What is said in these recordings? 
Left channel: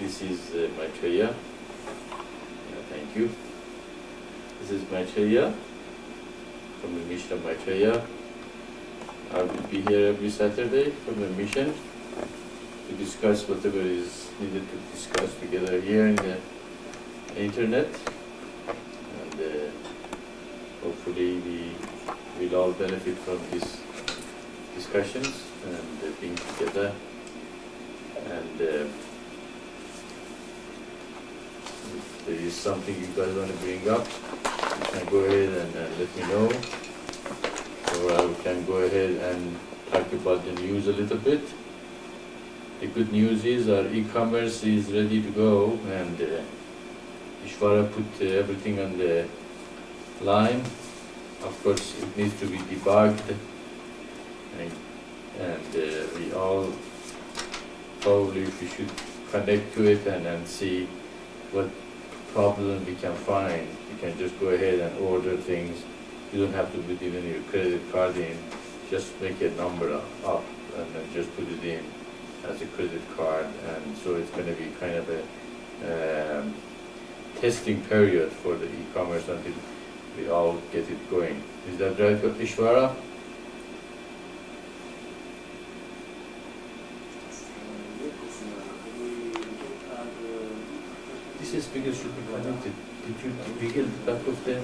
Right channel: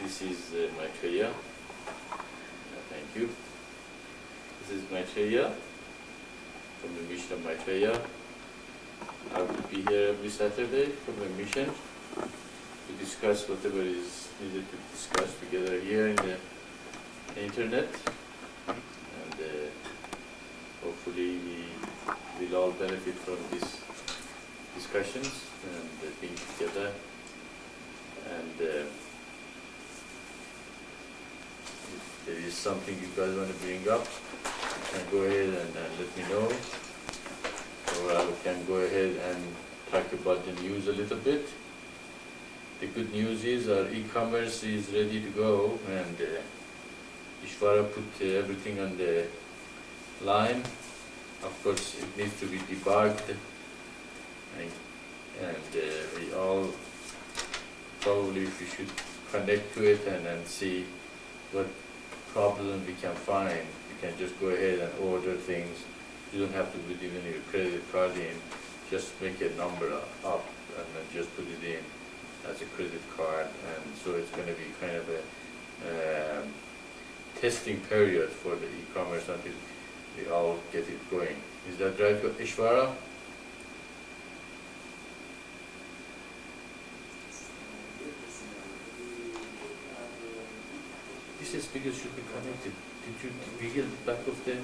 This is Maitreya. Thank you. This is Maitreya from the mission of Maitreya. I will be here every Saturday from the mission to discuss whatever is needed to discuss together here in the internet, and hopefully we will all benefit from these discussions and being together. And if there is something you guys want to bring up, you can go ahead and let me know, or I can go ahead and talk about the news a little bit. The good news is our e-commerce is ready to go, and Ishvara put everything on the line. Of course, it needs to be debugged, and we all probably we should connect to it and see what problem we can find. You can just go ahead and order things. You don't have to put even your credit card in. Just make a number up and then just put it in as a credit card. And so it's going to be kind of a testing period for the e-commerce until we all get it going. Is that right, Ishvara? This speaker should be connected. Did you wiggle the back of the...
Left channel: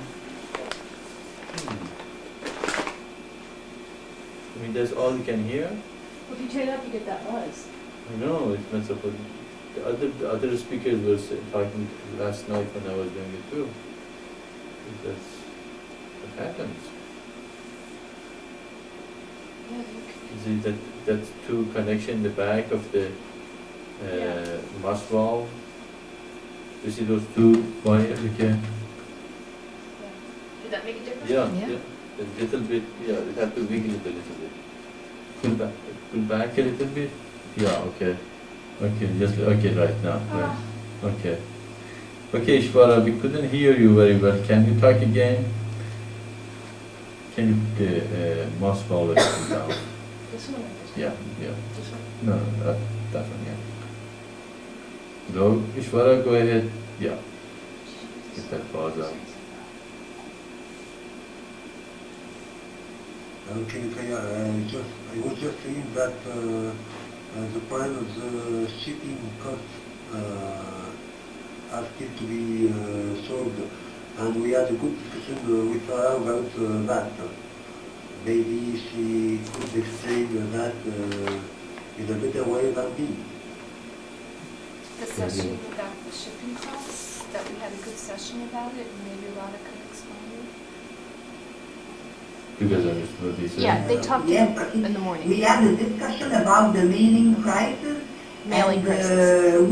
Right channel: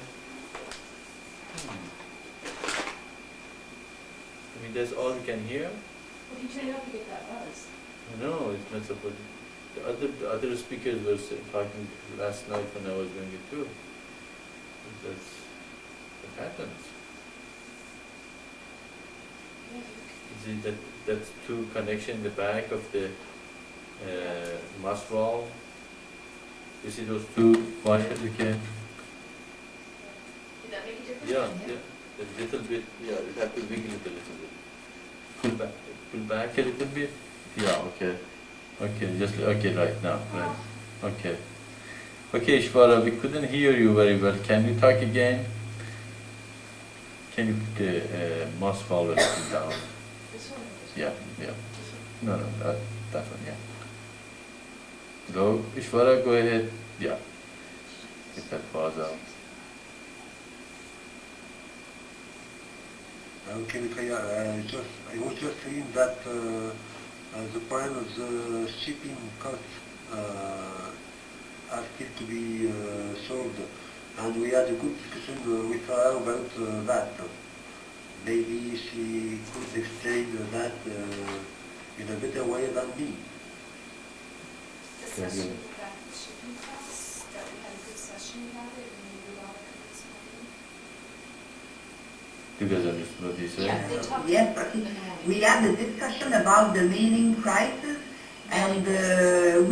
I mean, that's all you can hear? Well, if you turn it up, you get that buzz. No, it's not supposed. The other speakers were talking last night when I was doing it too. That's what happens. Yeah, Is it that's two connection in the back of the mass valve? You see those two wires? You can. Did that make a difference? Yeah. A little bit. Yeah, it has to wiggle it a little bit. Pull back a little bit. Yeah. Okay. Okay. Just okay. Right now. Right. Okay. Okay, Ishvara, we couldn't hear you very well. Can you talk again? Can you put the mouse valve down? This one? Yeah. This one? No, that one. Yeah. Go, Ishvara, go ahead. Yeah. Get that pause out. Okay, Maitreya, I was just saying that the price of the shipping costs are still to be solved, and we had a good discussion with her about that. Maybe she could explain that in a better way than me. The session about the shipping costs, that we had a good session about it, and maybe Rada could explain it. You guys understood what he said? Yeah, they talked Yes, but in the morning. we had a discussion about the mailing prices, Mailing and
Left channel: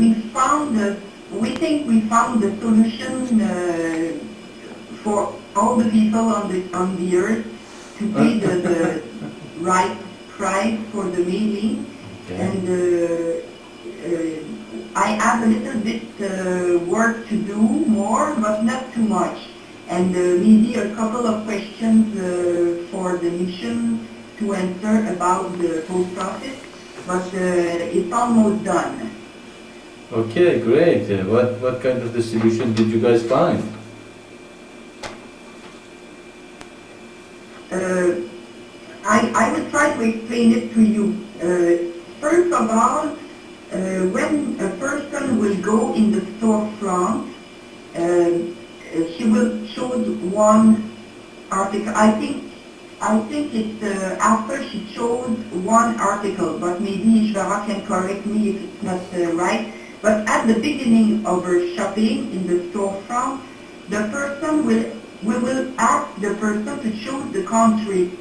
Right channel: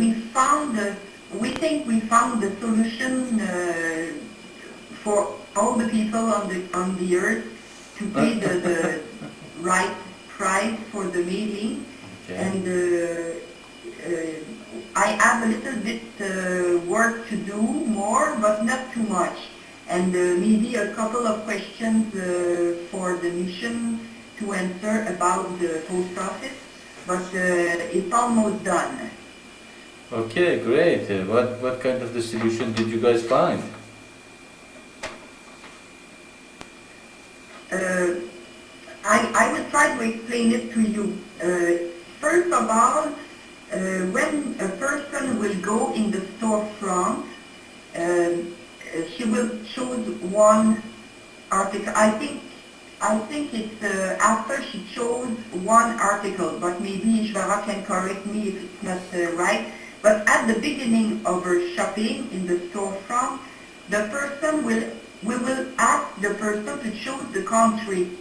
we think we found the solution for all the people on the earth to pay the right price for the mailing. Okay. And I have a little bit work to do more, but not too much. And maybe a couple of questions for the mission to answer about the post office, but it's almost done. Okay, great. What kind of the solution did you guys find? I will try to explain it to you. First of all, when a person will go in the storefront, she will choose one article. I think it's after she chose one article, but maybe Ishvara can correct me if it's not right. But at the beginning of her shopping in the storefront, we will ask the person to choose the country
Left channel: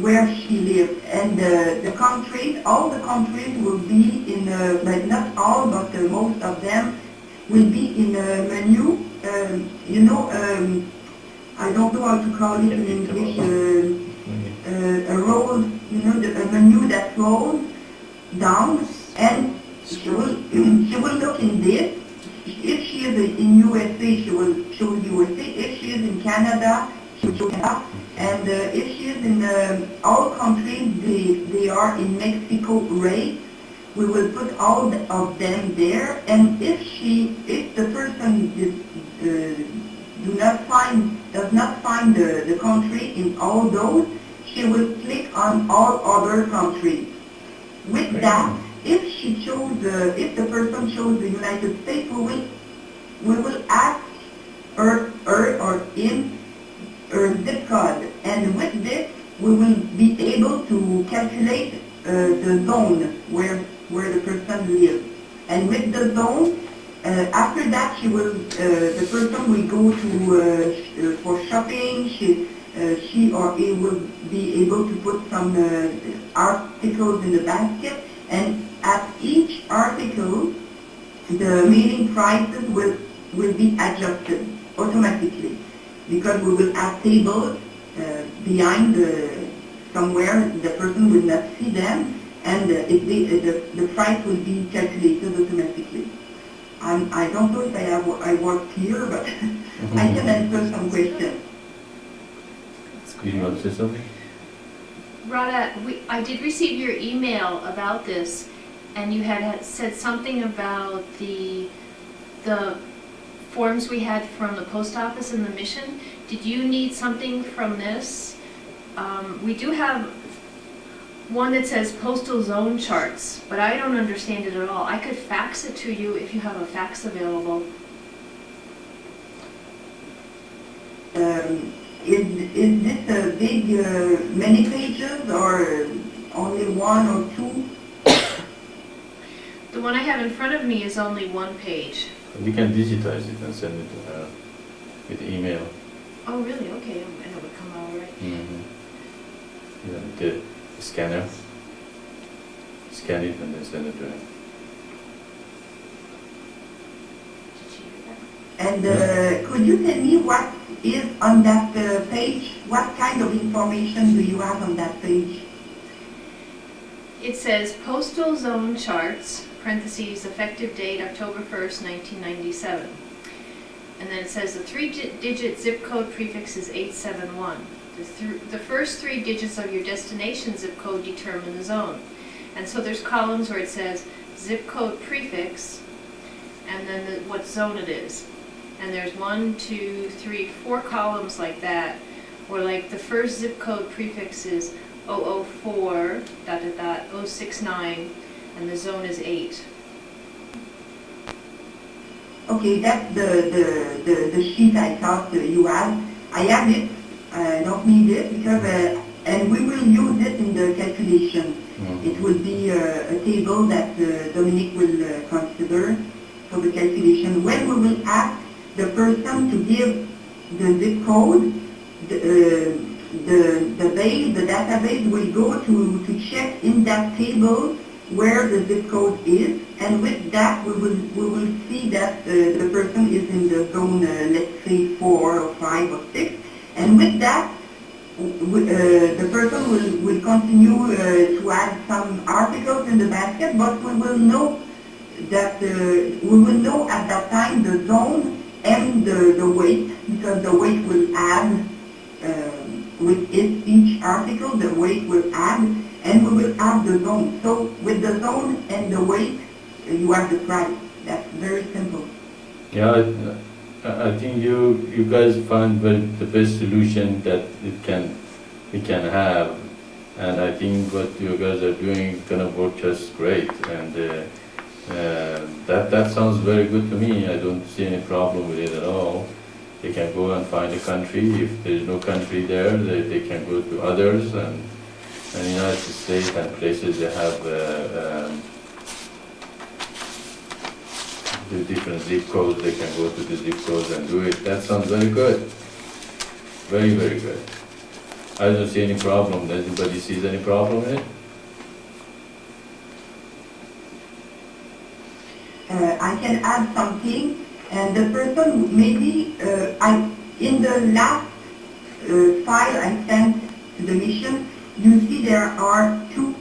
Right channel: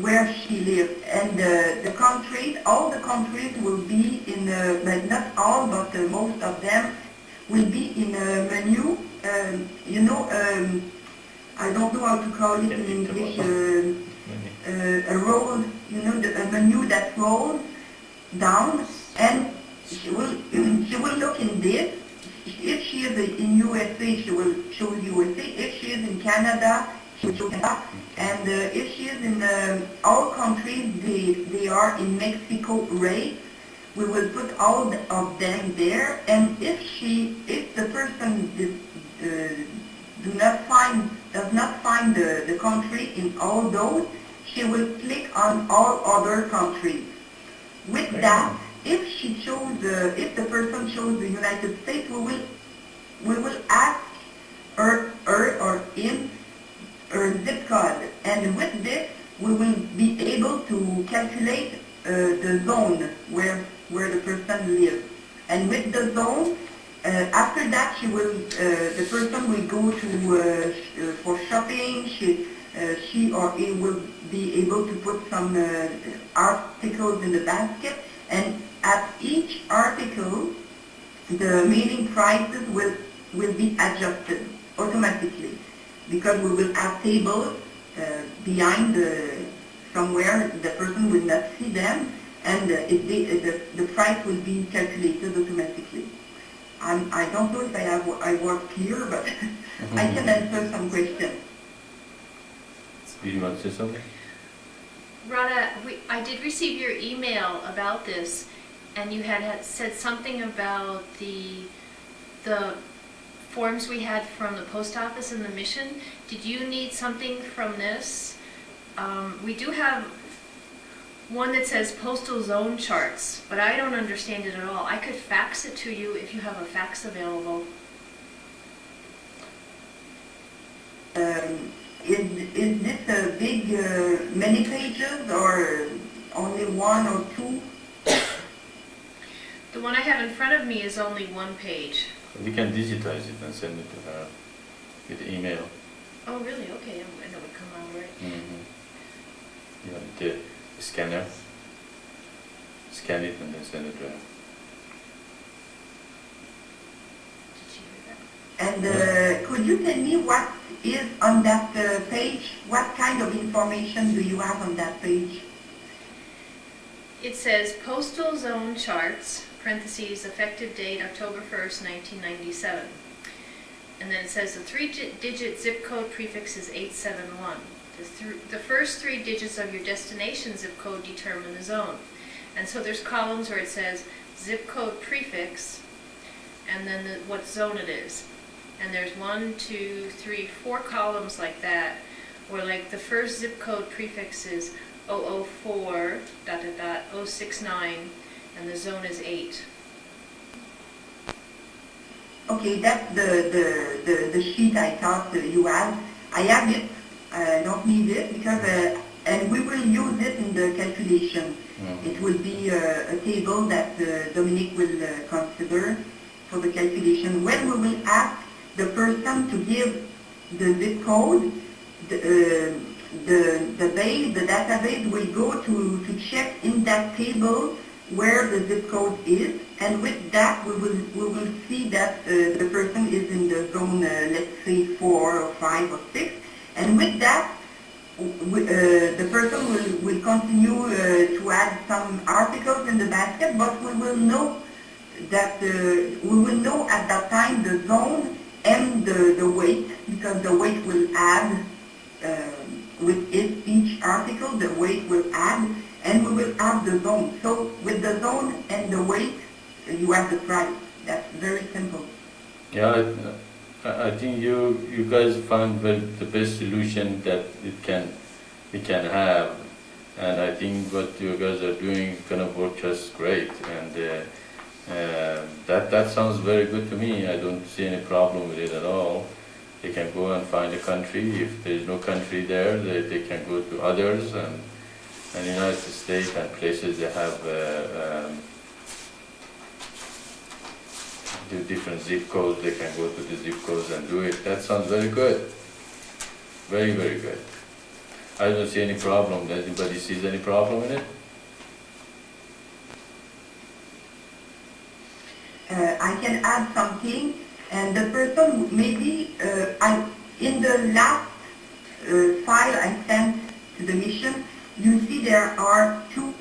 where she lives, and all the countries will be in, like not all, but most of them will be in a menu. I don't know how to call it in English. A roll, a menu that rolls down, and she will look in this. If she is in USA, she will choose USA. If she is in Canada, she will choose Canada. And if she is in all countries, they are in Mexico rate. we will put all of them there, and if the person does not find the country in all those, she will click on all other countries. With that, if the person chose the United States, we will ask her or him her zip code, and with this we will be able to calculate the zone where the person lives. And with the zone, after that the person will go to for shopping. She or he will be able to put some articles in the basket, and at each article the remaining prices will be adjusted automatically, because we will have tables behind somewhere the person will not see them, and the price will be calculated automatically. I don't know if I work clear, but I can answer some questions. You want to say something? Rhoda, I did receive your email about this, and you had said something about the forms we had from the post office and the mission. Did you need something from this? We do have one that says postal zone charts, but I don't understand it at all. I could fax it to you if you have a fax available. Is this a big, many pages, or only one or two? The one I have in front of me is only one page. We can digitize it and send it to her with email. Oh, really? Okay, and it would come all right. Mm-hmm. You know, the scanner. Scan it and then send it to her. Did you hear that? And could you tell me what is on that page? What kind of information do you have on that page? It says postal zone charts, parentheses, effective date October 1st, 1997. And then it says the 3-digit zip code prefix is 871. The first 3 digits of your destination zip code determine the zone. And so there's columns where it says zip code prefix and then what zone it is. And there's 1, 2, 3, 4 columns like that, where like the first zip code prefix is 004, ... 069, and the zone is 8. Okay, that's the sheet I thought you had. I have it. I don't need it because, and we will use it in the calculation. Mm-hmm. It will be a table that Dominique will consider for the calculation. When we will ask the person to give the zip code, the database will go to check in that table where the zip code is, and with that we will see that the person is in the zone, let's say 4 or 5 or 6, and with that the person will continue to add some articles in the basket, but we will know that we will know at that time the zone and the weight, because the weight will add with each article, the weight will add, and we will add the zone. So with the zone and the weight, you have the price. That's very simple. Yeah, I think you guys found the best solution that it can have, and I think what you guys are doing is gonna work just great. And that sounds very good to me. I don't see any problem with it at all. They can go and find a country. If there is no country there, they can go to others, and United States and places they have the different zip codes. They can go to the zip codes and do it. That sounds very good. Very, very good. I don't see any problem. Does anybody sees any problem in it? I can add something, and the person maybe in the last file I sent to the mission, you see there are two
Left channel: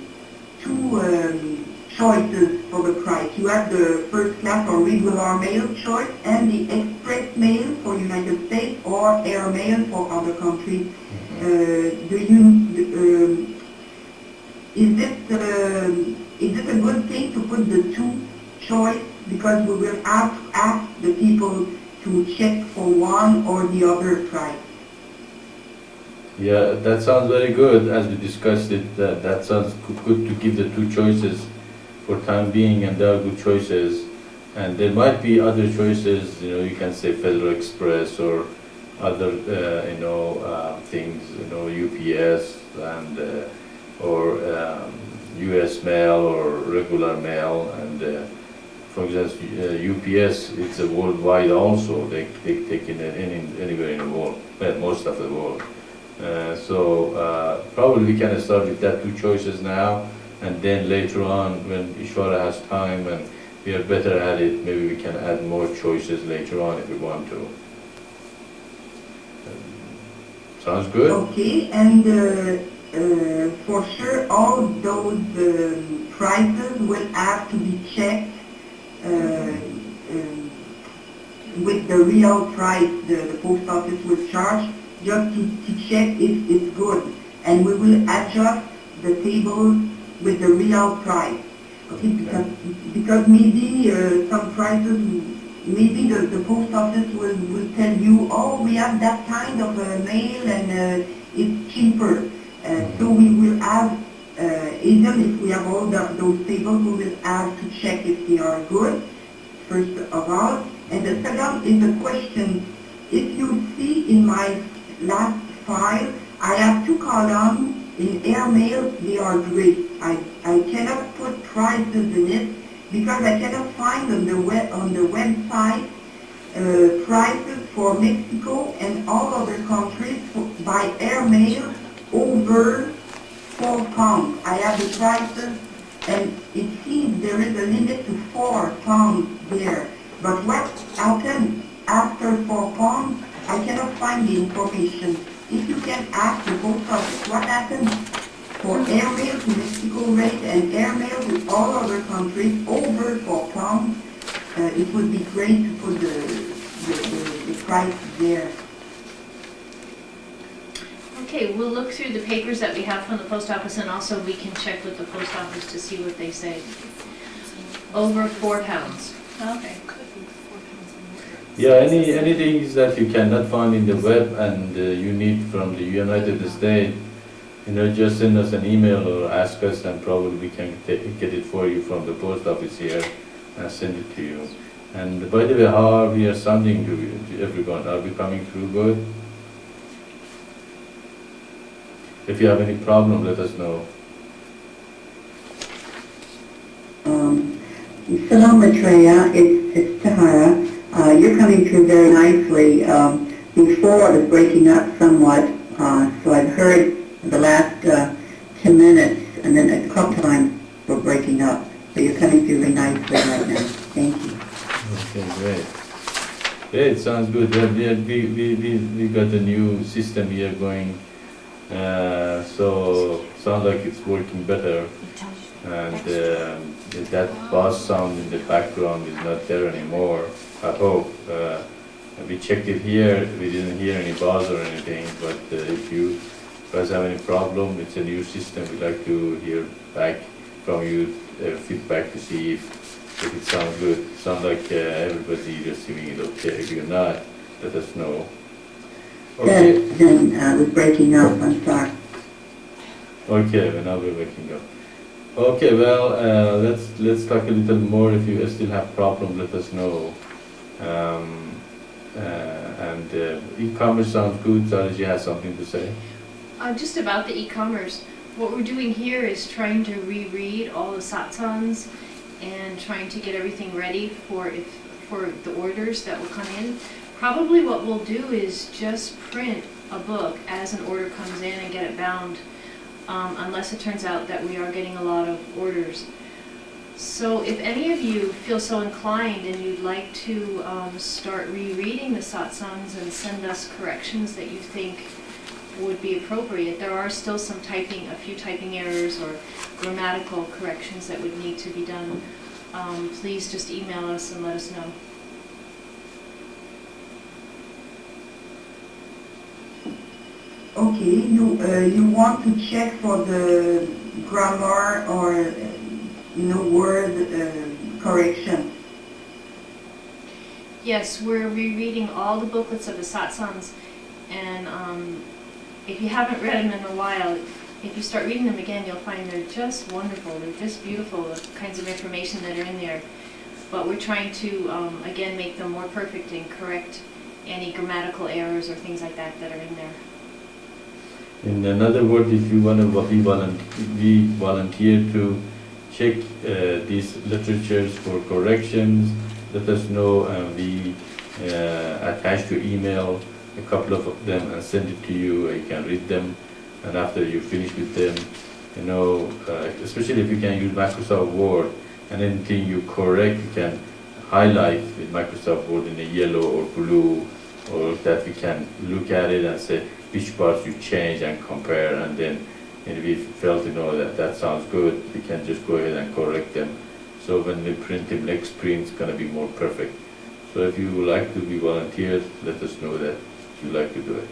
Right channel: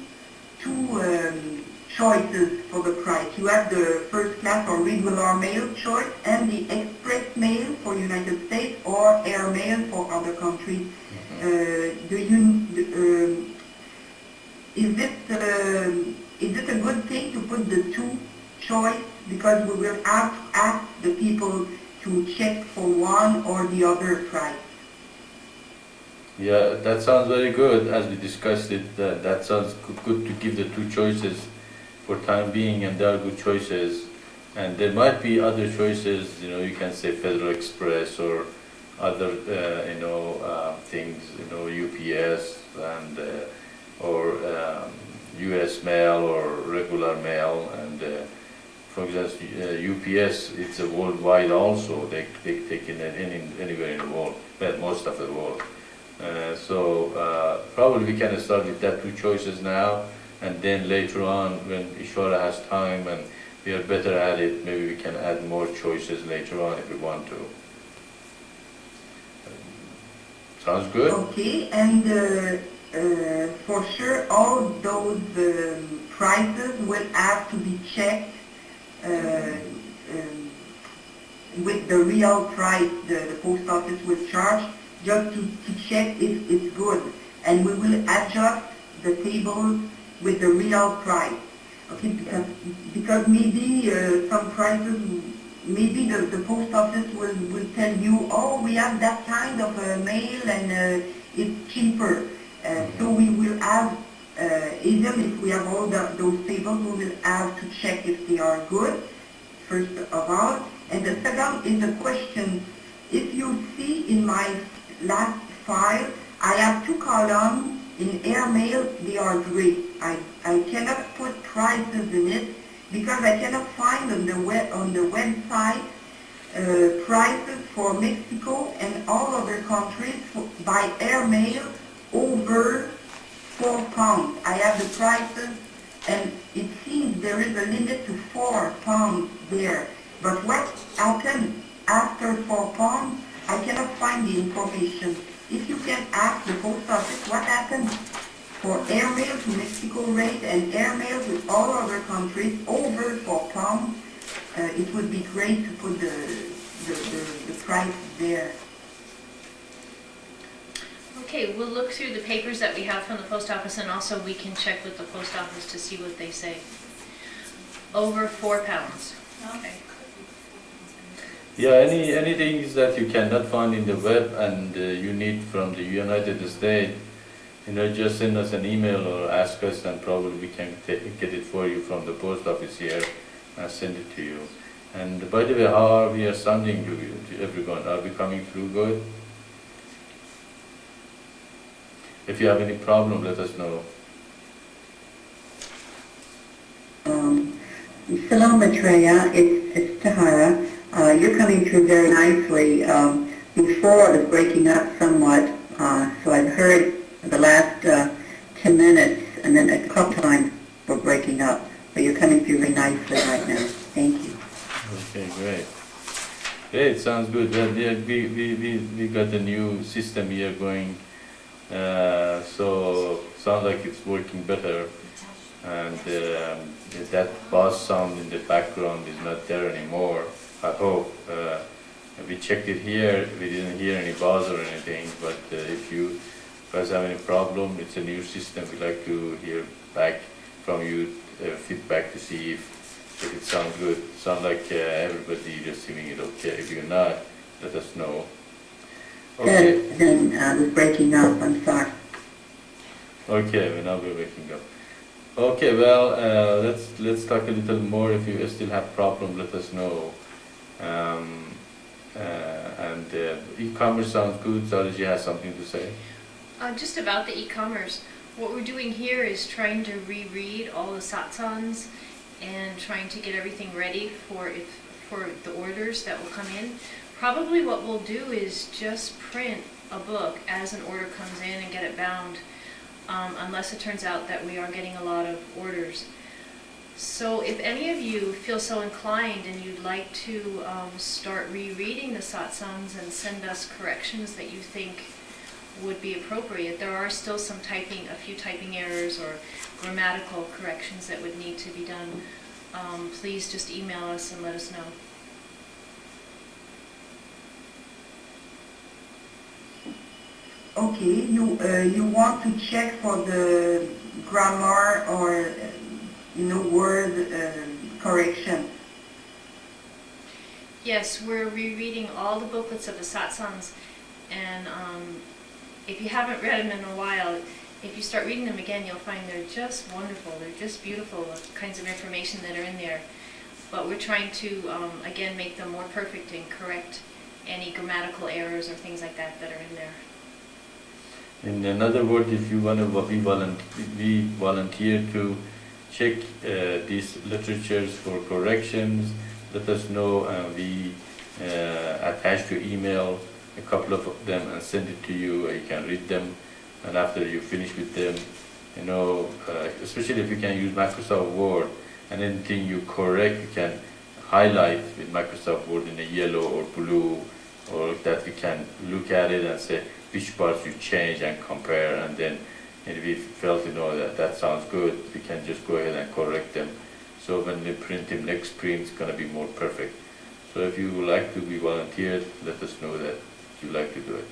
choices for the price. You have the first class or regular mail choice and the express mail for United States or air mail for other countries. is it a good thing to put the two choice? Because we will have to ask the people to check for one or the other price. Yeah, that sounds very good. As we discussed it, that sounds good to give the two choices for time being, and they are good choices. And there might be other choices, you can say Federal Express or other, things, UPS and or US mail or regular mail. And for example, UPS, it's a worldwide also. They take it anywhere in the world, well, most of the world. So probably we can start with that two choices now, and then later on, when Ishwara has time and we are better at it, maybe we can add more choices later on if we want to. Sounds good? Okay, and for sure all those prices will have to be checked with the real price the post office will charge, just to check if it's good. And we will adjust the tables with the real price. Okay, because maybe some prices, maybe the post office will tell you, oh, we have that kind of mail and it's cheaper. So we will have, even if we have all those tables, we will have to check if they are good, first of all. And the second is the question, if you see in my last file, I have two columns in airmail, they are great. I cannot put prices in it because I cannot find on the website prices for Mexico and all other countries by airmail over £4. I have the prices and it seems there is a limit to £4 there. But what happens after £4? I cannot find the information. If you can ask the post office what happens for airmail to Mexico rate and airmail to all other countries over £4, it would be great to put the price there. Okay, we'll look through the papers that we have from the post office, and also we can check with the post office to see what they say. Over £4. Okay. Yeah, anything that you cannot find in the web and you need from the United States, just send us an email or ask us, and probably we can get it for you from the post office here and send it to you. And by the way, how are we sounding to everyone? Are we coming through good? If you have any problem, let us know. Salam Maitreya, it's Tahara. You're coming through very nicely. Before it was breaking up somewhat, so I've heard the last 10 minutes, and then a couple times were breaking up. But you're coming through very nicely right now. Thank you. Okay, great. Great, sounds good. We got a new system here going, so sounds like it's working better. And that bass sound in the background is not there anymore, I hope. We checked it here, we didn't hear any buzz or anything, but if you guys have any problem, it's a new system. We'd like to hear back from you, feedback to see if it sounds good. Sounds like everybody receiving it okay. If you're not, let us know. Okay. Good. Then I was breaking up. I'm sorry. Okay, well, now we're waking up. Okay, well, let's talk a little more. If you still have problem, let us know. And e-commerce sounds good. Saraji has something to say. Just about the e-commerce. What we're doing here is trying to reread all the satsangs and trying to get everything ready for the orders that will come in. Probably what we'll do is just print a book as an order comes in and get it bound, unless it turns out that we are getting a lot of orders. So if any of you feel so inclined and you'd like to start rereading the satsangs and send us corrections that you think would be appropriate, there are still a few typing errors or grammatical corrections that would need to be done. Please just email us and let us know. Okay, you want to check for the grammar or word correction. Yes, we're rereading all the booklets of the Satsangs, and if you haven't read them in a while, if you start reading them again, you'll find they're just wonderful. They're just beautiful, the kinds of information that are in there. But we're trying to, again, make them more perfect and correct any grammatical errors or things like that that are in there. In another word, if you want to be volunteer to check these literatures for corrections, let us know, and we attach to email a couple of them and send it to you. You can read them, and after you finish with them, especially if you can use Microsoft Word, and anything you correct, you can highlight with Microsoft Word in a yellow or blue, or that we can look at it and say which parts you change and compare, and then if we felt that sounds good, we can just go ahead and correct them. So when we print them next print, it's going to be more perfect. So if you would like to be volunteered, let us know that you like to do it.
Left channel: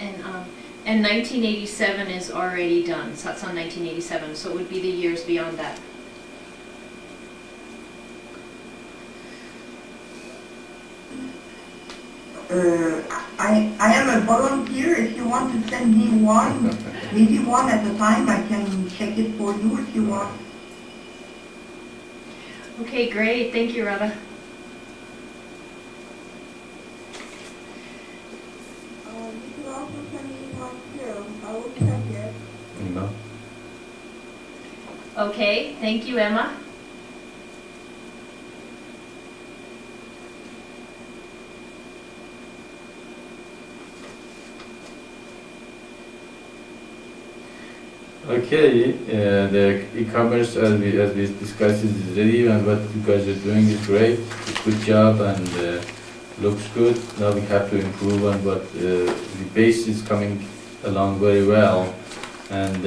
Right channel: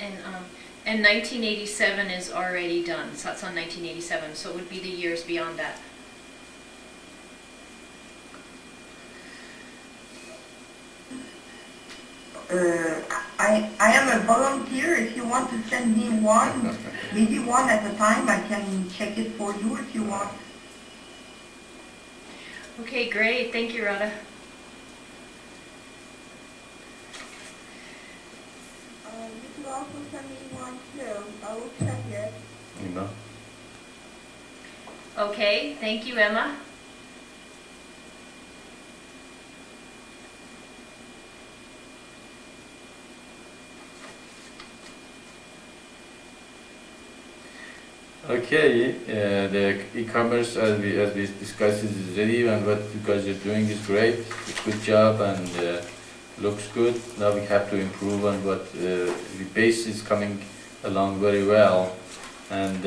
And 1987 is already done. Satsang 1987, so it would be the years beyond that. I am a volunteer. If you want to send me one, maybe one at a time, I can check it for you if you want. Okay, great. Thank you, Radha. You could also send me one too. I will check it. Emma? Okay, thank you, Emma. Okay, the e-commerce, as we discussed, is ready, and what you guys are doing is great. Good job, and looks good. Now we have to improve on what the base is coming along very well, and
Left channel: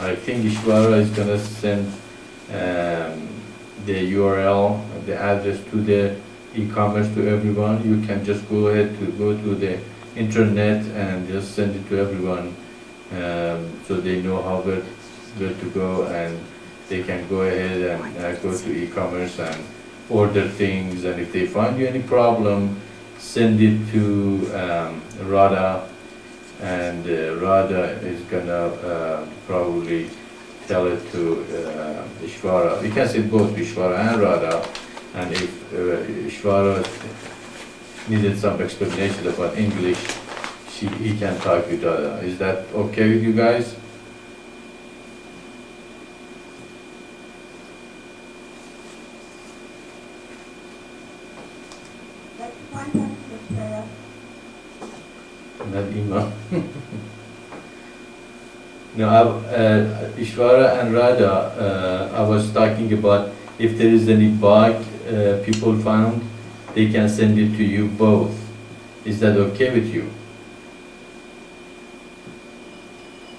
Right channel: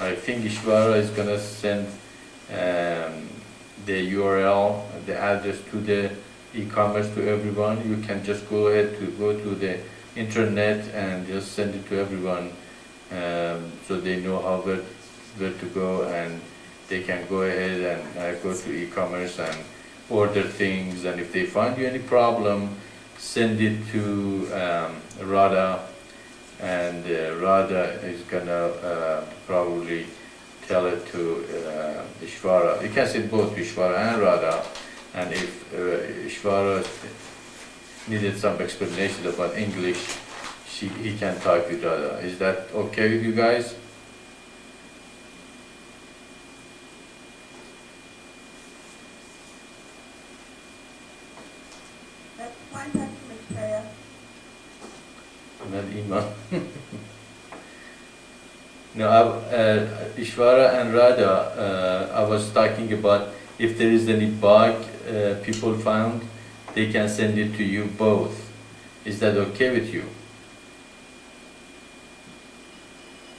I think Ishvara is gonna send the URL, the address to the e-commerce to everyone. You can just go ahead to go to the internet and just send it to everyone. So they know where to go, and they can go ahead and go to e-commerce and order things, and if they find you any problem, send it to Radha, and Radha is gonna probably tell it to Ishvara. You can say both Ishvara and Radha, and if Ishvara needed some explanation about English, he can talk with Radha. Is that okay with you guys? That's fine, Maitreya. Not Ima. No, Ishvara and Radha, I was talking about if there is any bug people found, they can send it to you both. Is that okay with you?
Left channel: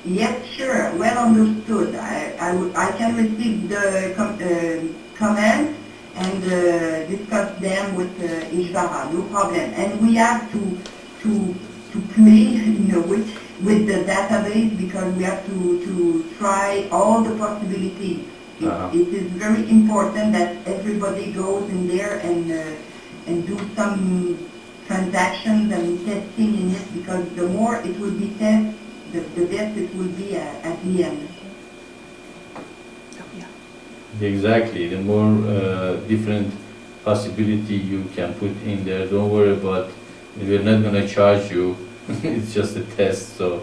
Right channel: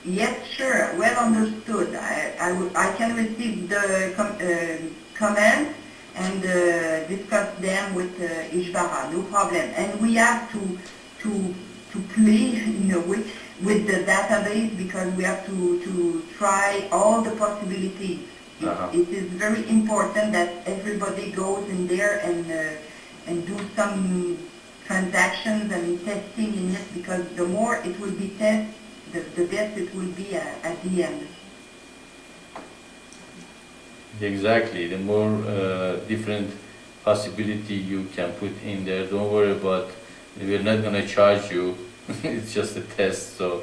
Yes, sure. Well understood. I can receive the comments and discuss them with Ishvara, no problem. And we have to play, with the database, because we have to try all the possibilities. It is very important that everybody goes in there and do some transactions and testing in it, because the more it will be tested, the best it will be at the end. Exactly. The more different possibility you can put in there, don't worry about, we're not going to charge you. It's just a test, so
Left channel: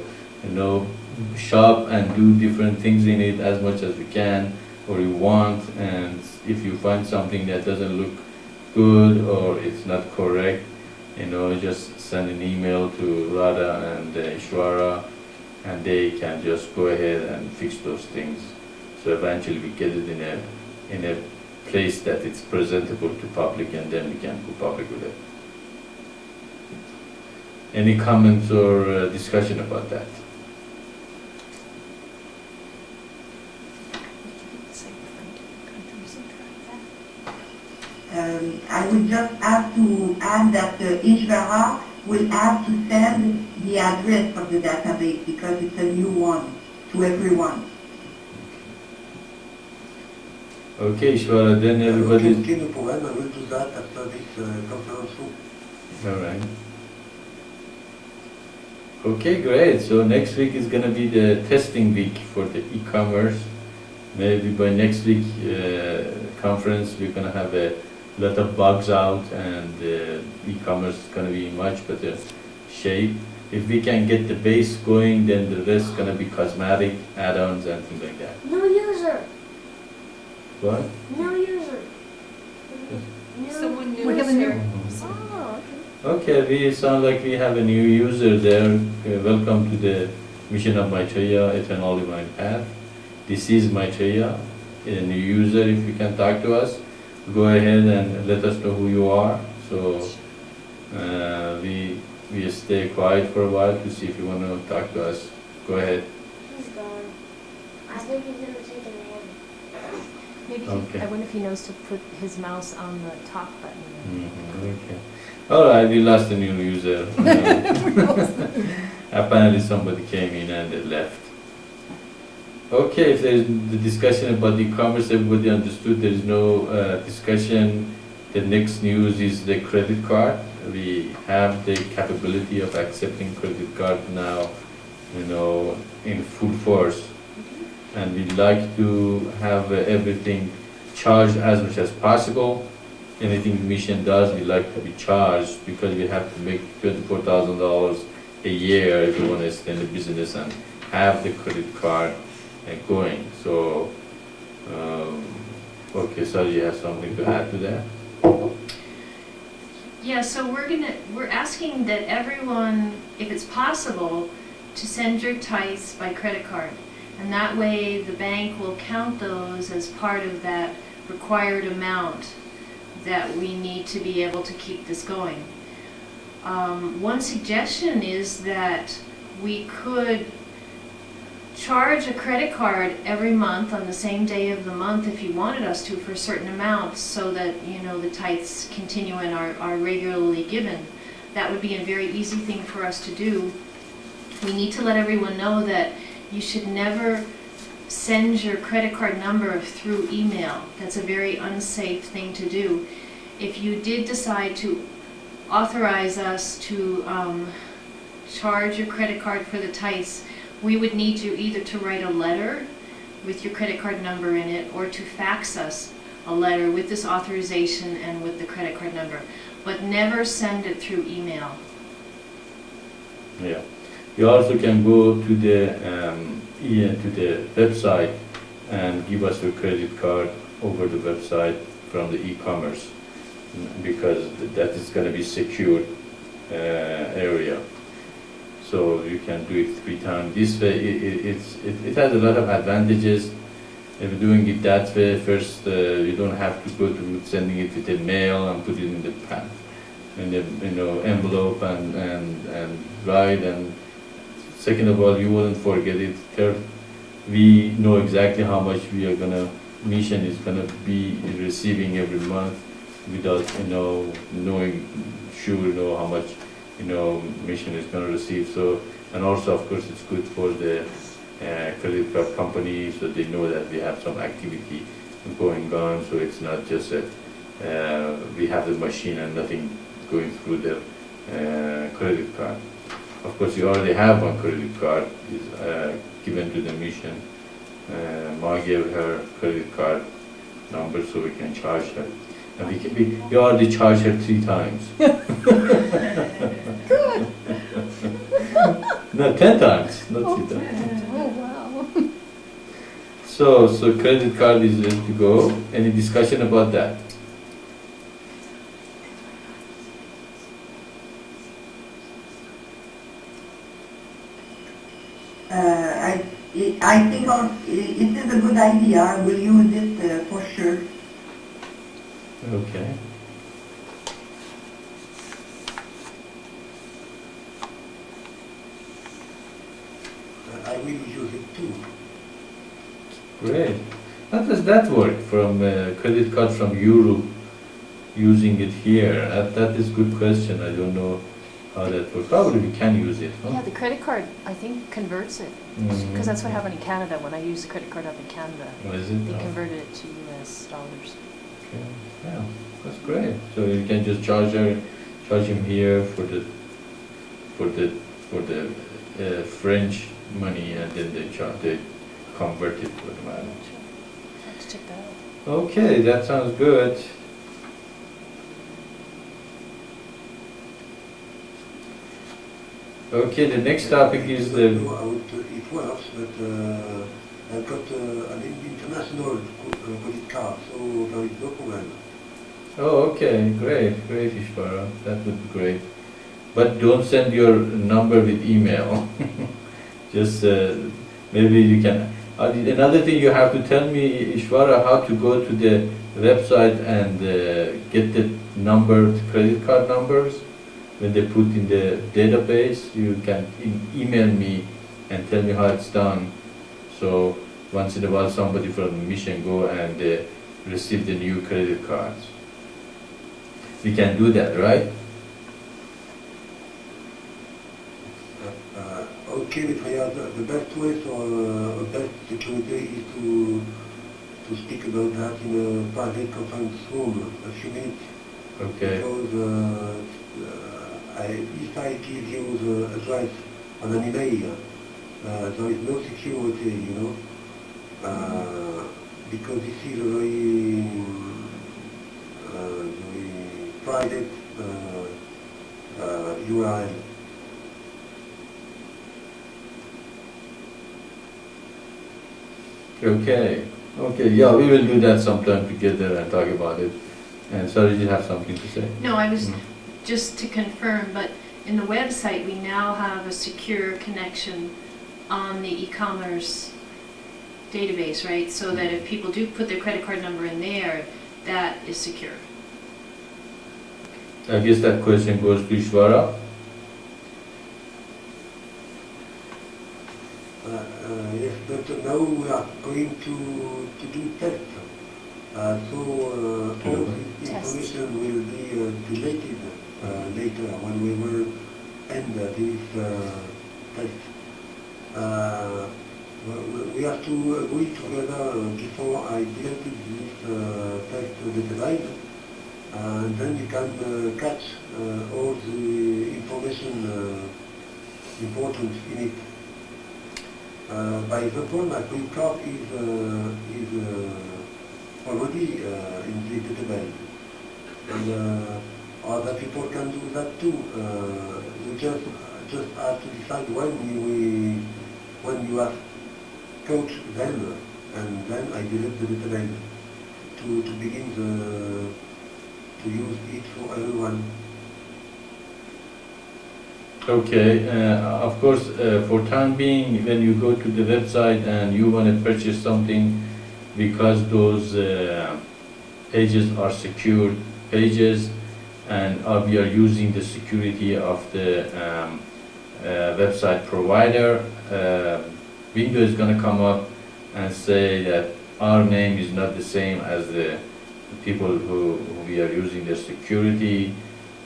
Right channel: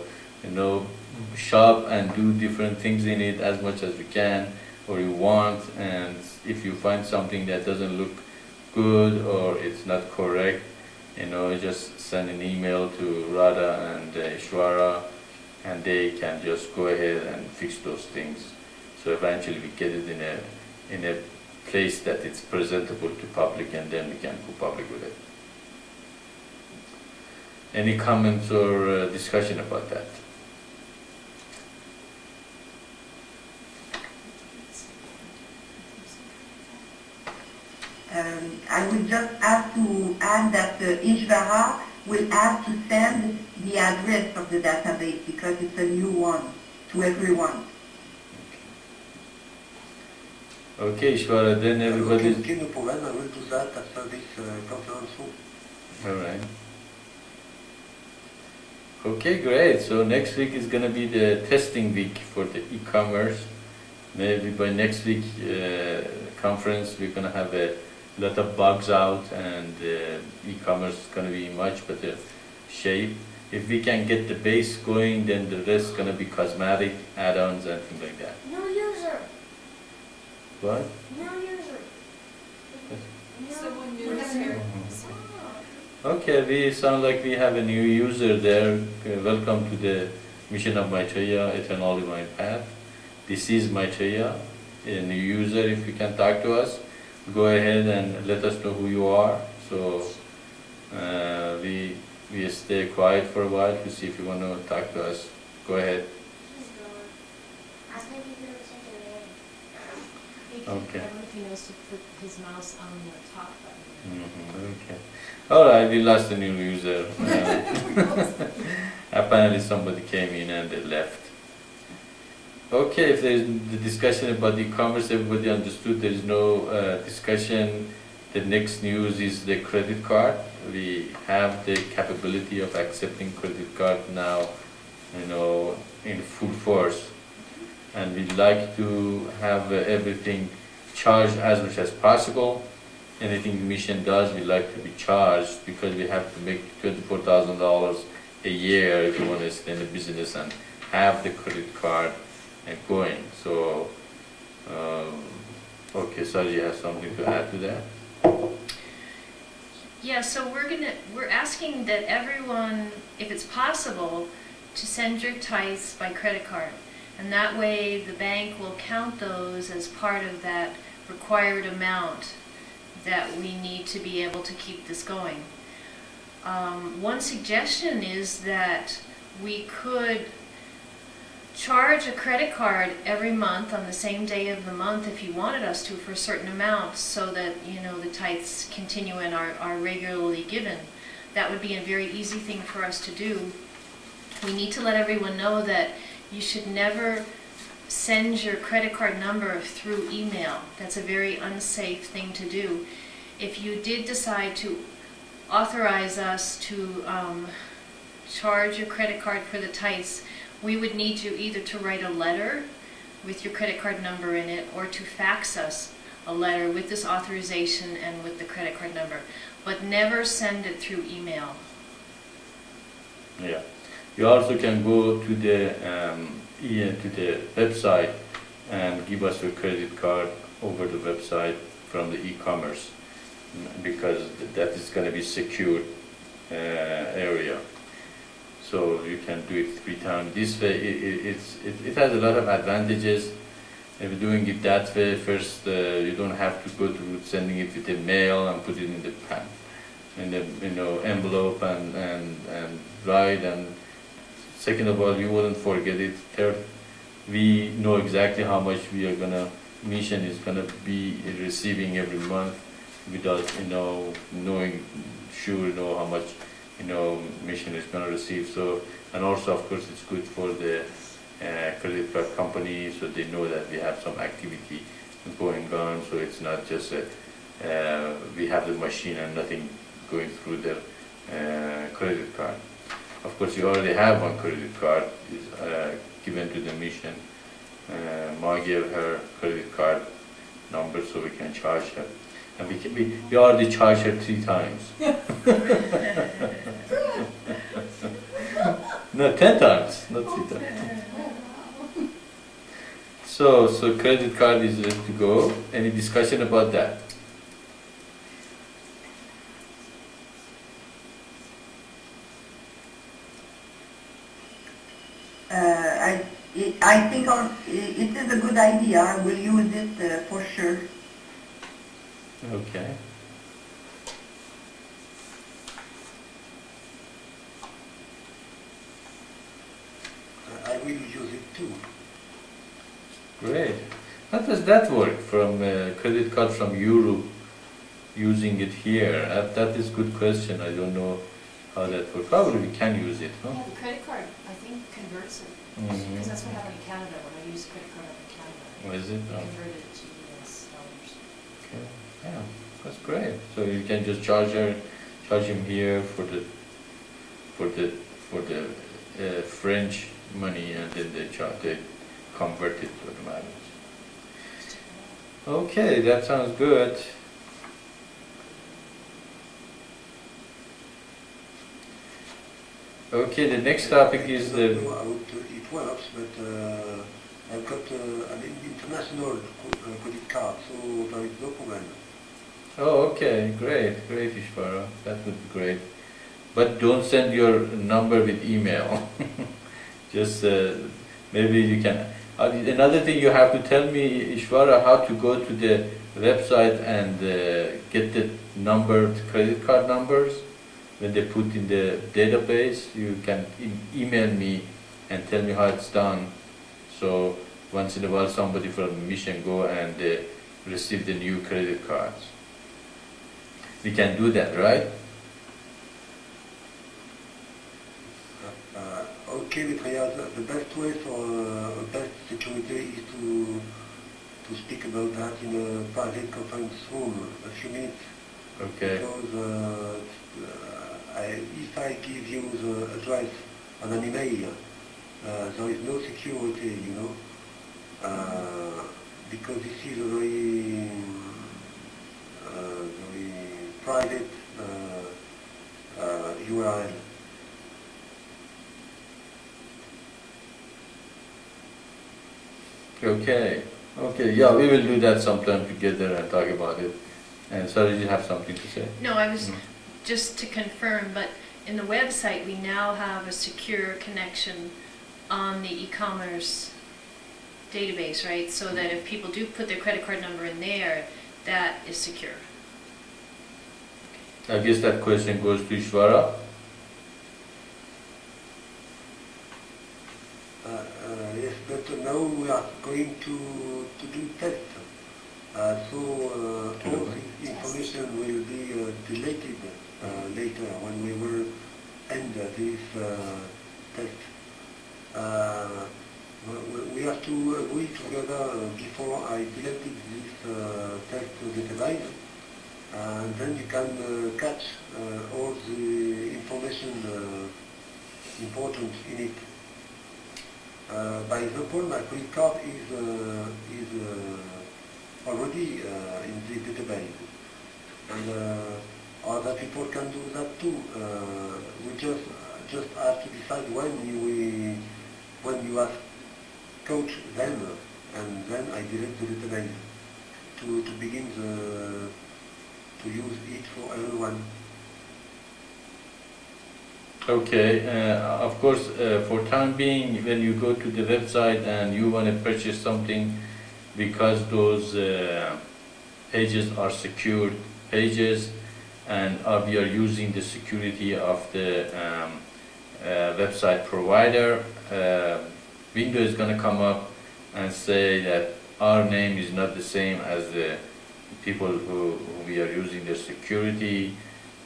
shop and do different things in it as much as you can or you want, and if you find something that doesn't look good or it's not correct, just send an email to Radha and Ishvara, and they can just go ahead and fix those things. So eventually we get it in a place that it's presentable to public, and then we can go public with it. Any comments or discussion about that? I would just have to add that Ishvara will have to send the address of the database, because it's a new one to everyone. Okay, Ishwara, then everybody. Okay, no problem. I will do that after this conference room. All right. Okay, great. So next week is gonna be the testing week for the e-commerce. Maybe by next week conference we're gonna have a lot of bugs out, and e-commerce is gonna be in much better shape. If we can get the base going, then the rest is gonna be cosmetic add-ons and things like that. New user. What? New user. Someone new We have is a new. here. Oh, Okay, we sound like we have a new user there. Welcome to the mission of Maitreya, Eternal Divine Path. This is Maitreya, a new user. If you can talk to us, go ahead and let us know who you are. So we stay quiet for a while to see if you want to talk to us. Go ahead. he's gone. I think he's gonna take a nap. Maybe Okay. I wonder if he knows to put his mouse on the talk button. Okay. All right, we lost a new user. Apparently somebody came in and they left. Okay, if there's the discussion about e-commerce, everybody understood. There is no discussion. The next news is the credit card. We have the capability of accepting credit card now, in full force. And we'd like to have everything charged as much as possible. Anything the mission does, we like to be charged, because we have to make $24,000 a year if we want to extend the business and have the credit card going. So, okay, Sarah, you have something to add to that? Yeah, so we're asking that everyone, if it's possible, to send your tithes by credit card. And that way the bank will count those as part of that required amount that we need to be able to keep this going. One suggestion is that we could charge a credit card every month on the same day of the month if you wanted us to, for a certain amount, so that the tithes continue and are regularly given. That would be a very easy thing for us to do. We need to let everyone know that you should never send your credit card number through email. That's a very unsafe thing to do. If you did decide to authorize us to charge your credit card for the tithes, we would need you either to write a letter with your credit card number in it, or to fax us a letter with this authorization and with the credit card number. But never send it through email. Yeah. You also can go to the website and give us your credit card over the website from the e-commerce, because that is going to be secure area. So you can do it 3 times. This way, it has a lot of advantages. If you're doing it that way, first you don't have to go through sending it with a mail and put it in the envelope and write. And second of all, you wouldn't forget it. Third, we know exactly how much mission is gonna be receiving every month, without knowing how much mission is going to receive. So, and also of course it's good for the credit card company, so they know that we have some activity going on. So it's not just that we have the machine and nothing going through their credit card. Of course, you already have one credit card is given to the mission. Ma gave her credit card number so we can charge her. And we already charged her 3 times. No, 10 times, not 3 times. Oh, wow. So credit card is ready to go. Any discussion about that? I think it is a good idea. I will use it for sure. Okay. I will use it too. Great. How does that work, from credit card from Europe, using it here? That is a good question. I don't know how that works. Probably we can use it, Yeah, huh? the credit card, I think, converts it. Because that's what happened in Canada. When I used the credit card up in Canada, What is it? they Oh, converted it to US dollars. okay. Yeah, that's great. So you can just charge him here for the French money, and then they convert it automatically. Let's check that out. Okay, that sounds good. Okay, the next topic is the. It works, but I've got an international credit card, so there is no problem. Oh, okay, great, Ishvara. That would be great. But don't send your number with email. Just maybe you can. Another thing you have to tell me, Ishvara, how to go to the website and get the credit card numbers. When they put in the database, you can email me and tell me how it's done. So once in a while, somebody from the mission go and receive the new credit cards. We can do that, right? Okay, Maitreya, the best way for best security is to speak about that in a private conference room, a few minutes. Okay. Because if I give you the address on an email, there is no security, you know, because this is a very private URL. Okay. Yeah, we will do that sometime together and talk about it. And sorry, you have something to say? No, I was just to confirm, but in the website, we now have a secure connection on the e-commerce database, right? So that if people do put their credit card number in there, that is secure. I guess that question goes to Ishvara. Yes, but now we are going to do tests. So all this information will be deleted later when we will end this test. We have to agree together before I deleted this test database, and then you can catch all the information important in it. By example, my credit card is already in the database, and other people can do that too. We just have to decide when you have caught them, and then I delete the database to begin to use it for everyone. Okay, of course, for time being, when you go to the website and you want to purchase something, because those pages are secured pages, and we are using the security of the website provider, window is going to come up and say that our name is not the same as the people who we are using their security.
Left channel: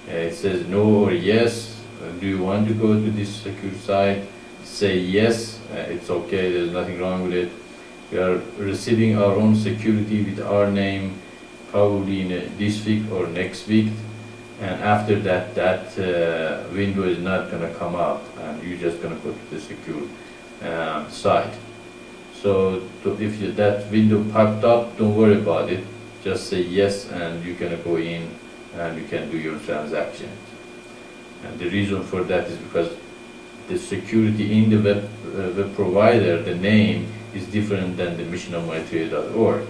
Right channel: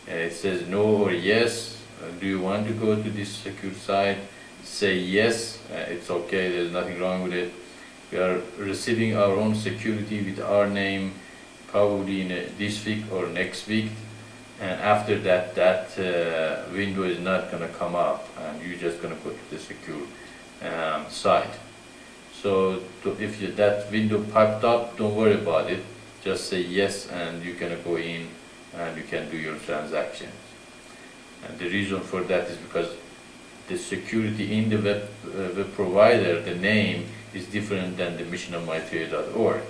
It says no or yes. Do you want to go to this secure site? Say yes, it's okay, there's nothing wrong with it. We are receiving our own security with our name probably in this week or next week, and after that, window is not going to come up, and you're just going to go to the secure site. So if that window popped up, don't worry about it. Just say yes, and you're going to go in and you can do your transactions. And the reason for that is because the security in the web provider, the name is different than the missionofmaitreya.org.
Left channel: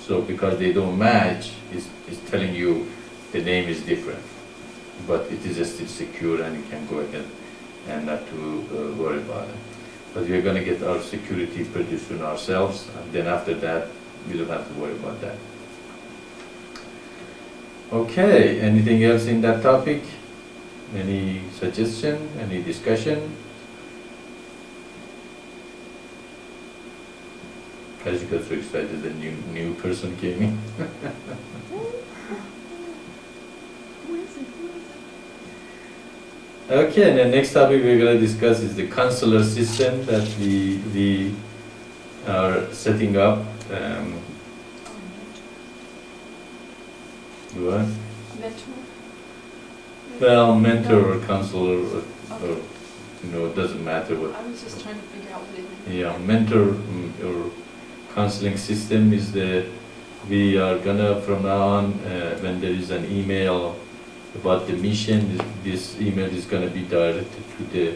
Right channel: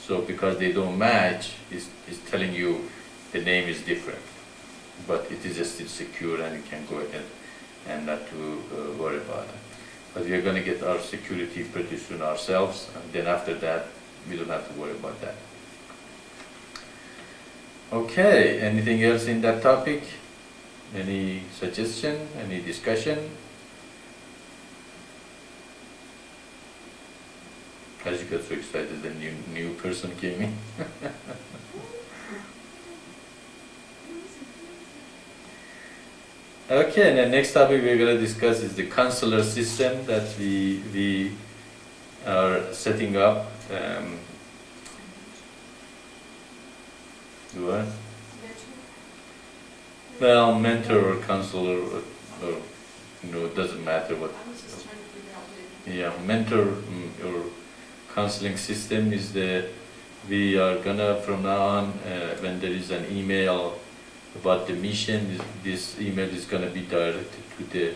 So because they don't match, it's telling you the name is different. But it is still secure, and you can go ahead and not to worry about it. But we are going to get our security pretty soon ourselves, and then after that, we don't have to worry about that. Okay, anything else in that topic? Any suggestion? Any discussion? As you got so excited, the new person came in. Okay, and the next topic we're going to discuss is the counselor system that we are setting up. What? Mentor? Well, mentor or counselor, or it doesn't matter what. I was just trying to figure out what it. Yeah, mentor or counseling system is we are gonna from now on, when there is an email about the mission, this email is gonna be directed to the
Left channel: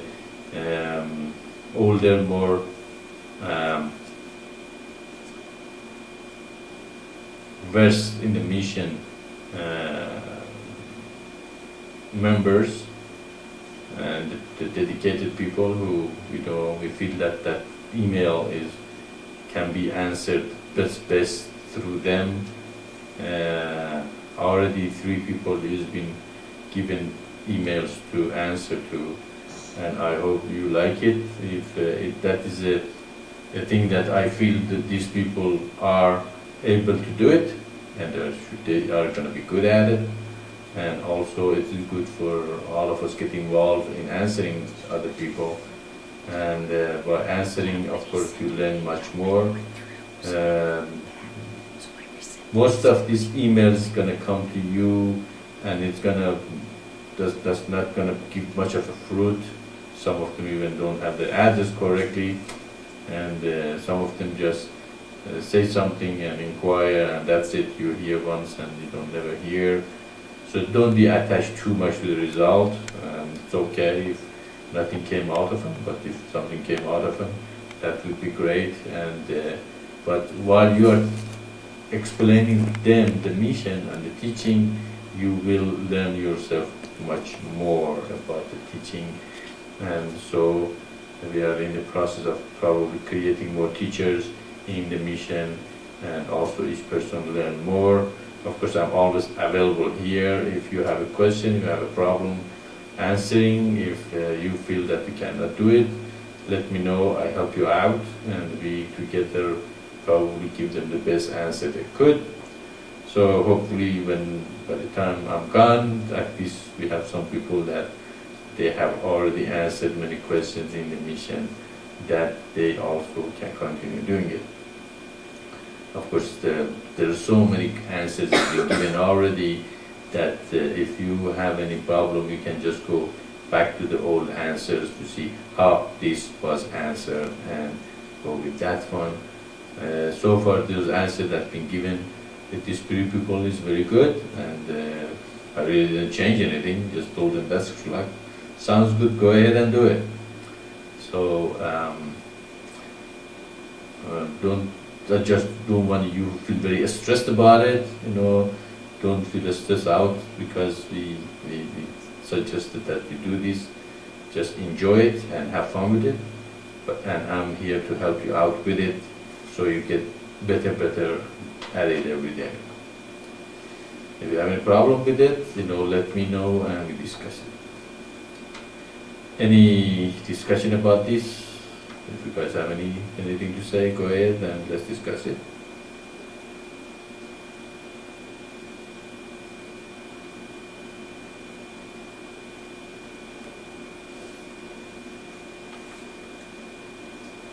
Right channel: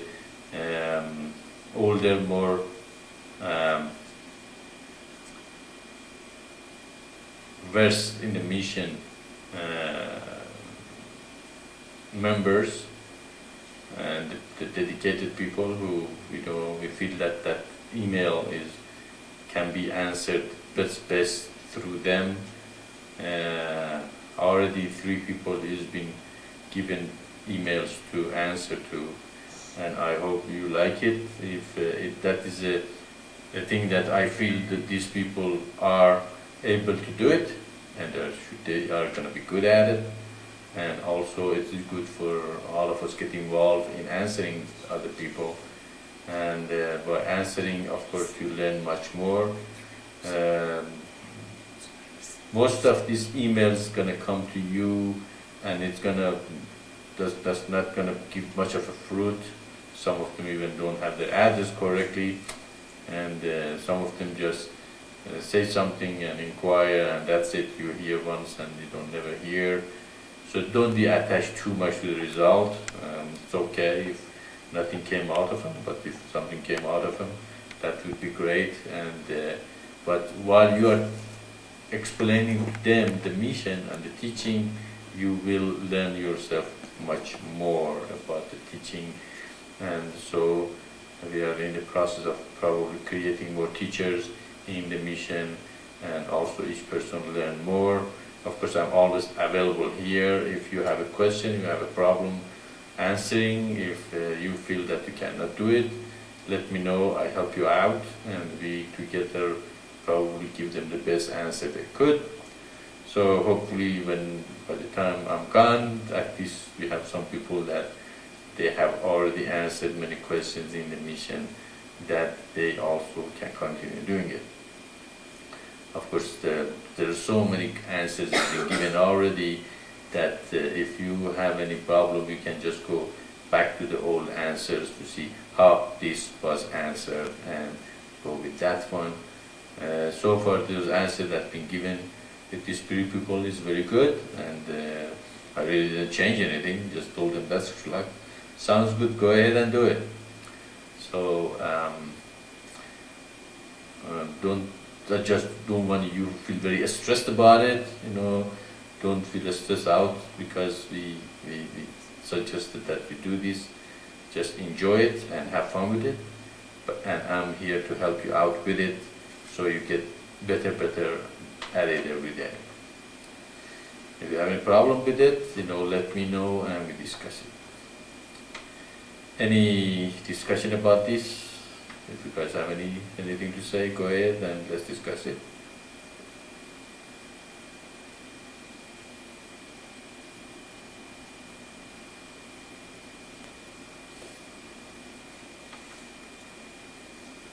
older, more versed in the mission members and the dedicated people who we feel that email can be answered best through them. Already 3 people has been given emails to answer to, and I hope you like it. If that is a thing that I feel that these people are able to do it, and they are going to be good at it, and also it is good for all of us get involved in answering other people, and by answering, of course, you learn much more. Most of these emails going to come to you, and it's that's not going to give much of a fruit. Some of them even don't have the address correctly, and some of them just say something and inquire, and that's it. You hear once and you don't never hear. So don't be attached too much to the result. It's okay if nothing came out of them, but if something came out of them, that would be great. And but while you are explaining to them the mission and the teaching, you will learn yourself much more about the teaching. And so we are in the process of probably creating more teachers in the mission, and also each person learn more. Of course, I'm always available here. If you have a question, you have a problem answering, if you feel that you cannot do it, let me know. I help you out, and we together probably give them the best answer they could. So hopefully by the time I'm gone, at least we have some people that they have already answered many questions in the mission, that they also can continue doing it. Of course, there are so many answers that been given already that if you have any problem, you can just go back to the old answers to see how this was answered and go with that one. So far, those answers that have been given with these 3 people is very good, and I really didn't change anything, just told them that's like, sounds good, go ahead and do it. So I just don't want you to feel very stressed about it, don't feel stressed out because we suggested that you do this. Just enjoy it and have fun with it, and I'm here to help you out with it so you get better at it every day. If you have any problem with it, let me know and we discuss it. Any discussion about this? If you guys have anything to say, go ahead and let's discuss it.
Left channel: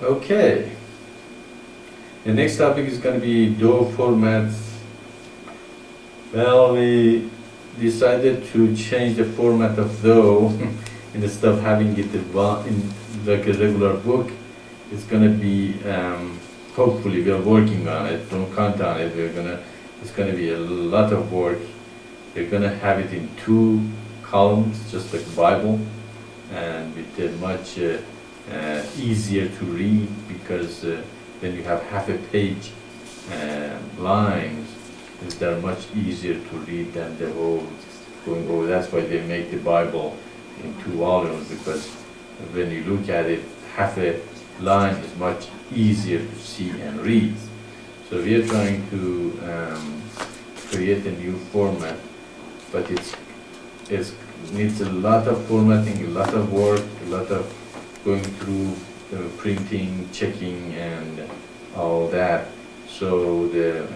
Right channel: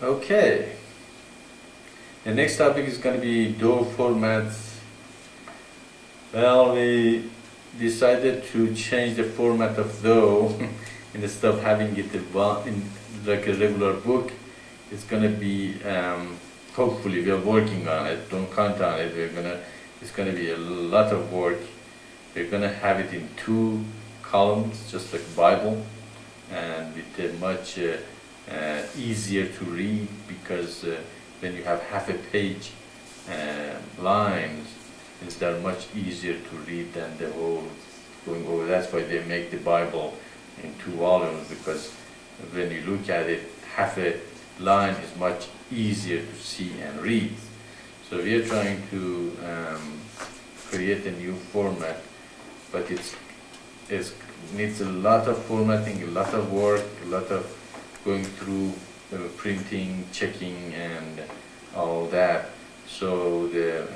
Okay. The next topic is going to be DO formats. Well, we decided to change the format of DO instead of having it in like a regular book. It's going to be, hopefully we are working on it, don't count on it, it's going to be a lot of work. We're going to have it in 2 columns, just like Bible, and with a much easier to read, because when you have half a page lines, they're much easier to read than the whole going over. That's why they make the Bible in 2 volumes, because when you look at it, half a line is much easier to see and read. So we are trying to create a new format, but it needs a lot of formatting, a lot of work, a lot of going through printing, checking, and all that. So the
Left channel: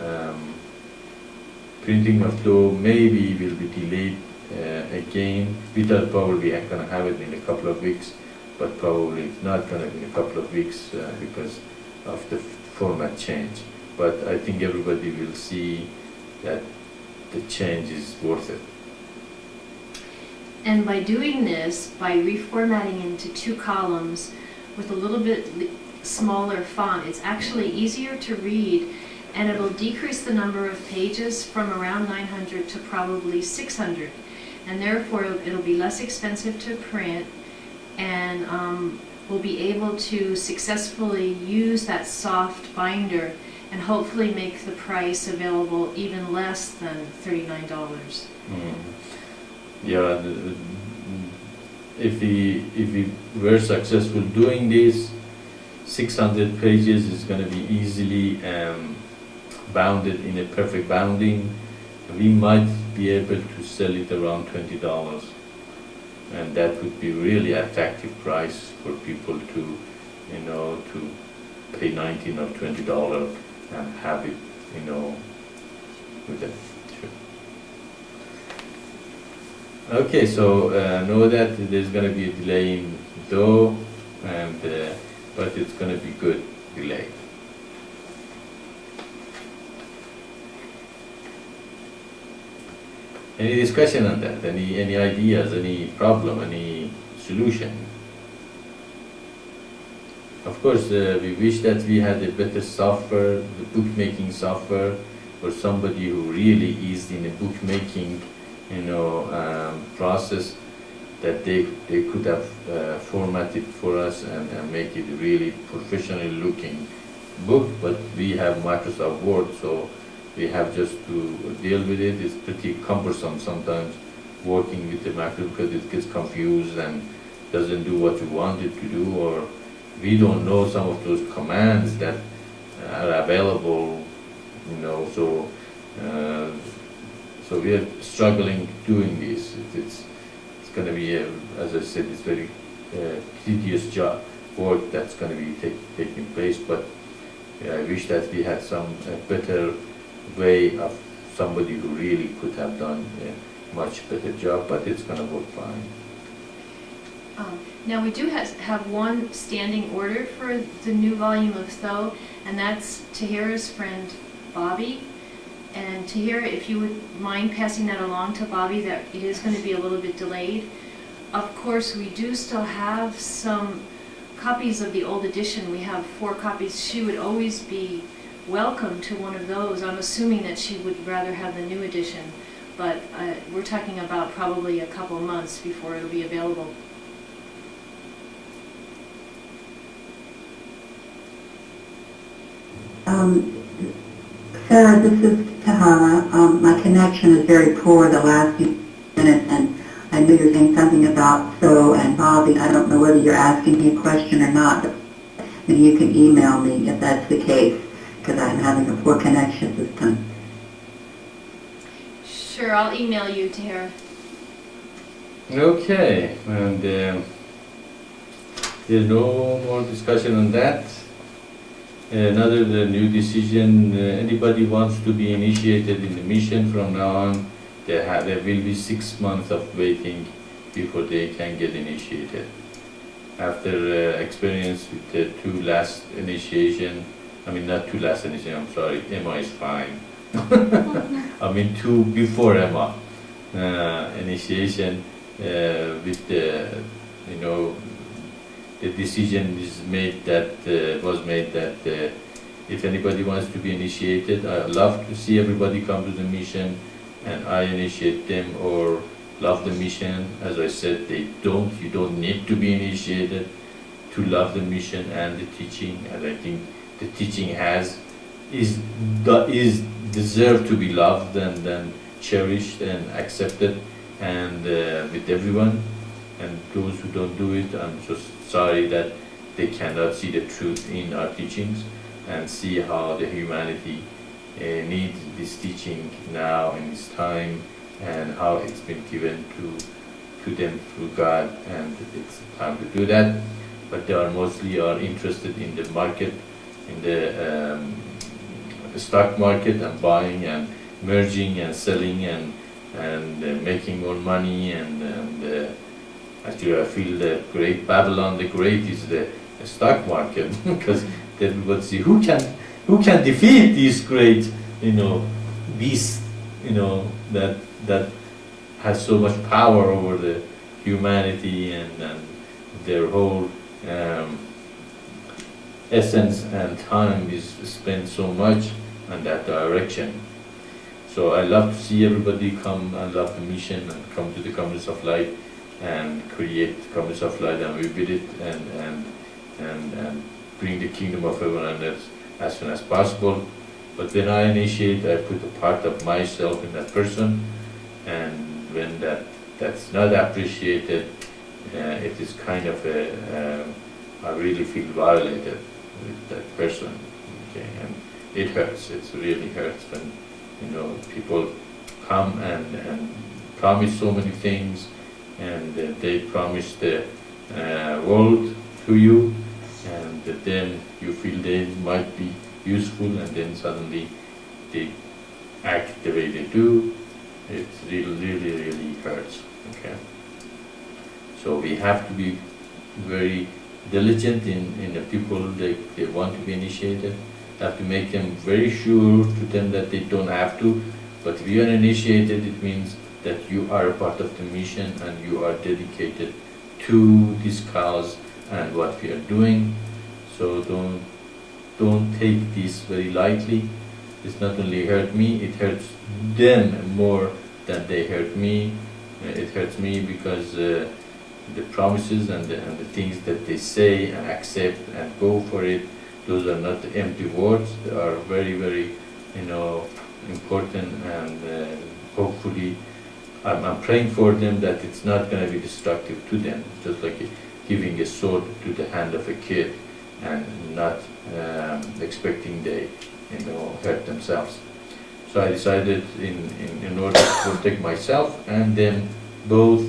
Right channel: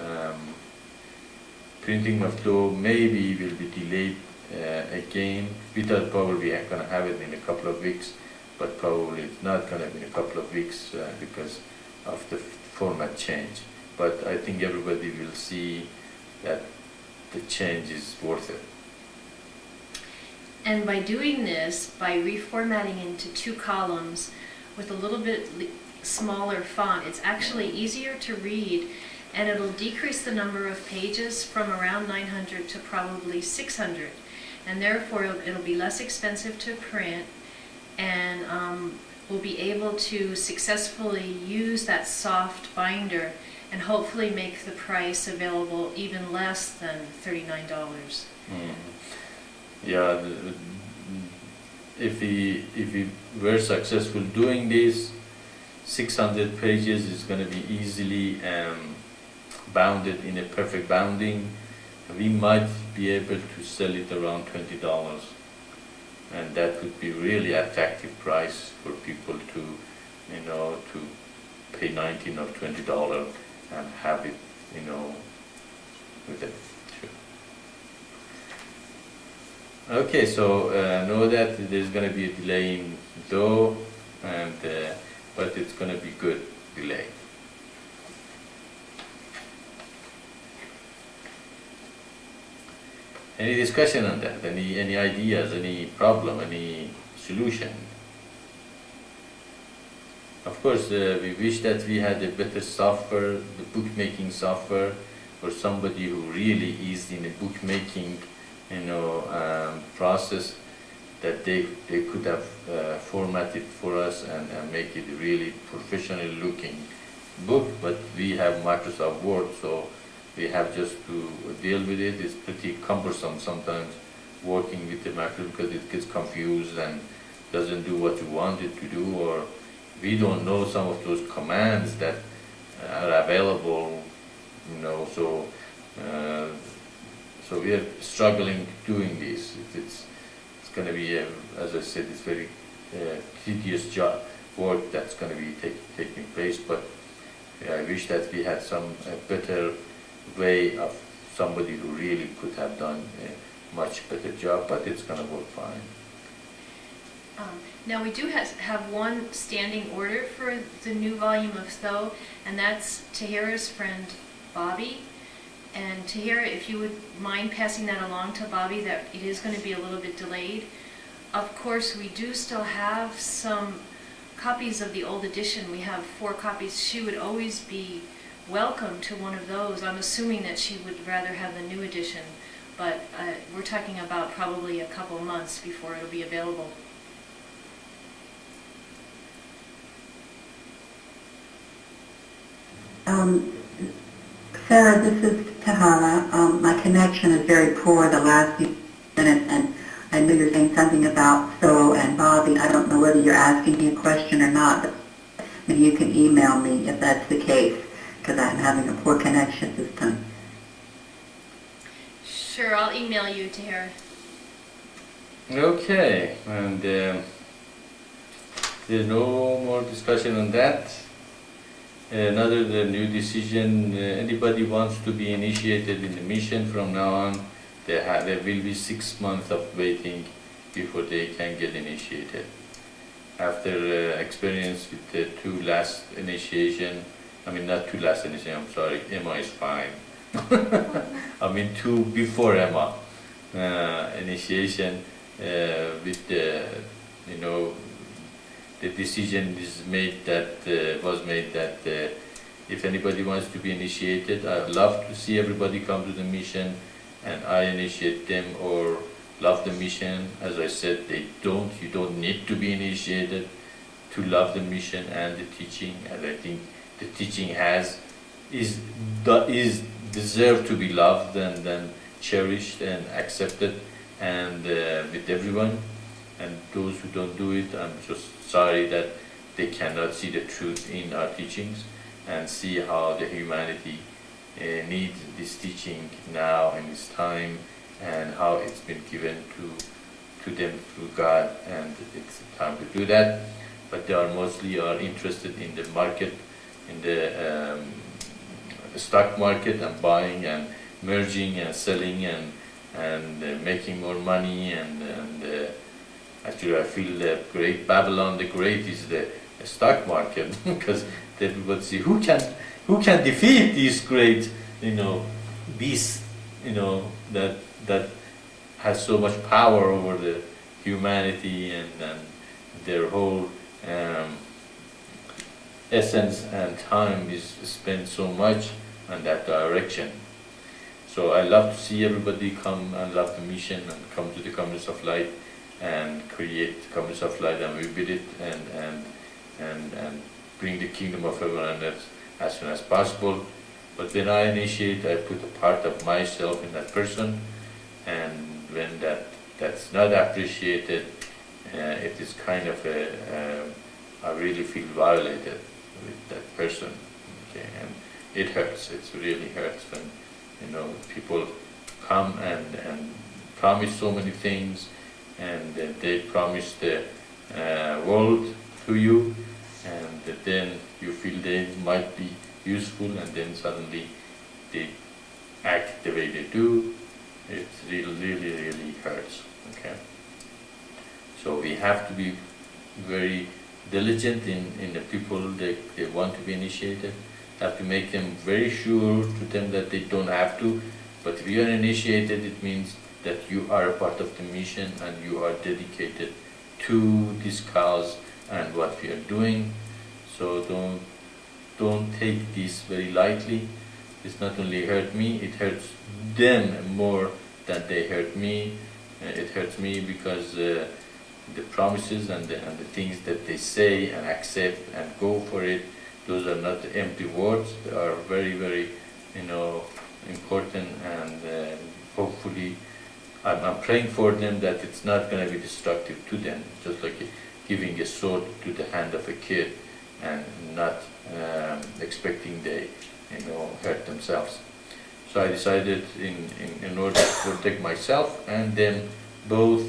printing of DO maybe will be delayed again. We thought probably I'm gonna have it in a couple of weeks, but probably it's not gonna be in a couple of weeks because of the format change. But I think everybody will see that the change is worth it. And by doing this, by reformatting into 2 columns with a little bit smaller font, it's actually easier to read, and it'll decrease the number of pages from around 900 to probably 600. And therefore, it'll be less expensive to print, and we'll be able to successfully use that soft binder and hopefully make the price available even less than $39. Yeah, if we were successful doing this, 600 pages is going to be easily bounded in a perfect bounding. We might be able to sell it around $20, and that would be really attractive price for people to, to pay $19 or $20 and have it, with them. Sure. Okay, so know that there's going to be a delay in though, and but it's going to be good delay. Any discussion on that? Any ideas? Any problem? Any solution? Of course, we wish that we had a better software, the bookmaking software, for somebody who really is in a bookmaking, process, that they could have formatted for us and make it really professionally looking book. But we have Microsoft Word, so we have just to deal with it. It's pretty cumbersome sometimes working with the macro because it gets confused and doesn't do what you want it to do, or we don't know some of those commands that are available, so we are struggling doing this. It's going to be, as I said, it's very tedious job, work that's going to be taking place, but I wish that we had some better way of somebody who really could have done a much better job, but it's going to work fine. Now we do have one standing order for the new volume of Tho, and that's Tahira's friend Bobby. And Tahira, if you would mind passing that along to Bobby, that it is going to be a little bit delayed. Of course, we do still have some copies of the old edition. We have 4 copies. She would always be welcome to one of those. I'm assuming that she would rather have the new edition, but we're talking about probably a couple months before it'll be available. Sarah, this is Tahara. My connection is very poor the last few minutes, and I know you're saying something about Tho and Bobby. I don't know whether you're asking me a question or not. And you can email me if that's the case, because I'm having a poor connection this time. Sure, I'll email you, Tahira. Okay, and there's no more discussion on that. Another new decision, anybody wants to be initiated in the mission from now on, there will be 6 months of waiting before they can get initiated. After experience with the 2 last initiation, not 2 last initiation, I'm sorry, Emma is fine. 2 before Emma initiation, with the, the decision was made that if anybody wants to be initiated, I love to see everybody come to the mission and I initiate them, or love the mission. As I said, you don't need to be initiated to love the mission and the teaching, and I think the teaching is deserved to be loved and then cherished and accepted, and with everyone. And those who don't do it, I'm just sorry that they cannot see the truth in our teachings and see how the humanity needs this teaching now in this time, and how it's been given to them through God, and it's time to do that. But they are mostly interested in the market, in the stock market, and buying and merging and selling and making more money, and actually I feel that great Babylon the Great is the stock market because everybody see who can defeat these great beasts that has so much power over the humanity, and their whole essence and time is spent so much in that direction. So I love to see everybody come and love the mission and come to the Communists of Light and create Communists of Light, and we build it and bring the kingdom of heaven on earth as soon as possible. But when I initiate, I put a part of myself in that person, and when that's not appreciated, it is kind of I really feel violated with that person. Okay, and it hurts. It really hurts when people come and promise so many things, and they promise the world to you, and then you feel they might be useful, and then suddenly they act the way they do. It really hurts. Okay, so we have to be very diligent in the people they want to be initiated. Have to make them very sure to them that they don't have to. But if you are initiated, it means that you are a part of the mission and you are dedicated to this cause and what we are doing. So don't take this very lightly. It's not only hurt me, it hurts them more than they hurt me. It hurts me because the promises and the things that they say and accept and go for it, those are not empty words. They are very important, and hopefully I'm praying for them that it's not going to be destructive to them, just like giving a sword to the hand of a kid and not expecting they hurt themselves. So I decided in order to protect myself and them both,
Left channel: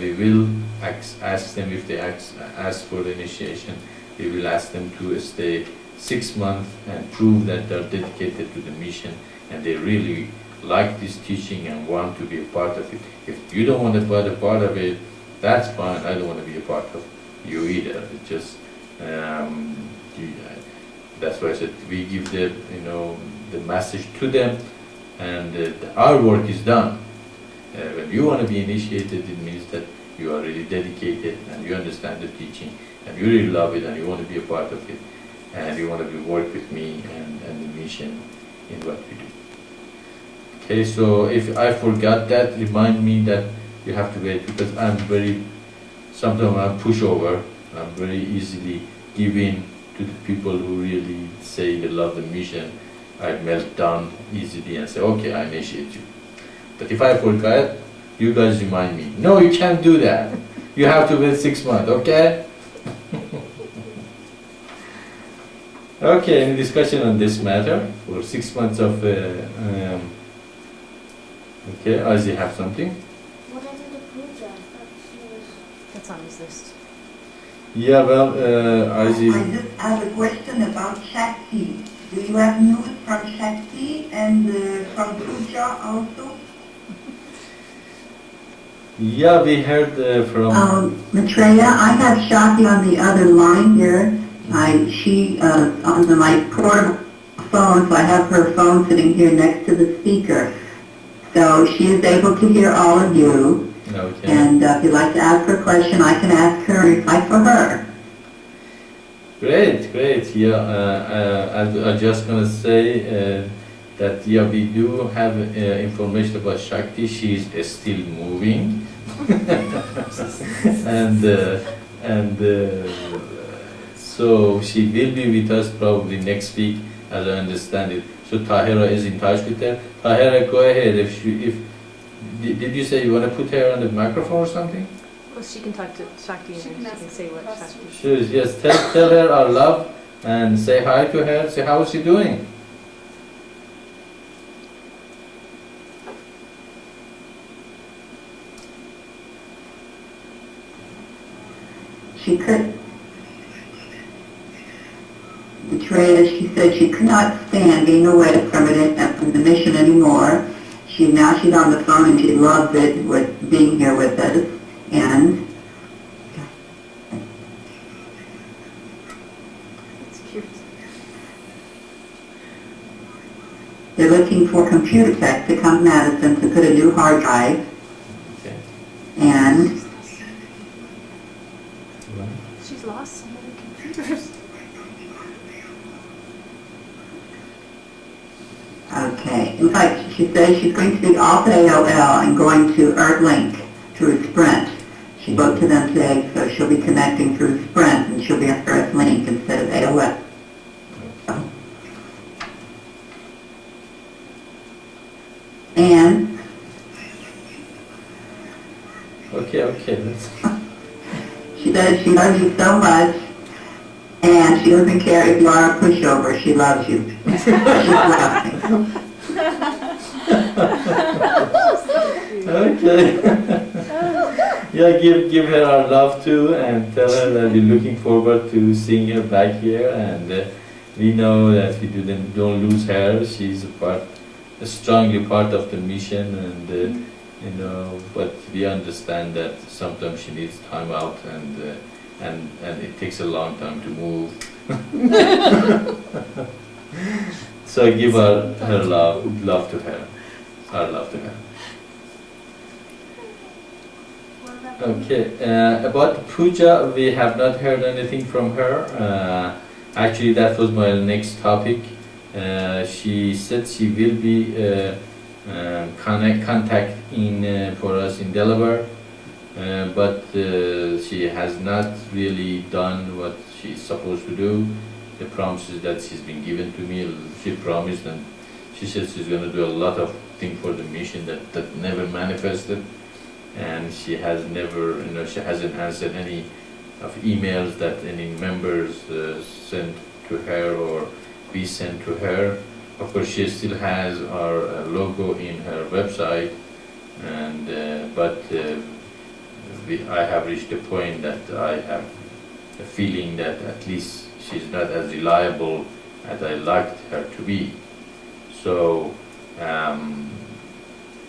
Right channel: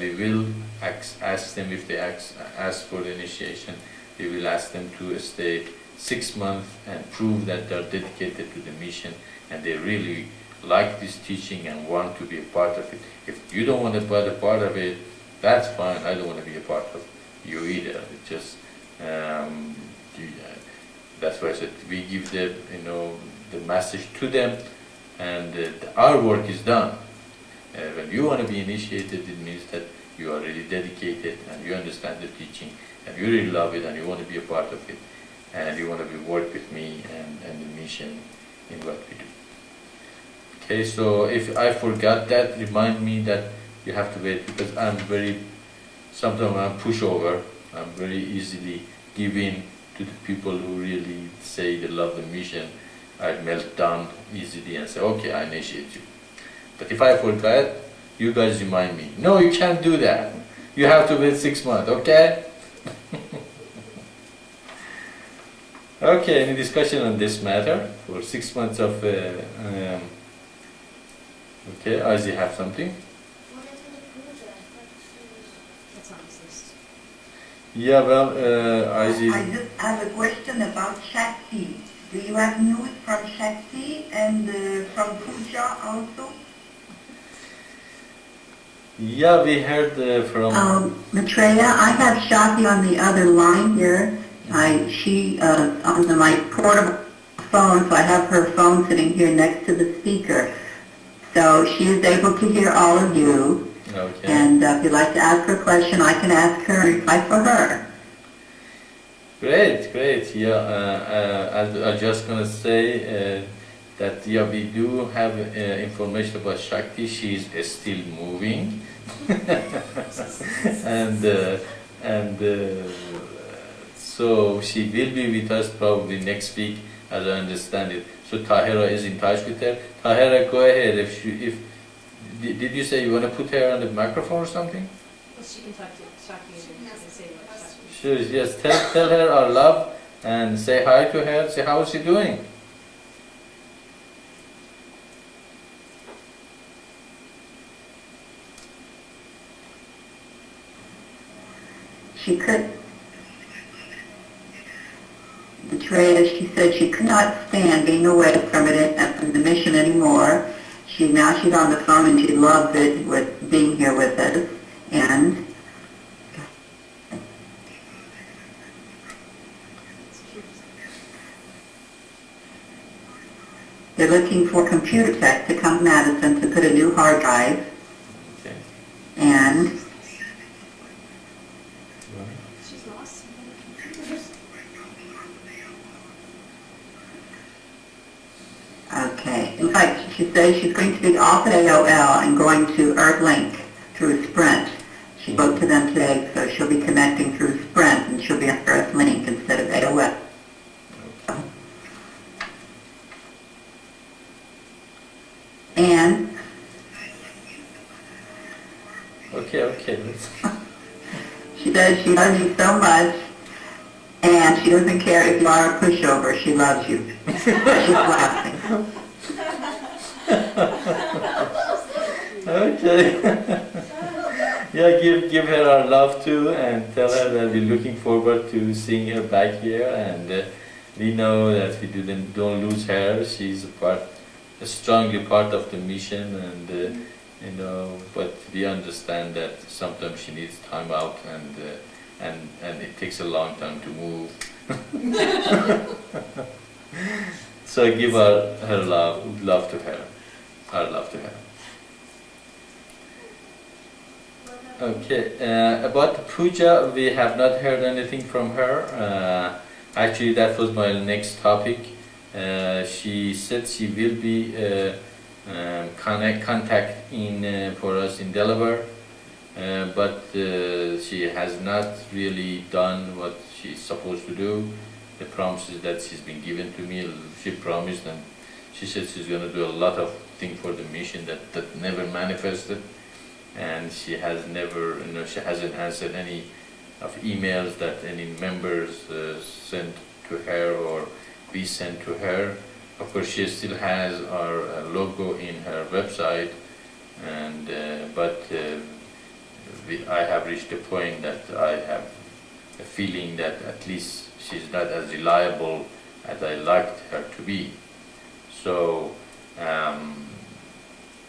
we will ask them if they ask for the initiation. We will ask them to stay 6 months and prove that they are dedicated to the mission and they really like this teaching and want to be a part of it. If you don't want to be a part of it, that's fine. I don't want to be a part of you either. It's just that's why I said we give the the message to them, and our work is done. When you want to be initiated, it means that you are really dedicated and you understand the teaching and you really love it and you want to be a part of it and you want to work with me and the mission in what we do. Okay, so if I forgot that, remind me that you have to wait, because sometimes I'm pushover. I'm very easily giving to the people who really say they love the mission. I melt down easily and say, okay, I initiate you. But if I forgot, you guys remind me. No, you can't do that. You have to wait 6 months, okay? Okay, any discussion on this matter for 6 months of... okay, Ozzy, have something? What happened to Pooja? That's on his list. Yeah, well, Ozzy... I just have a question about Shakti. Do you have news from Shakti and from Pooja also? Yeah, we heard from... Maitreya, I have Shakti on the other line here. She on my portable phone, so I have her phone sitting here next to the speaker. So she is able to hear all of you. Okay. And if you'd like to ask her a question, I can ask her and reply for her. Great. Yeah, I was just going to say that yeah, we do have information about Shakti. She's still moving, and so she will be with us probably next week, as I understand it. So Tahira is in touch with her. Tahira, go ahead. Did you say you want to put her on the microphone or something? Well, she can talk to Shakti and She can she ask can say what questions. Shakti. Sure. Yes. Tell her our love and say hi to her. Say how is she doing. She could, Maitreya, she said she could not stand being away from it and from the mission anymore. she's on the phone and she loves it with being here with us. And they're looking for computer tech to come to Madison to put a new hard drive. Okay. And She's lost some of the computers. okay, in fact, she says she's going to be off at AOL and going to Earthlink through Sprint. She spoke to them today, so she'll be connecting through Sprint and she'll be on Earthlink instead of AOL. And Okay. she says she loves you so much, and she doesn't care if you are a pushover. She loves you. She's laughing. Okay. Yeah, give her our love too, and tell her that we're looking forward to seeing her back here, and we know that we don't lose her. She's strongly part of the mission, and but we understand that sometimes she needs time out, and it takes a long time to move. So give her love to her, our love to her. Okay, about the puja, we have not heard anything from her. Actually, that was my next topic. She said she will be contact for us in Delaware, but she has not really done what she's supposed to do. The promises that she's been given to me, she promised, and she said she's going to do a lot of things for the mission that never manifested. And she has never, she hasn't answered any of emails that any members sent to her or we sent to her. Of course, she still has our logo in her website, and but I have reached a point that I have a feeling that at least she's not as reliable as I liked her to be. So.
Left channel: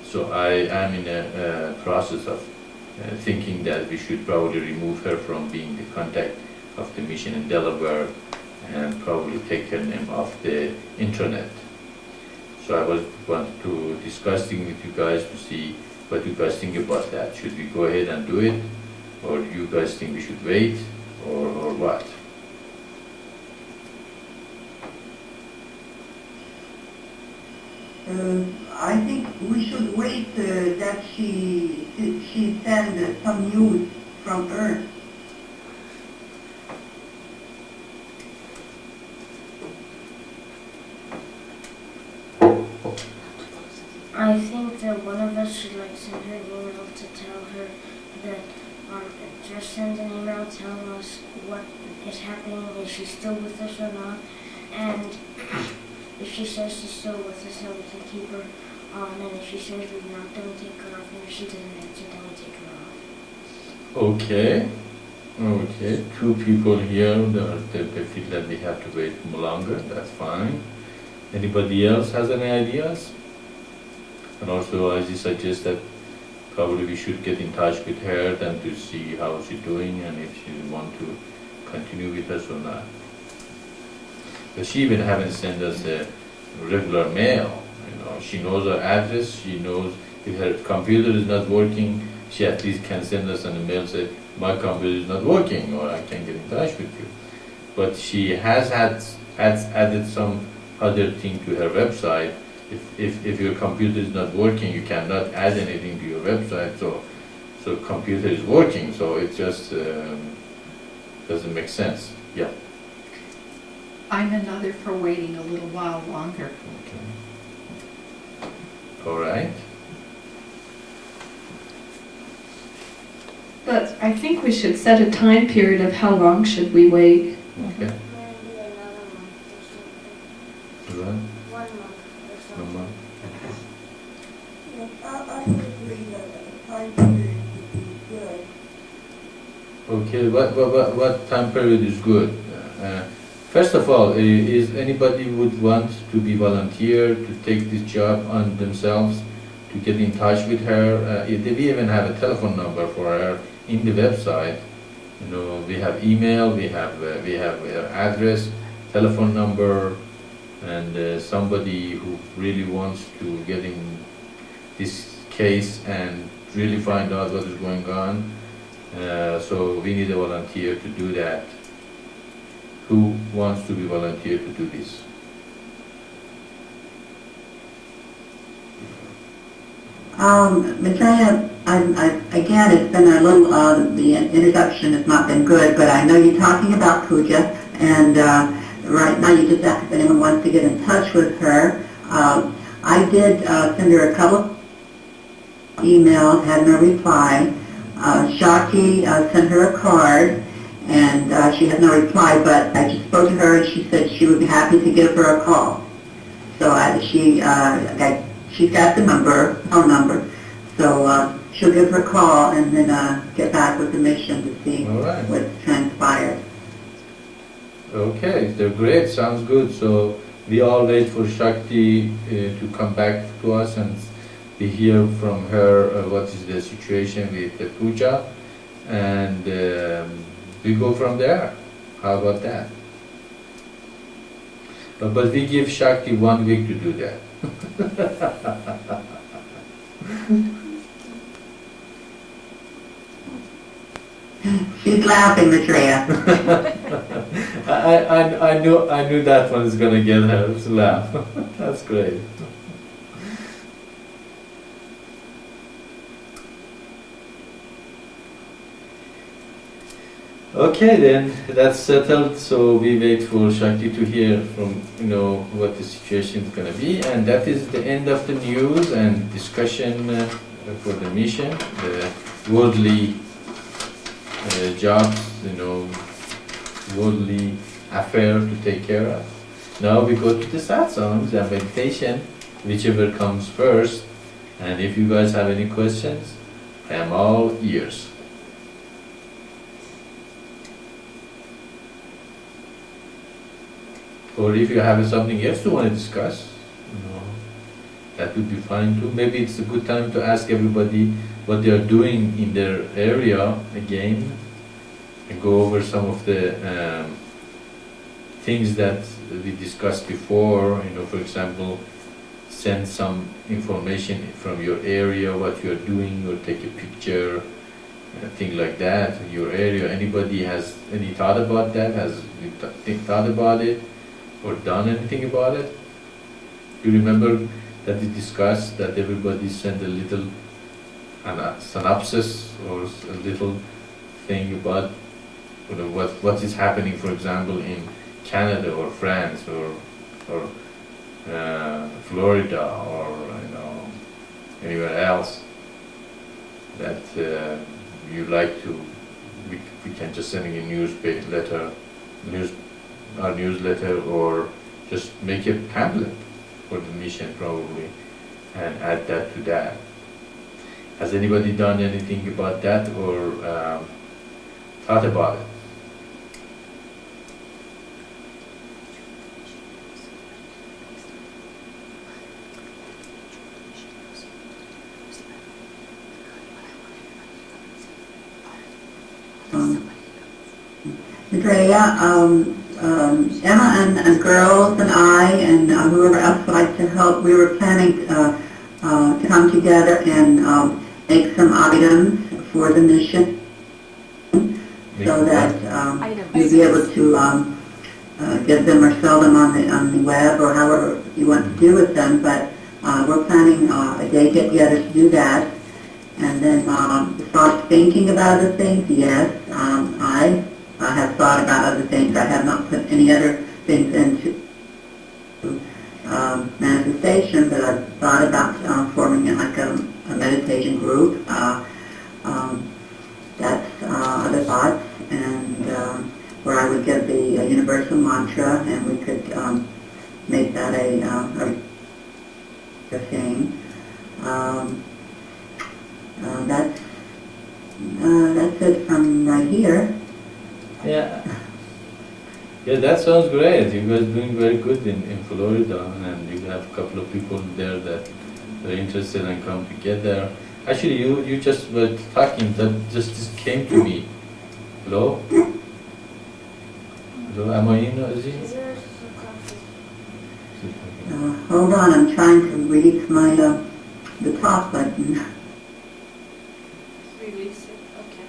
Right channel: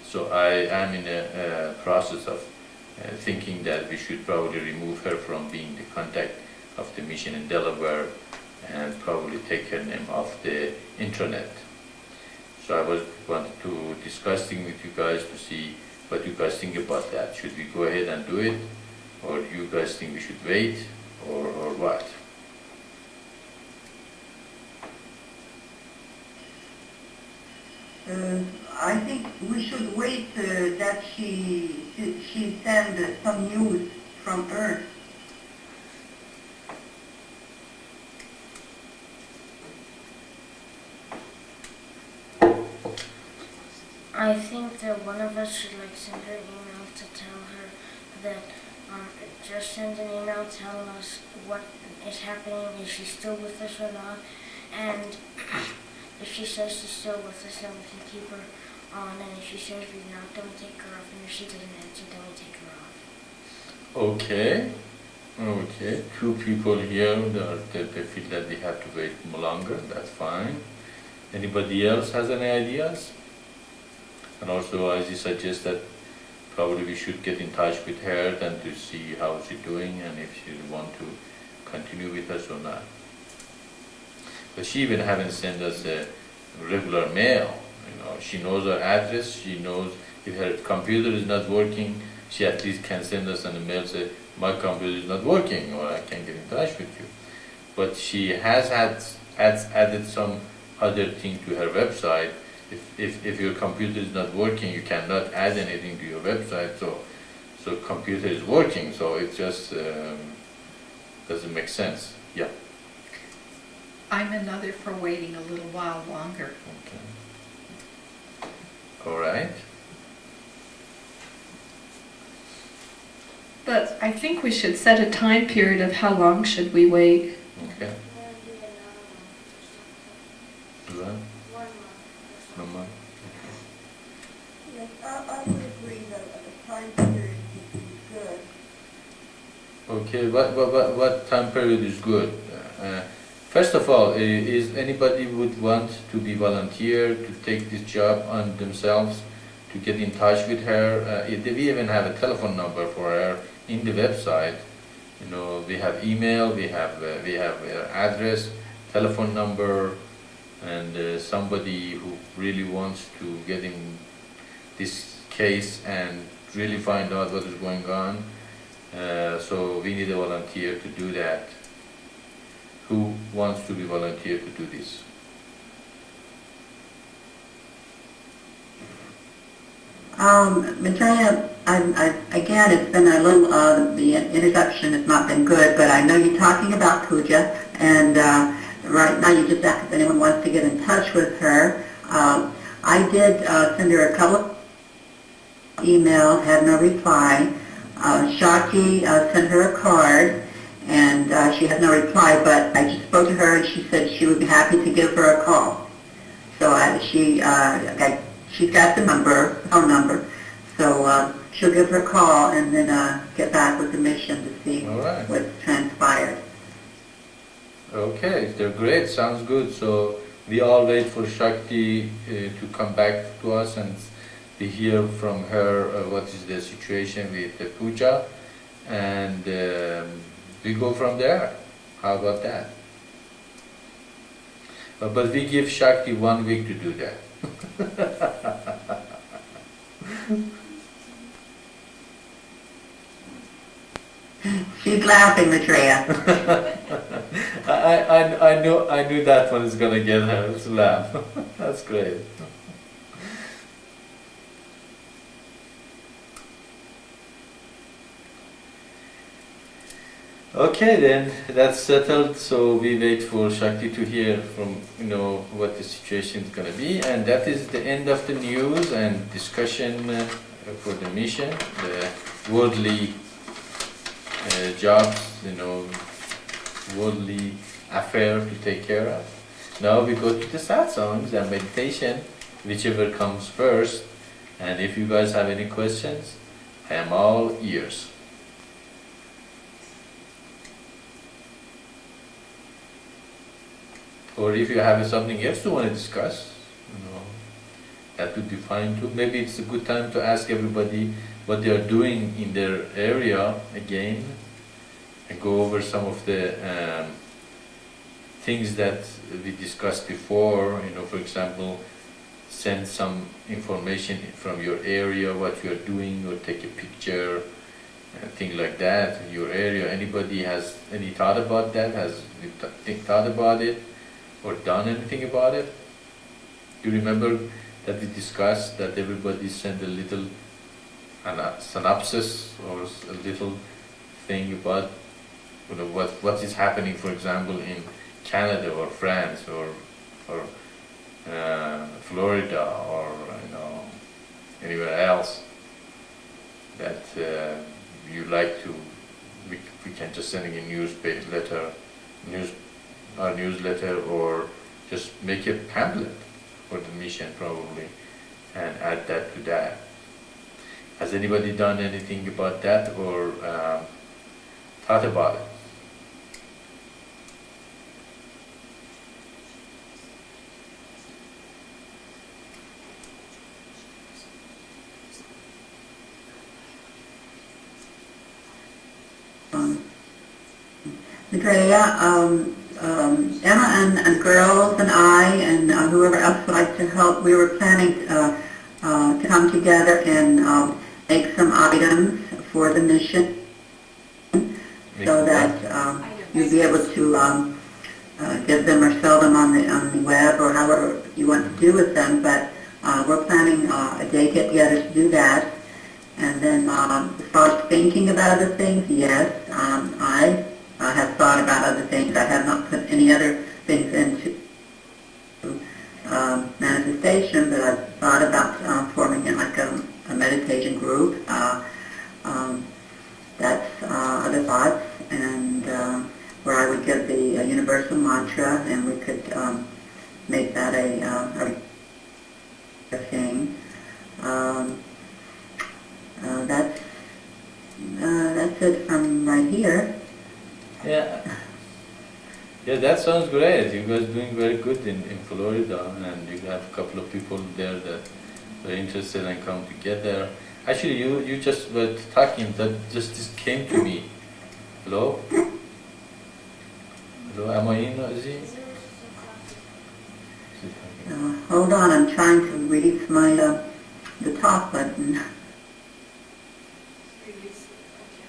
So I am in a process of thinking that we should probably remove her from being the contact of the mission in Delaware and probably take her name off the intranet. So I wanted to discuss things with you guys to see what you guys think about that. Should we go ahead and do it, or do you guys think we should wait, or what? I think we should wait that she send some news from Earth. I think that one of us should send her an email to tell her that just send an email telling us what is happening, if she's still with us or not, and if she says she's still with us, then we can keep her on, and if she says we're not, then we take her off, and if she doesn't answer, then we take her off. Okay. Two people here that they feel that we have to wait longer. That's fine. Anybody else has any ideas? And also, as you suggest that probably we should get in touch with her then to see how she's doing and if she want to continue with us or not. But she even haven't sent us a regular mail. She knows our address. She knows if her computer is not working, she at least can send us an email say, my computer is not working, or I can't get in touch with you. But she has added some other thing to her website. If your computer is not working, you cannot add anything to your website. So computer is working. So it just doesn't make sense. Yeah. I'm another for waiting a little while longer. Okay. All right. But I think we should set a time period of how long should we wait. Okay. Maybe another month or something. Right. 1 month or No something. more. Yes, I would agree that a time period would be good. Okay. What time period is good? First of all, is anybody would want to be volunteer to take this job on themselves to get in touch with her. We even have a telephone number for her in the website. You know, we have email, we have her address, telephone number, and somebody who really wants to get in this case and really find out what is going on. So we need a volunteer to do that. Who wants to be volunteer to do this? Maitreya, again, it's been a little, the introduction has not been good, but I know you're talking about puja, and right now you just asked if anyone wants to get in touch with her. I did send her a couple of emails, had no reply. Shakti sent her a card, and she had no reply, but I just spoke to her, and she said she would be happy to give her a call. So she's got the number, phone number, so she'll give her a call and then get back with the mission to see what's transpired. Okay, they're great, sounds good. So we all wait for Shakti to come back to us and we hear from her what is the situation with the puja, and we go from there. How about that? But we give Shakti 1 week to do that. She's laughing, Maitreya. I knew that one is gonna get her to laugh. That's great. Okay, then that's settled. So we wait for Shakti to hear from what the situation is gonna be, and that is the end of the news and discussion for the mission, the worldly jobs, worldly affair to take care of. Now we go to the satsangs and meditation, whichever comes first. And if you guys have any questions, I am all ears. Or if you have something else you want to discuss, that would be fine too. Maybe it's a good time to ask everybody what they are doing in their area again, and go over some of the things that we discussed before. For example, send some information from your area, what you are doing, or take a picture, thing like that. Your area. Anybody has any thought about that? Has thought about it? Or done anything about it? You remember that we discussed that everybody sent a little synopsis or a little thing about what is happening, for example, in Canada or France or Florida or anywhere else that you like to. We can just send a newsletter, or just make a pamphlet for the mission probably and add that to that. Has anybody done anything about that or thought about it? Maitreya, Emma and girls and I and whoever else would like to help, we were planning to come together and make some items for the mission so that you'll be able to get them or sell them on the web or however you want to do with them. But we're planning a day get together to do that. And then as far as thinking about other things, yes, I have thought about other things. I have not put any other things into manifestation, but I've thought about forming it like a meditation group. That's other thoughts, and where I would give the universal mantra, and we could make that a thing. That's it from right here. Yeah, that sounds great. You guys doing very good in Florida, and you have a couple of people there that they're interested and come together. Actually, you just were talking, that just this came to me. Hello? Hello, am I in, Ozzy? Hold on, I'm trying to release my the top button. Release it, okay.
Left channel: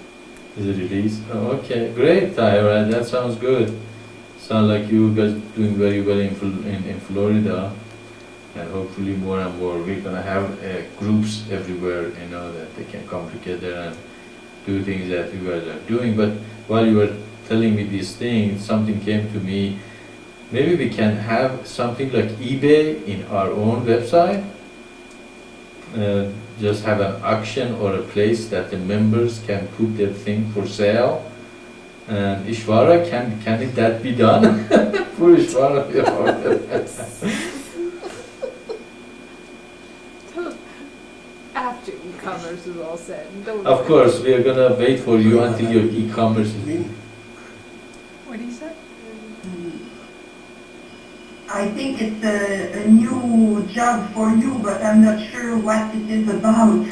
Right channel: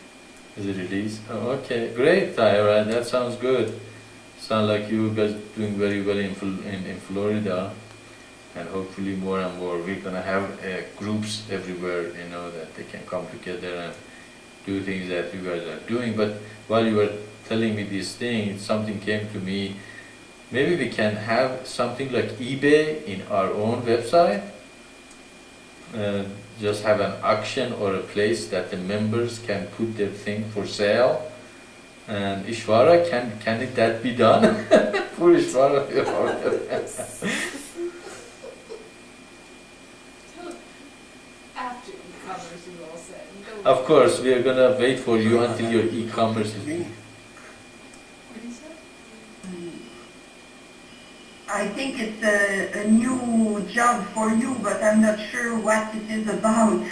Is it released? Oh, okay, great, Tyra, that sounds good. Sounds like you guys doing very well in Florida, and hopefully more and more we're gonna have groups everywhere, you know, that they can come together and do things that you guys are doing. But while you were telling me these things, something came to me. Maybe we can have something like eBay in our own website. Just have an auction or a place that the members can put their thing for sale. And Ishvara, can that be done? For Ishvara. After e-commerce is all said and done. Of course, we are gonna wait for you until your e-commerce is. What do you say? I think it's a new job for you, but I'm not sure what it is about.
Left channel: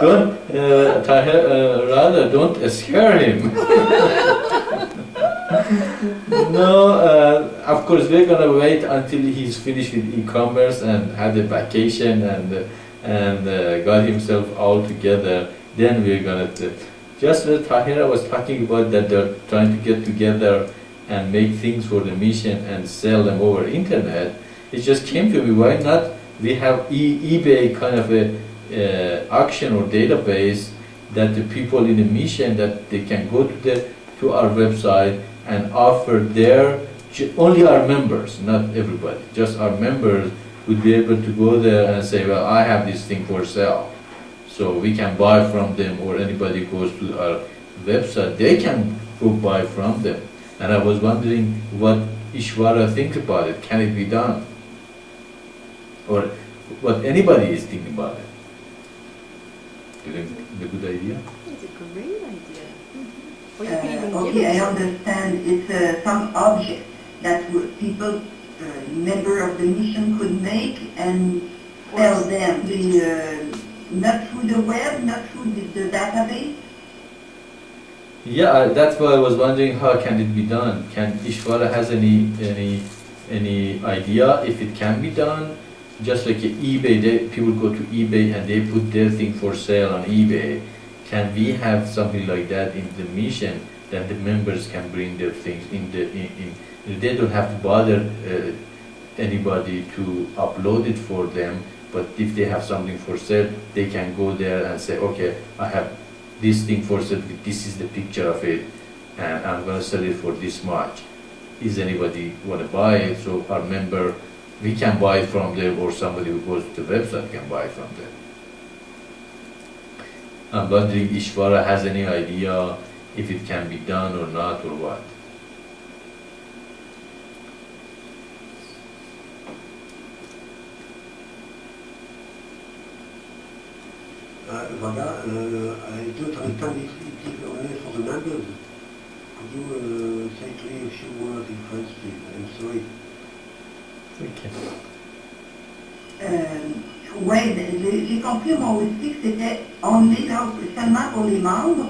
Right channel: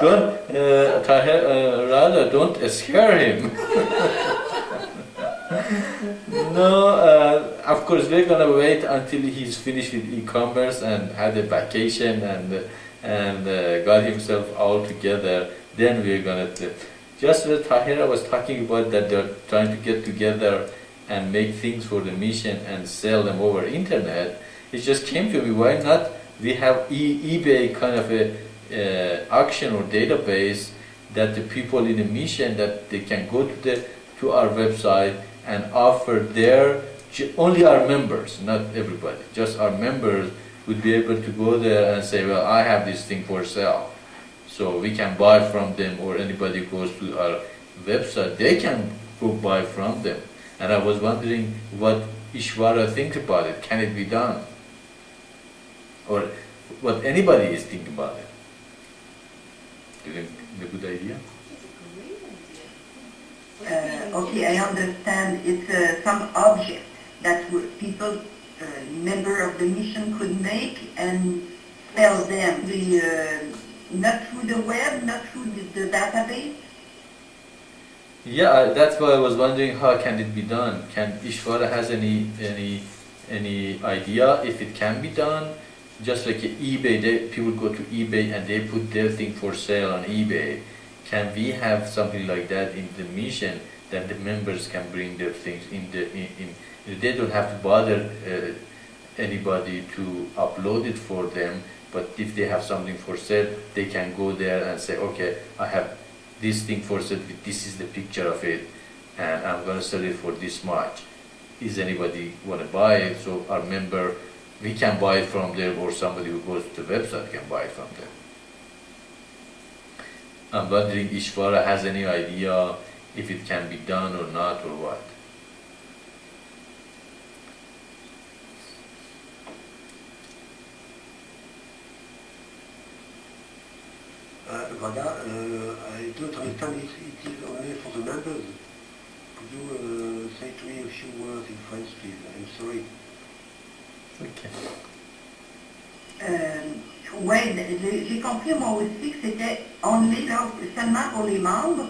Don't, rather, don't scare him. No, of course we're gonna wait until he's finished with e-commerce and had a vacation and got himself all together. Then we're gonna. Just as Tahira was talking about that they're trying to get together and make things for the mission and sell them over internet. It just came to me, why not we have eBay kind of a auction or database that the people in the mission, that they can go to our website and offer only our members, not everybody, just our members would be able to go there and say, well, I have this thing for sale. So we can buy from them, or anybody goes to our website, they can go buy from them. And I was wondering what Ishvara thinks about it. Can it be done? Or what anybody is thinking about it. Do you think it's a good idea? It's a great idea. Well, you could even give Okay, it I to- understand. It's some object that people, member of the mission, could make and sell them. Not through the web, not through the database. Yeah, that's why I was wondering how can it be done. Can Ishvara has any idea if it can be done? Just like eBay, people go to eBay and they put their thing for sale on eBay. Can we have something like that in the mission, that the members can bring their things in they don't have to bother anybody to upload it for them, but if they have something for sale, they can go there and say, okay, I have this thing for sale, this is the picture of it, and I'm going to sell it for this much. Is anybody want to buy it? So our member, we can buy it from there, or somebody who goes to the website can buy it from there. I'm wondering Ishvara has any idea if it can be done or not, or what? Voilà, I don't understand if it is only for the members. Could you say to me a few words in French, please? I'm sorry. Okay. Ouais, j'ai compris moi aussi que c'était only là, seulement pour les membres,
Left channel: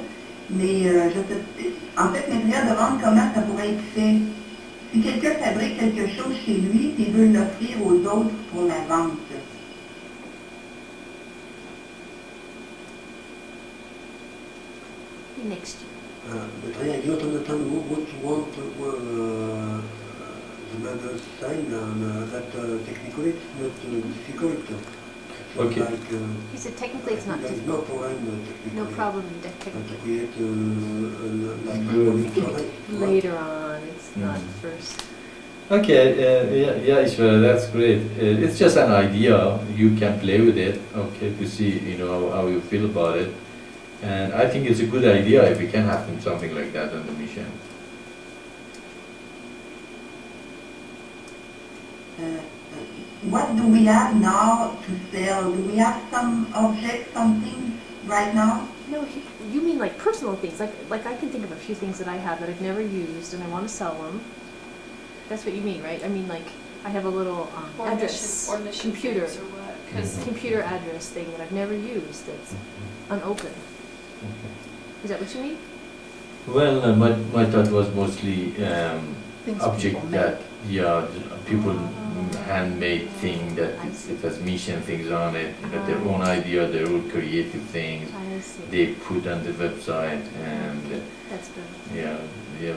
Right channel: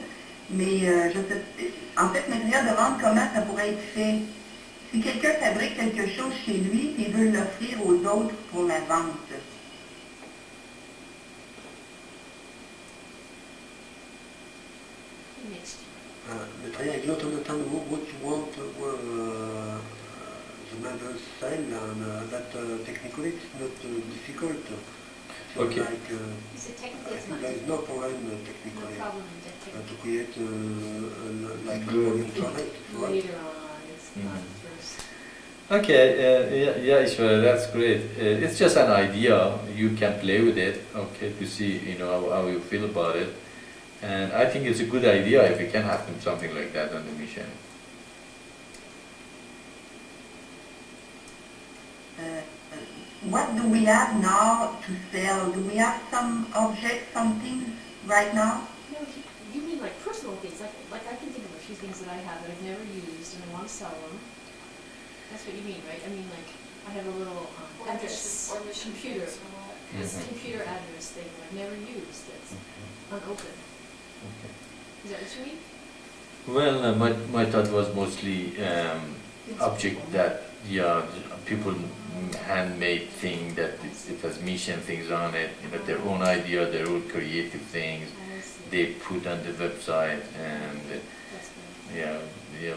mais je sais, en fait, Maitreya demande comment ça pourrait être fait. Si quelqu'un fabrique quelque chose chez lui et veut l'offrir aux autres pour la vente. next year. Maitreya, I don't understand what you want the members sign, and that technically it's not difficult. It's Okay. Like, He said technically it's not there is no problem technically. no problem in To technically. create like Good. internet. Later on, it's not Mhm. first. Okay, yeah, Ishvara, that's great. It's just an idea. You can play with it, okay, to see, how you feel about it. And I think it's a good idea if we can have something like that on the mission. What do we have now to sell? Do we have some objects, something right now? No, you mean like personal things. Like I can think of a few things that I have that I've never used and I want to sell them. That's what you mean, right? I mean, like, I have a little address, computer, computer address thing that I've never used that's unopened. Okay. Is that what you mean? Well, my thought was mostly Things object people that, yeah, people handmade thing that it has mission things on it, their own idea, their own creative things I see. they put on the website, and That's good. yeah,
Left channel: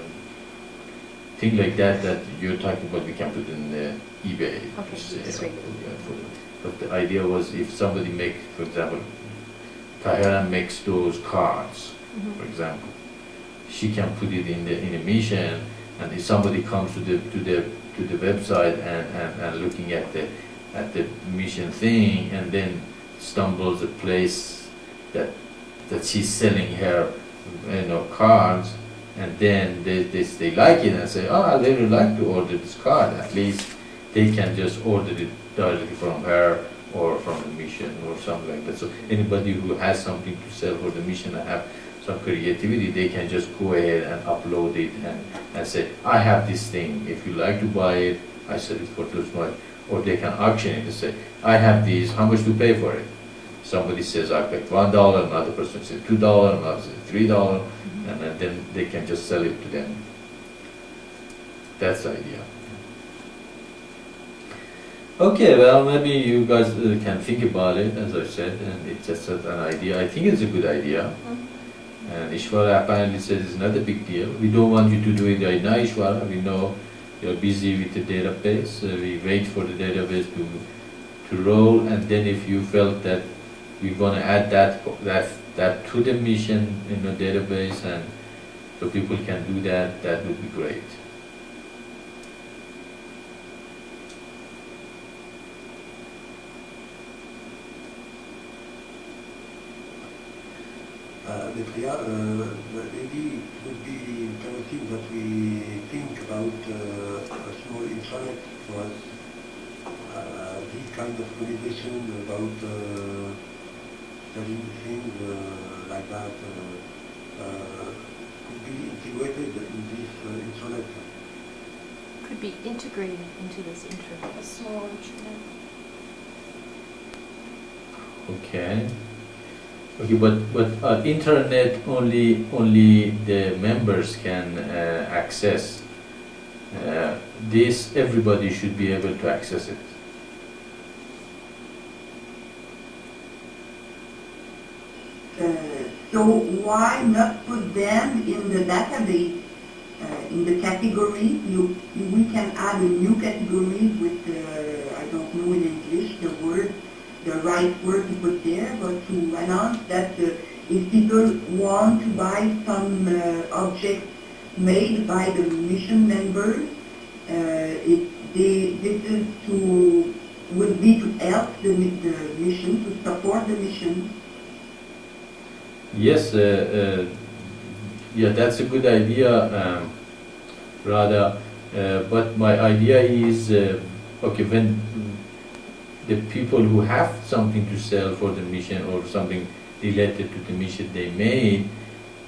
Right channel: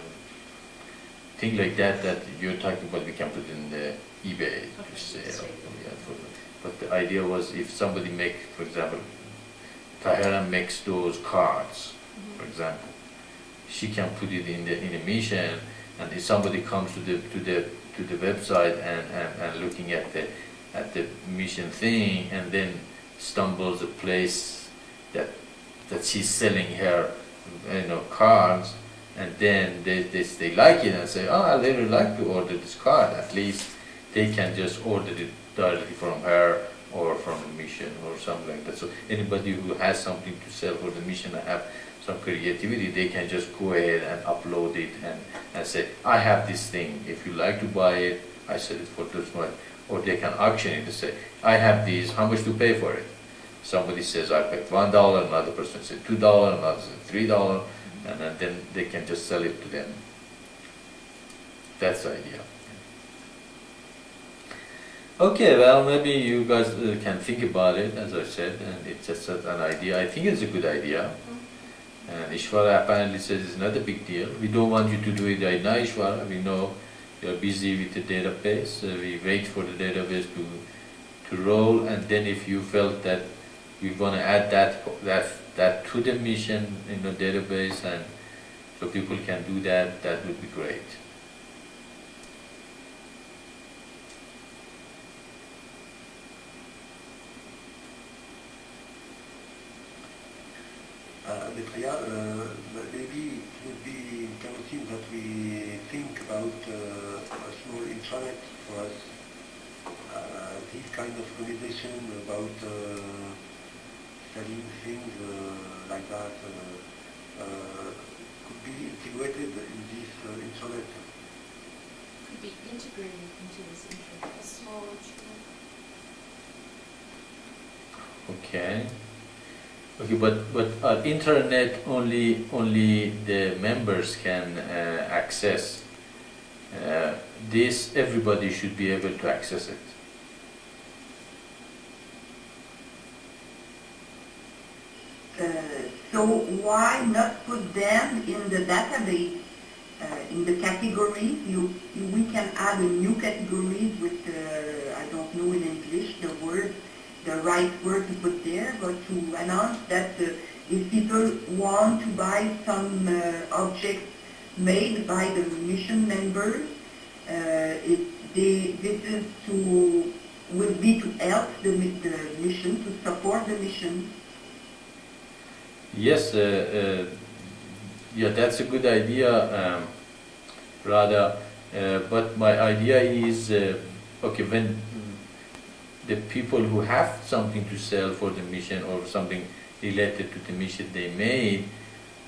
things like that you're talking about, we can put in the eBay Okay, to sell. just regular. But the idea was if somebody make, for example, Tahira makes those cards, for example, she can put it in a mission, and if somebody comes to the website and looking at the mission thing, and then stumbles a place that she's selling her cards, and then they like it and say, oh, I really like to order this card. At least they can just order it directly from her or from the mission or something like that. So anybody who has something to sell for the mission and have some creativity, they can just go ahead and upload it and say, I have this thing. If you like to buy it, I sell it for this much. Or they can auction it and say, I have these, how much to pay for it? Somebody says, I paid $1, another person says $2, another says $3, and then they can just sell it to them. That's the idea. Okay, well, maybe you guys can think about it, as I said, and it's just an idea. I think it's a good idea. And Ishwara apparently says it's not a big deal. We don't want you to do it right now, Ishwara. We know you're busy with the database. We wait for the database to roll, and then if you felt that you're going to add that to the mission in the database, and so people can do that, that would be great. Maitreya, maybe it would be interesting that we think about a small intranet for us. This kind of communication about selling things like that could be integrated in this intranet. Could be integrated into this internet. A small instrument. Okay. Okay, but internet only the members can access. This everybody should be able to access it. So why not put them in the database, in the category? We can add a new category with, I don't know in English the right word to put there, but to announce that if people want to buy some objects made by the mission members, would be to help the mission, to support the mission. Yes, yeah, that's a good idea, Radha. But my idea is, okay, when the people who have something to sell for the mission or something related to the mission they made,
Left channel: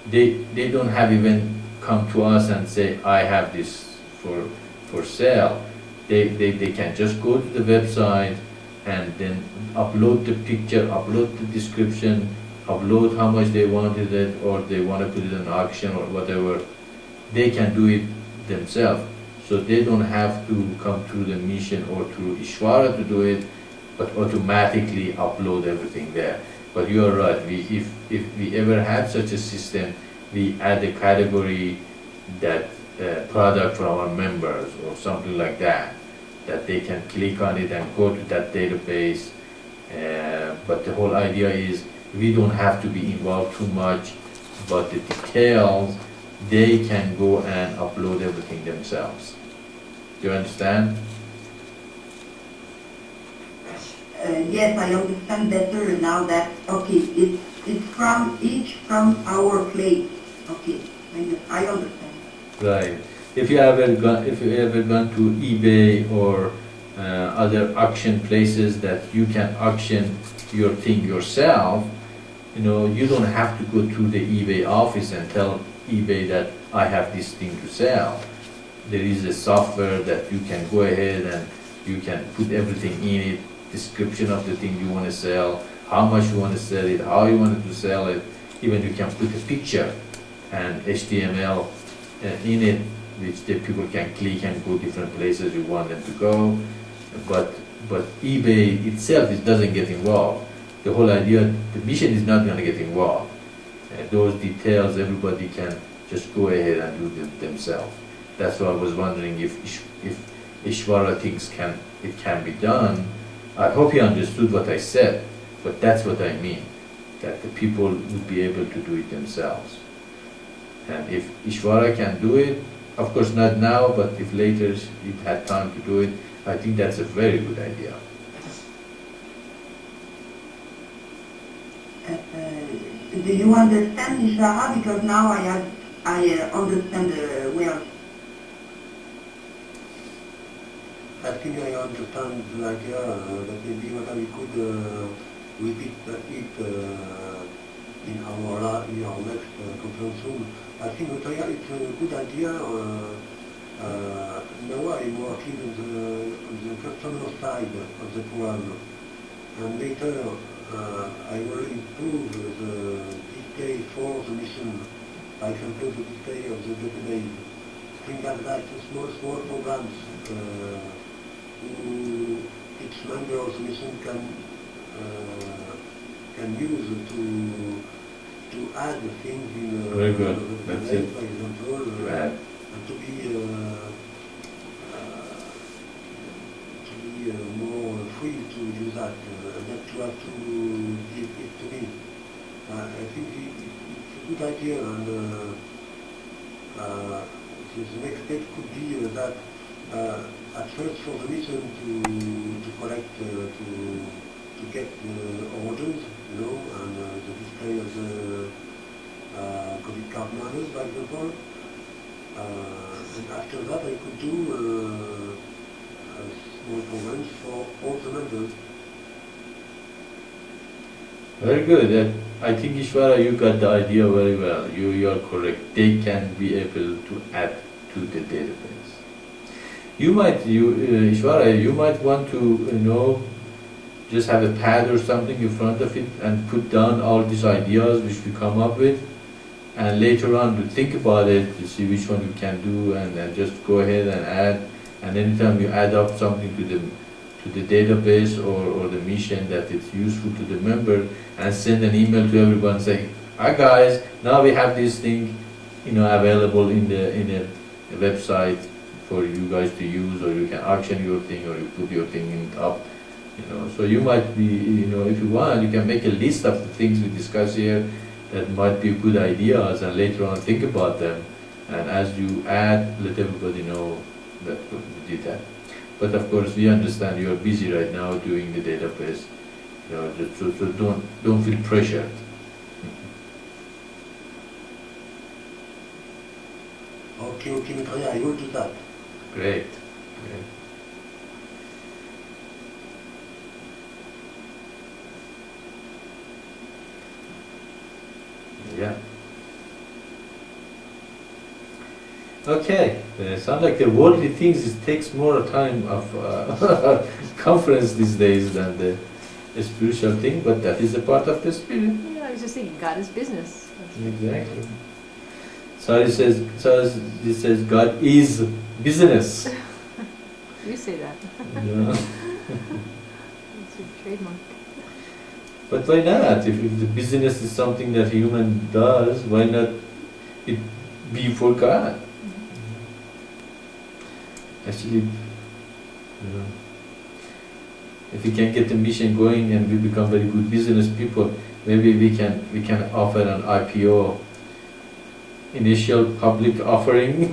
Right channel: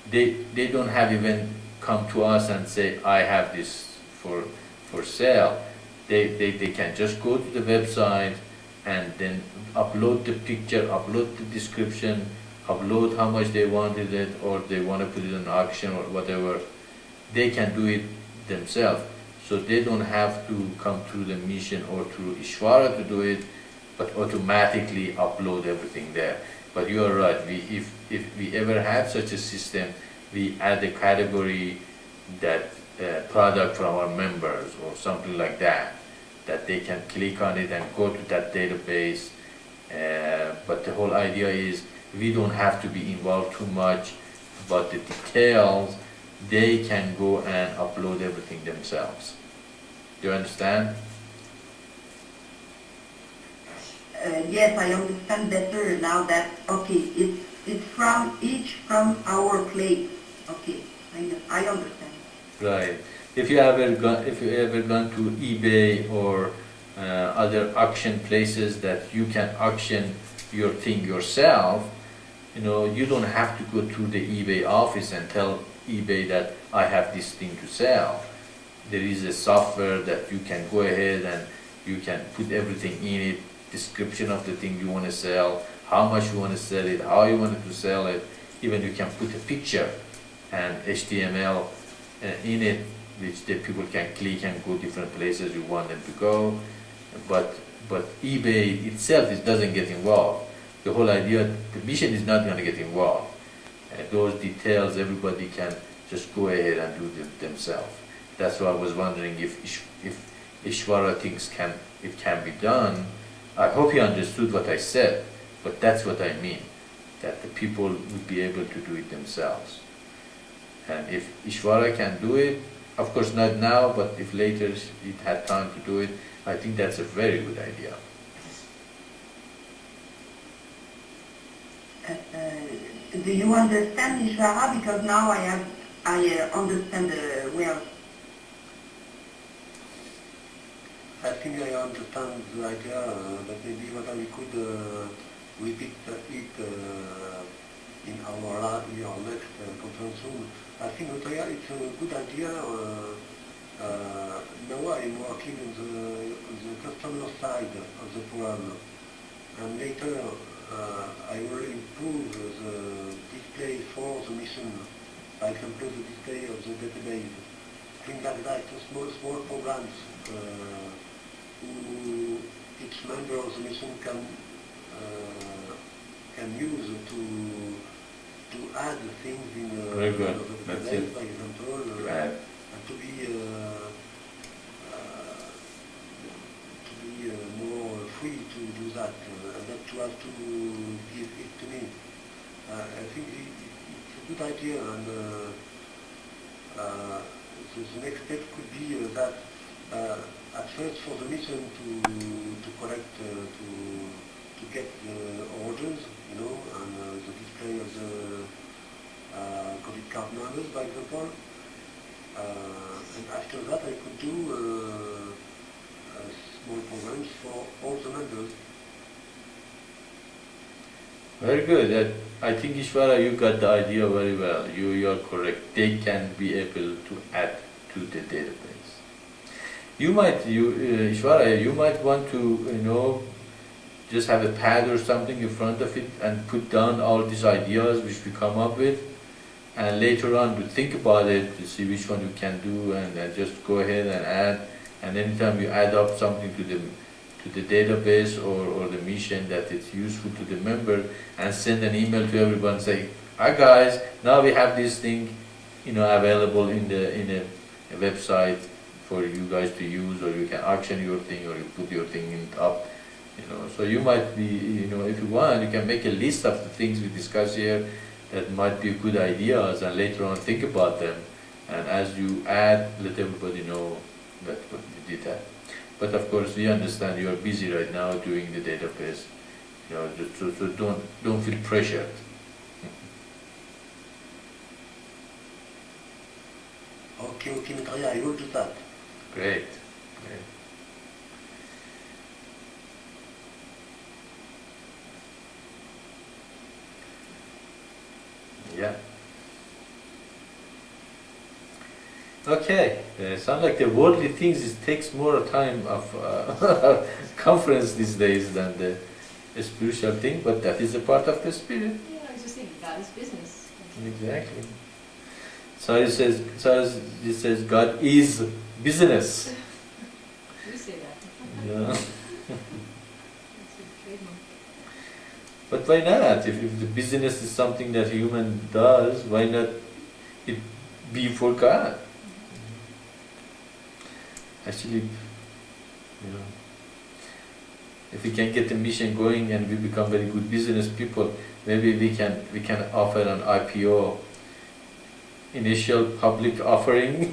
they don't have even come to us and say, I have this for sale. They can just go to the website and then upload the picture, upload the description, upload how much they wanted it, or they want to put it in auction or whatever. They can do it themselves. So they don't have to come through the mission or through Ishwara to do it, but automatically upload everything there. But you are right, if we ever had such a system, we add a category that product for our members or something like that they can click on it and go to that database. But the whole idea is we don't have to be involved too much, but the details, they can go and upload everything themselves. Do you understand? Yes, I understand better now that, okay, it's from our place. Okay, I understand. Right. If you ever gone to eBay or other auction places that you can auction your thing yourself, you don't have to go to the eBay office and tell eBay that I have this thing to sell. there is a software that you can go ahead and you can put everything in it, description of the thing you want to sell, how much you want to sell it, how you want to sell it. Even you can put a picture and HTML in it, which the people can click and go different places you want them to go. But eBay itself doesn't get involved. The whole idea, the mission is not going to get involved. Those details everybody can just go ahead and do them themselves. That's why I was wondering if Ishvara thinks it can be done. I hope he understood what I said, but that's what I mean, that the people would be able to do it themselves. And if Ishvara can do it, of course not now, but if later it had time to do it, I think that's a very good idea. Do you understand, Ishvara? Because now I understand well. I think I understand the idea, but maybe what we could repeat it in our next conference room. I think Maitreya, it's a good idea. Now I'm working on the customer side of the program, and later I will improve the display for the mission. For example, the display of the database, things like that, small programs who each member of the mission can use to add things in Very good. the That's database, it. for example, Right. and to be more free to do that, and not to have to give it to me. I think it's a good idea, and the next step could be that at first for the mission to collect, to get the orders, and the display of the COVID card numbers, for example. And after that I could do small programs for all the members. Very good. I think Ishvara, you got the idea very well. You are correct. They can be able to add to the database. Ishvara, you might want to, just have a pad or something in front of it and put down all these ideas which we come up with, and later on to think about it, to see which one you can do, and then just go ahead and add. And anytime you add up something to the database or the mission that it's useful to the member, and send an email to everyone saying, "Hi guys, now we have this thing, available in a website for you guys to use, or you can auction your thing, or you put your thing in up." So you might be, if you want, you can make a list of the things we discuss here that might be good ideas, and later on think about them. And as you add, let everybody know that you did that. But of course, we understand you are busy right now doing the database. So don't feel pressured. Okay, Maitreya, I will do that. Great. Yeah. Okay. Sounds like the worldly things takes more time of conference these days than the spiritual thing, but that is a part of the spirit. Yeah, I was just thinking, God is business. Exactly. Sari says God is business. You say that. Yeah. It's your trademark. But why not? If the business is something that human does, why not it be for God? Actually, if we can get the mission going and we become very good business people, maybe we can offer an IPO, initial public offering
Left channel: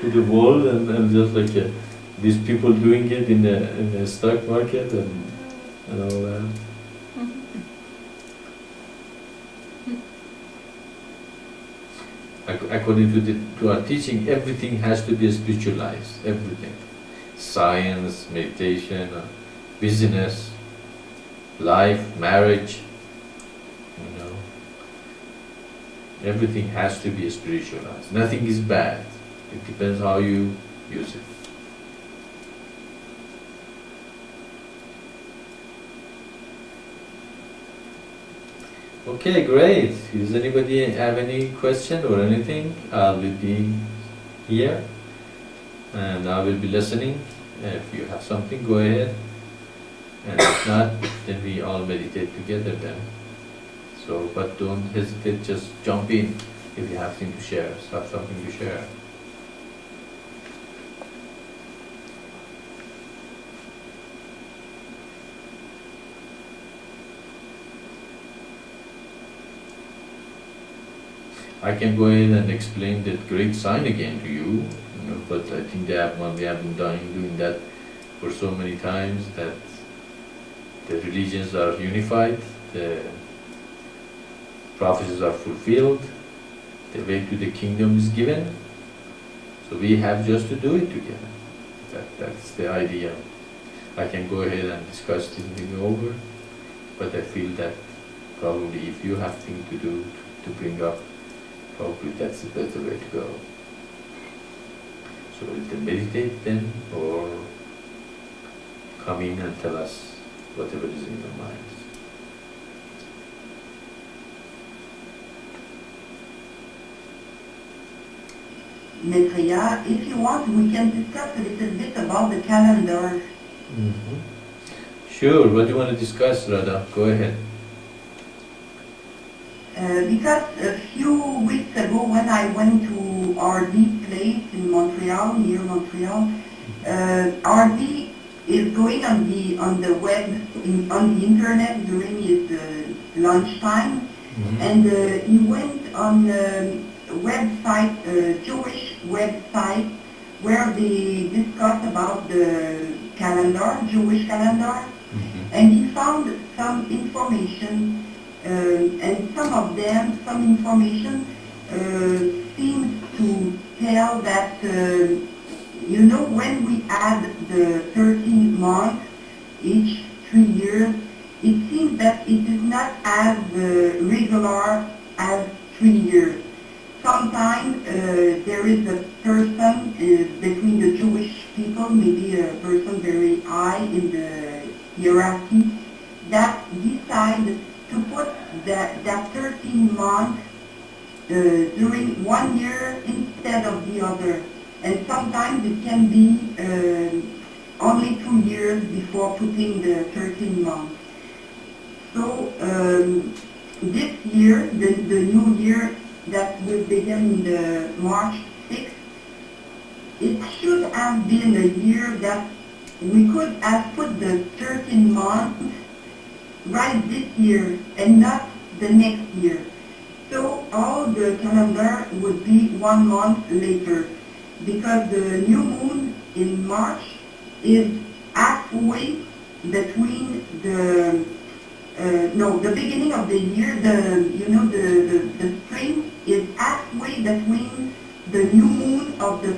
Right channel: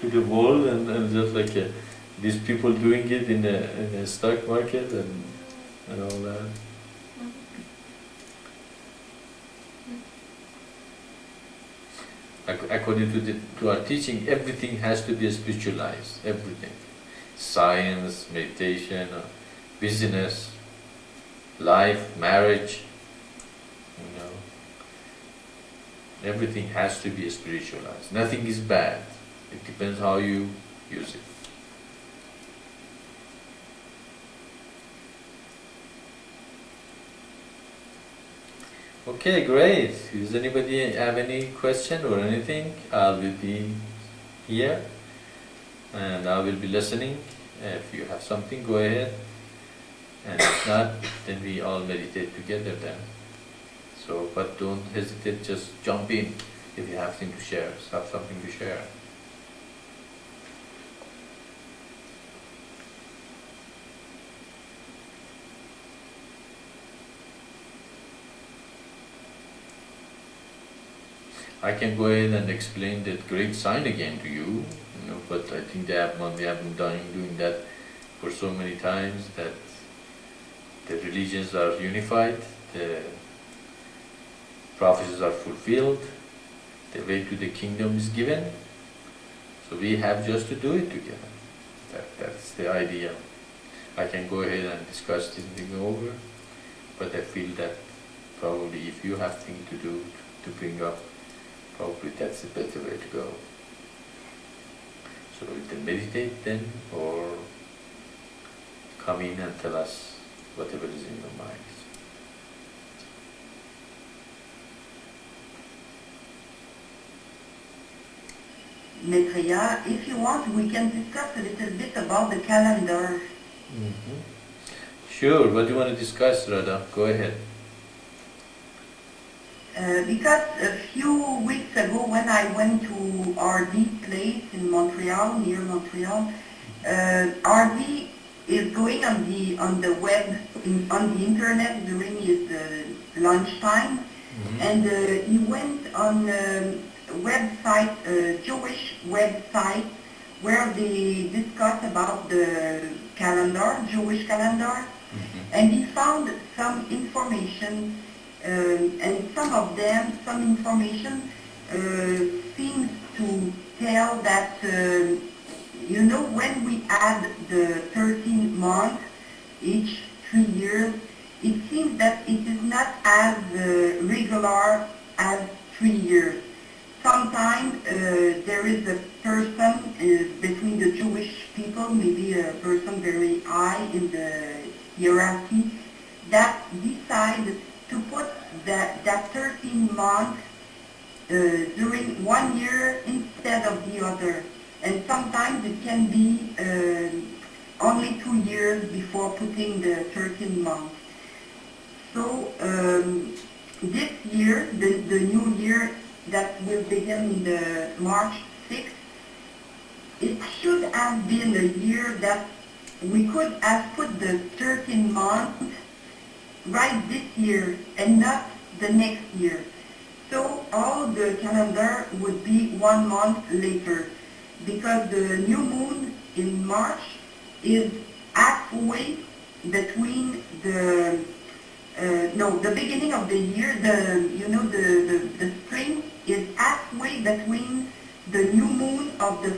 to the world, and just like these people doing it in the stock market and all that. According to our teaching, everything has to be spiritualized. Everything, science, meditation, business, life, marriage. Everything has to be spiritualized. Nothing is bad. It depends how you use it. Okay, great. Does anybody have any question or anything? I will be here and I will be listening. If you have something, go ahead. And if not, then we all meditate together then. So, but don't hesitate, just jump in if you have something to share, have something to share. I can go ahead and explain that great sign again to you, but I think we have been doing that for so many times that the religions are unified, the prophecies are fulfilled, the way to the kingdom is given. So we have just to do it together. That's the idea. I can go ahead and discuss this thing over, but I feel that probably if you have things to do, to bring up, probably that's the better way to go. So either meditate then, or come in and tell us whatever is in your mind. Maitreya, if you want, we can discuss a little bit about the calendar. Mm-hmm. Sure, what do you want to discuss, Radha? Go ahead. Because a few weeks ago when I went to RD place in Montreal, near Montreal, RD is going on the web, on the internet during his lunchtime, and he went on a website, Jewish website, where they discuss about the calendar, Jewish calendar, and he found some information. And some information seems to tell that, when we add the 13 months each 3 years, it seems that it is not as regular as 3 years. Sometimes there is a person between the Jewish people, maybe a person very high in the hierarchy, that decides to put that 13 months during 1 year instead of the other. And sometimes it can be only 2 years before putting the 13 months. So this year, the new year that will begin the March 6th, it should have been a year that we could have put the 13 months right this year and not the next year. So all the calendar would be 1 month later, because the new moon in March is halfway between the beginning of the year, the spring is halfway between the new moon of the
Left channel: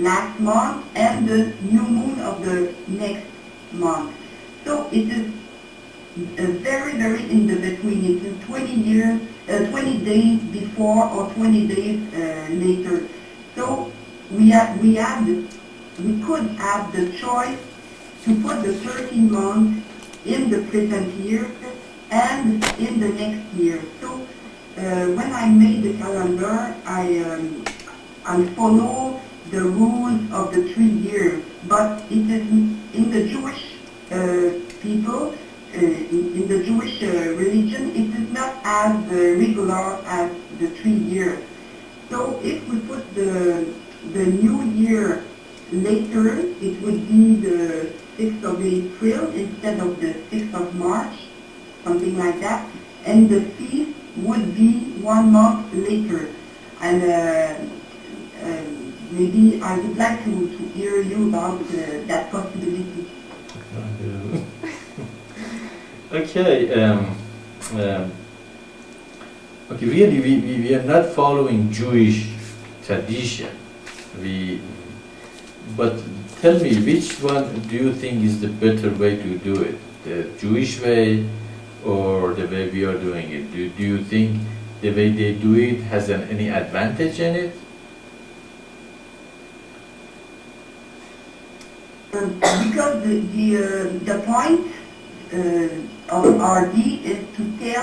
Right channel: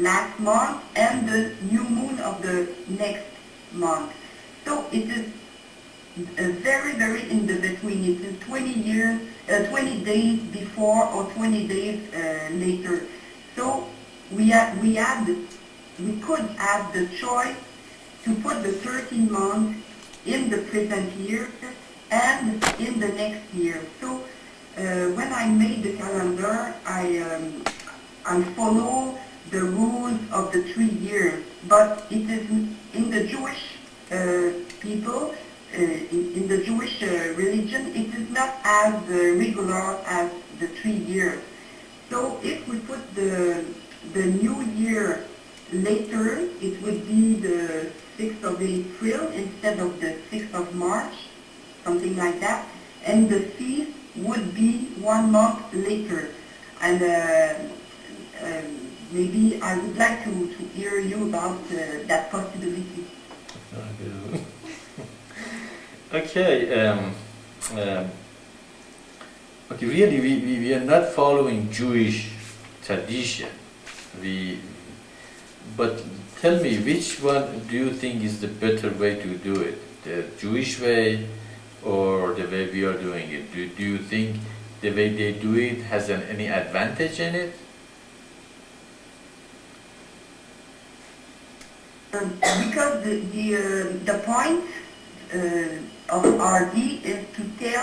last month and the new moon of the next month. So it is very, very in the between. It is 20 days before or 20 days later. So we could have the choice to put the 13 months in the present year and in the next year. So when I made the calendar, I follow the rules of the 3 years, but it is in the Jewish people, in the Jewish religion, it is not as regular as the 3 years. So if we put the new year later, it would be the 6th of April instead of the 6th of March, something like that, and the feast would be 1 month later. And maybe I would like to hear you about that possibility. Okay. Okay. Really, we are not following Jewish tradition. But tell me, which one do you think is the better way to do it? The Jewish way or the way we are doing it? Do you think the way they do it has any advantage in it? because the point of RD is to say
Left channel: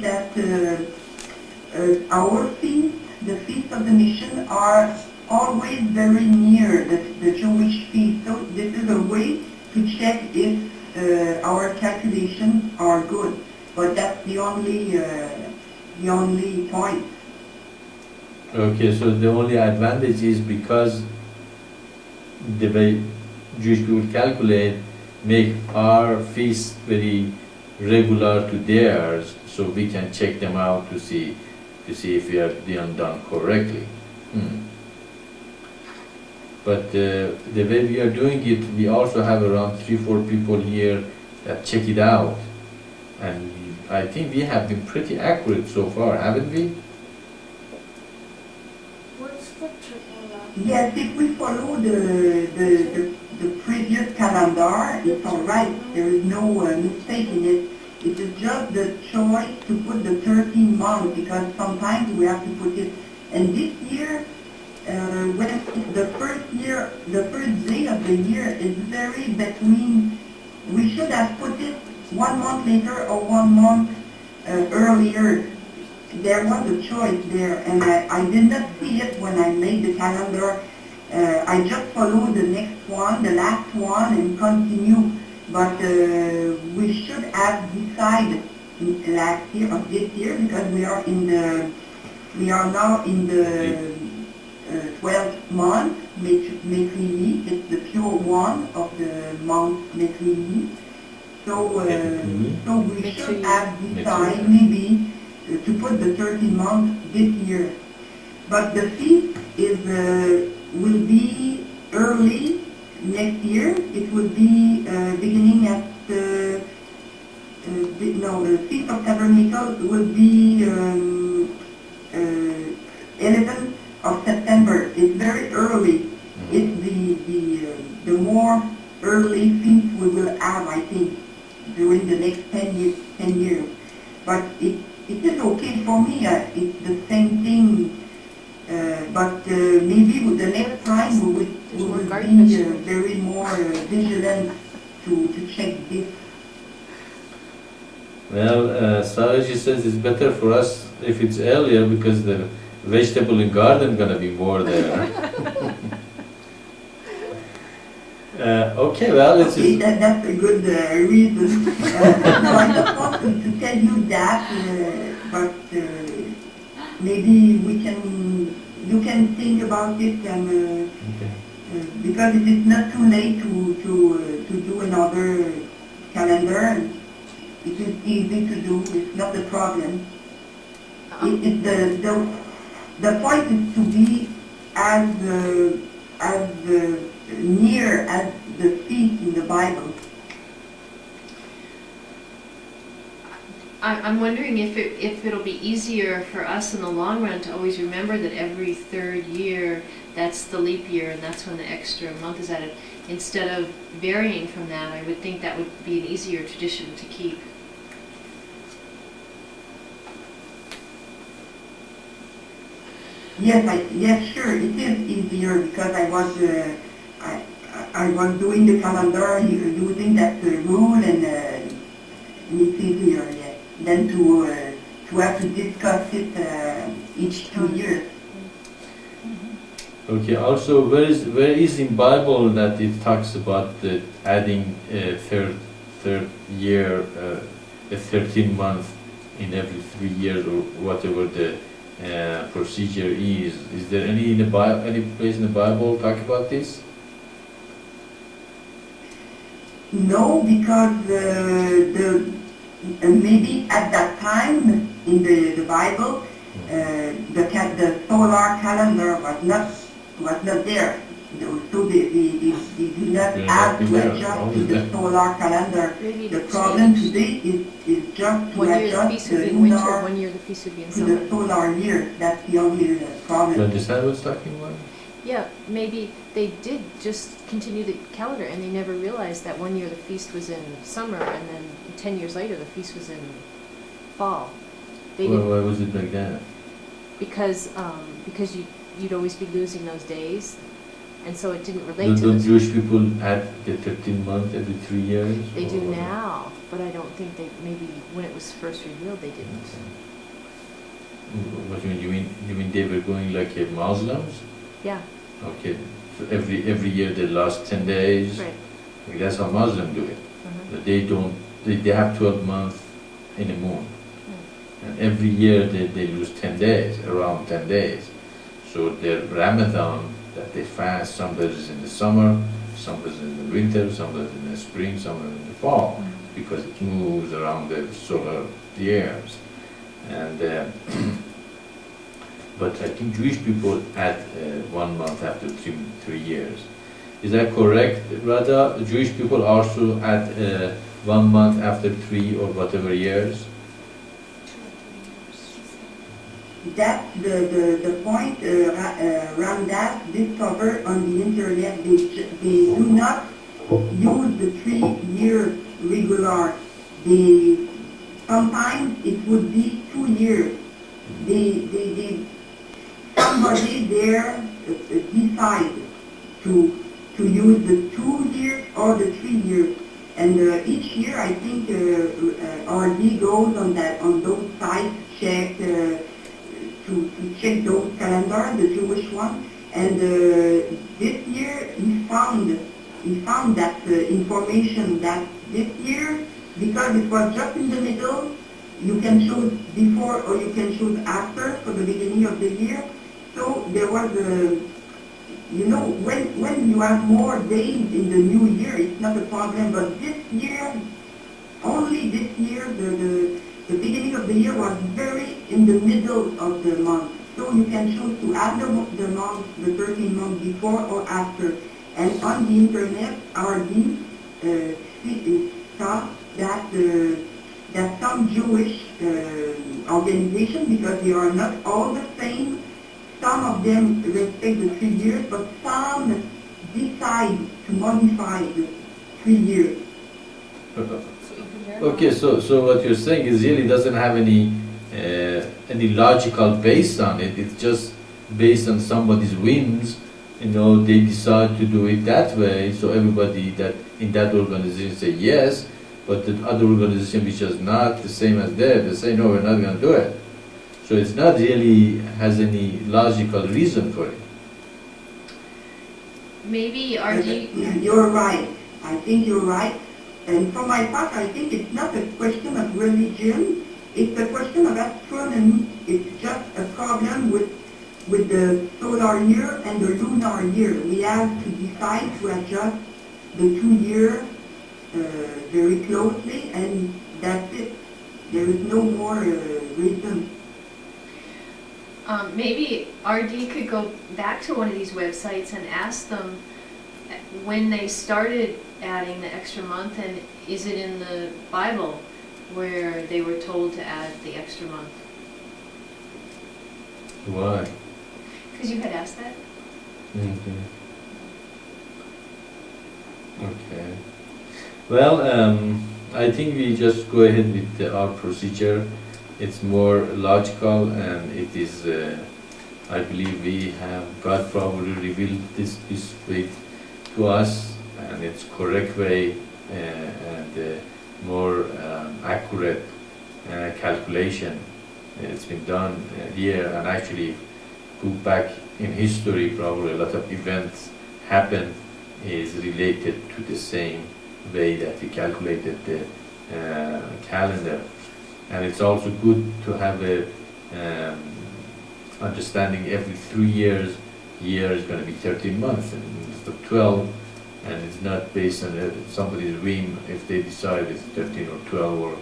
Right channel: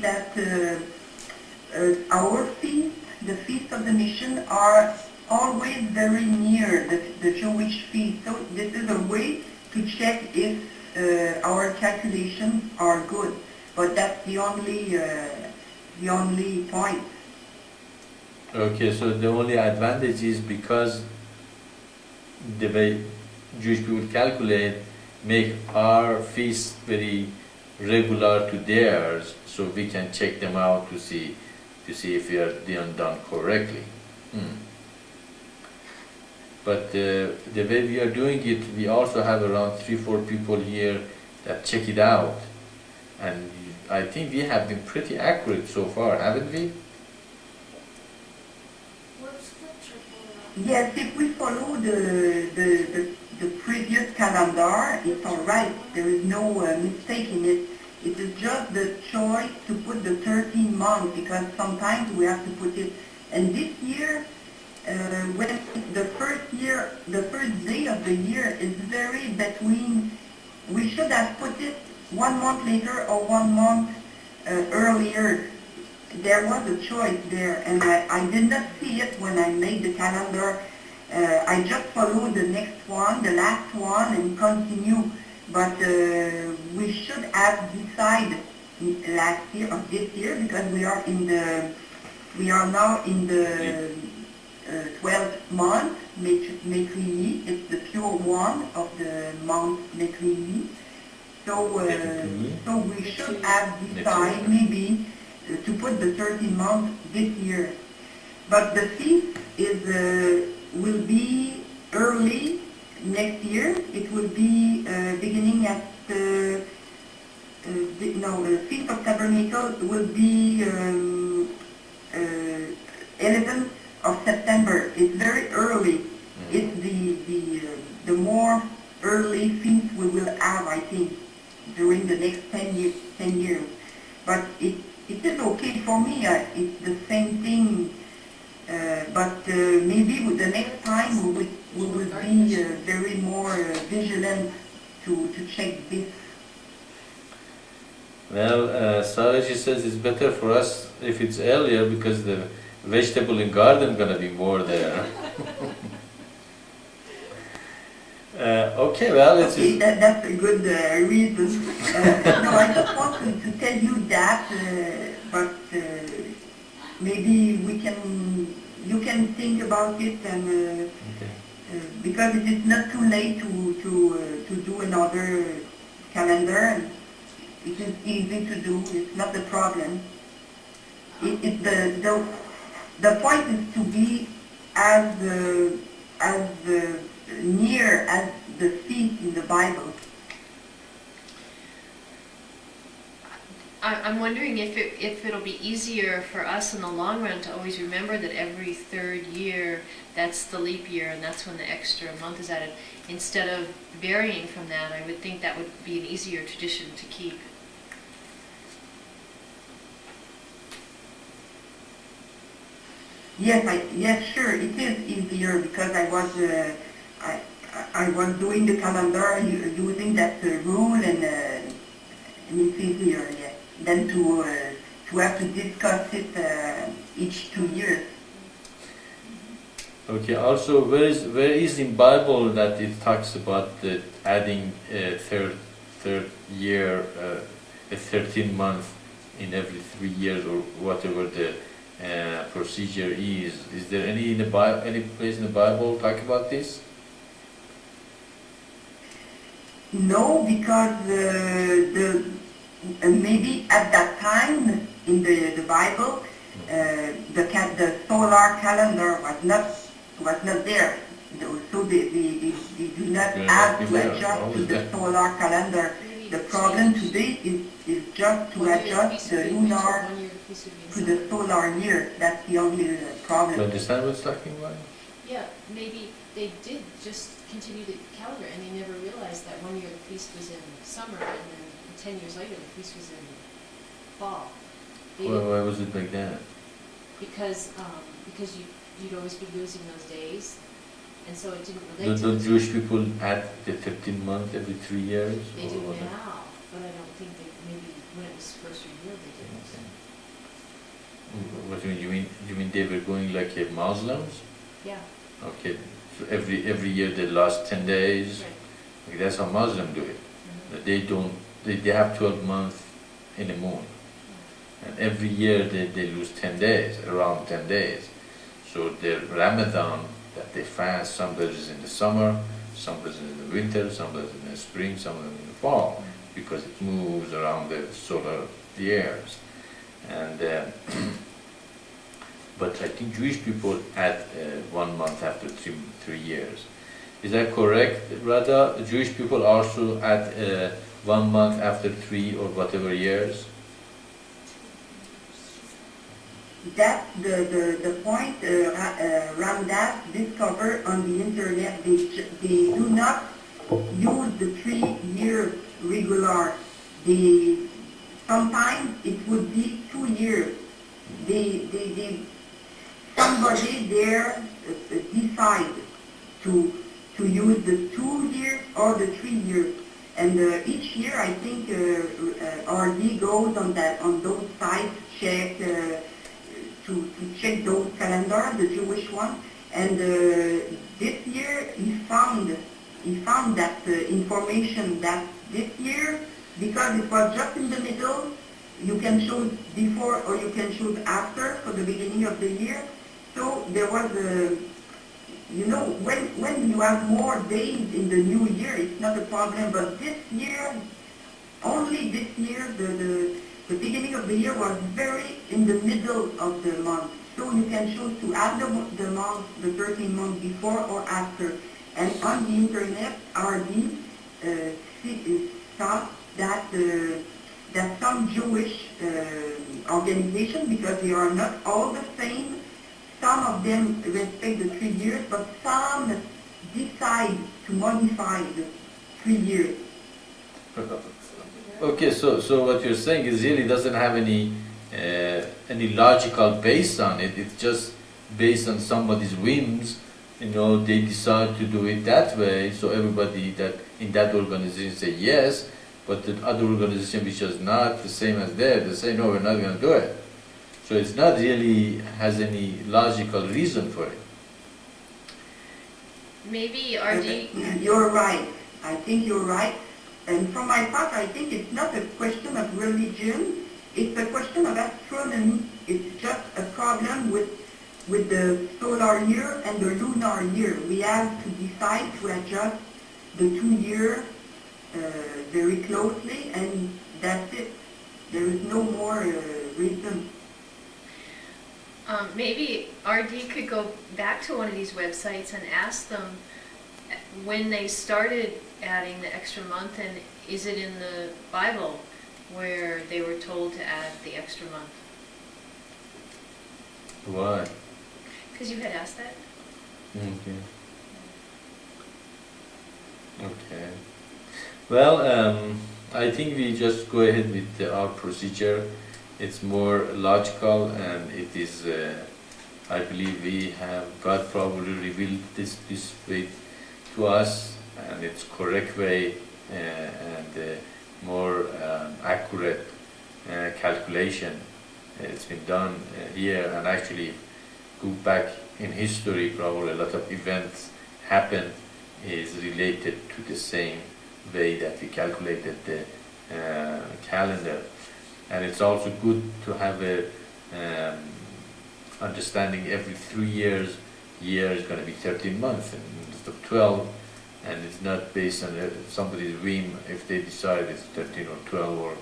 that our feast, the feast of the mission, are always very near the Jewish feast. So this is a way to check if our calculations are good. But that's the only point. Okay, so the only advantage is because the way Jewish people calculate make our feast very regular to theirs, so we can check them out to see if we are done correctly. But the way we are doing it, we also have around 3-4 people here that check it out, and I think we have been pretty accurate so far, haven't we? What's the triple lap? Yes, if we follow the previous calendar, it's all right. There is no mistake in it. It is just the choice to put the 13 months, because sometimes we have to put it. And this year, when the first day of the year is very between, we should have put it 1 month later or 1 month earlier. There was a choice there, and I did not see it when I made the calendar. I just followed the next one, the last one, and continue. But we should have decided last year or this year, because we are now in the 12th month, Maitreya. It's the pure one of the month Maitreya. So we should have decided maybe to put the 13 months this year. But the feast will be early next year. It will be beginning at the Feast of Tabernacle will be 11th of September. It's very early. It's the more early feast we will have, I think, during the next 10 years. But it is okay for me. It's the same thing. But maybe with the next time we will be very more vigilant to check this. Well, Saraji says it's better for us if it's earlier because the vegetable and garden gonna be more there. Okay, well, it's okay, that's a good reason. No, I just want to tell you that, but maybe you can think about it, and okay. Because it is not too late to do another calendar, and it is easy to do. It's not a problem. The point is to be as near as the feast in the Bible. I'm wondering if it'll be easier for us in the long run to always remember that every third year, that's the leap year, and that's when the extra month is added. Instead of varying from that, I would think that would be an easier tradition to keep. Yes, sure, it is easier because I was doing the calendar using that rule, and it's easier, yes, than to have to discuss it each 2 years. Okay. Also, where is in Bible that it talks about adding a third year, a 13 month in every 3 years or whatever the procedure is? Is there any in the Bible, any place in the Bible talk about this? No, because maybe at that time in the Bible, the solar calendar was not there, so they do not have to adjust to the solar calendar. The problem today is just to adjust the lunar to the solar year. That's the only problem. You understand what's talking about? Yeah, maybe they did just continue the calendar and they never realized that 1 year the feast was in summer and then 10 years later the feast was in fall. Well, why was it like that? Because you'd always be losing those days, And so it didn't Do relate to the this. Jewish people add the 13 months every 3 years? They or do what? now, but I don't think they, maybe when it was first revealed, they didn't. What do you mean? You mean they were going like Muslims? Yeah, Okay, so every year they last 10 days. right. Okay, that's how Muslims do it. Mhm. They don't. They have 12 months in a moon, Mm. and every year they lose 10 days, around 10 days. So their Ramadan that they fast, some is in the summer, some is in the winter, some is in the spring, some is in the fall, because it moves around the solar years. And but I think Jewish people add 1 month after 3 years. Is that correct, Rada? Jewish people also add 1 month after 3 or whatever years? That's the point Ramdas discovered on the internet. They do not use the 3 years regular. Sometimes it would be 2 years. Somebody there decide to use the 2 years or the 3 years. And each year, I think RD goes on those sites, check to check those calendars, the Jewish one. And this year, he found that information that this year, because it was just in the middle, you can choose before or you can choose after for the beginning of the year. So there was when you have more days in the new year, it's not a problem. But this year, only this year, the beginning of the year was very in the middle of the month. So you can choose to add the month, the 13 months before or after. And on the internet, RD thought that some Jewish organizations, because they are not all the same, some of them respect the 3 years, but some decide to modify the 3 years. Okay, so what you're saying is really doesn't have any logical base on it. It's just based on somebody's whims. They decide to do it that way. So everybody that in that organization say yes, but the other organization which is not the same as theirs, they say no, we're not going to do it. So it's not really has any logical reason for it. Maybe RD. You're right. I think you're right. And from my part, I think it's not a question of religion. It's a question of astronomy. It's just a problem with the solar year and the lunar year. We have to decide to adjust the 2 years very closely, and that's it. There is no more reason. Maybe RD could go back to one of these websites and ask them when they started adding the extra month, and is it in the Bible where they were told to add the extra month? Why? Because you had asked that. Okay. Okay. Well, I think we just go ahead with our procedure. It's more logical, and it is. I believe we have God probably revealed this way to us, and it's correct way and more accurate calculation. It's been done here, and actually go back in history, probably a lot of events happen is related to the same way that we calculated the calendar. And it's also good to have a understanding every 3 years, year is going to be 13 months instead of 12, and it's not based on somebody's whim if they decide it's 13 or 12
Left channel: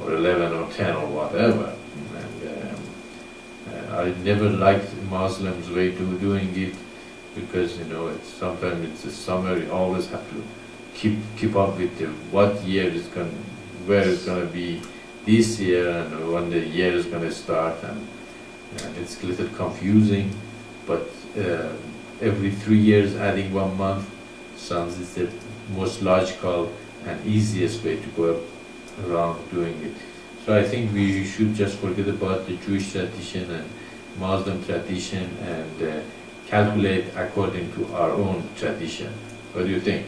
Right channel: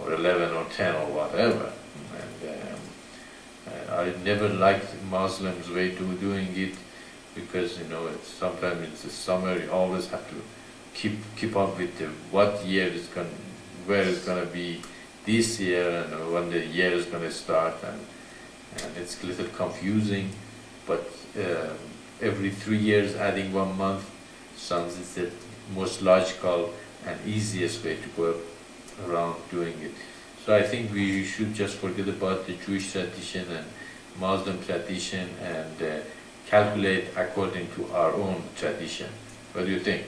or 11 or 10 or whatever. And I never liked Muslims' way to doing it, because it's sometimes it's the summer. You always have to keep up with what year is where it's going to be this year and when the year is going to start, and it's a little confusing. But every 3 years adding 1 month sounds is the most logical and easiest way to go around doing it. So I think we should just forget about the Jewish tradition and Muslim tradition and calculate according to our own tradition. What do you think?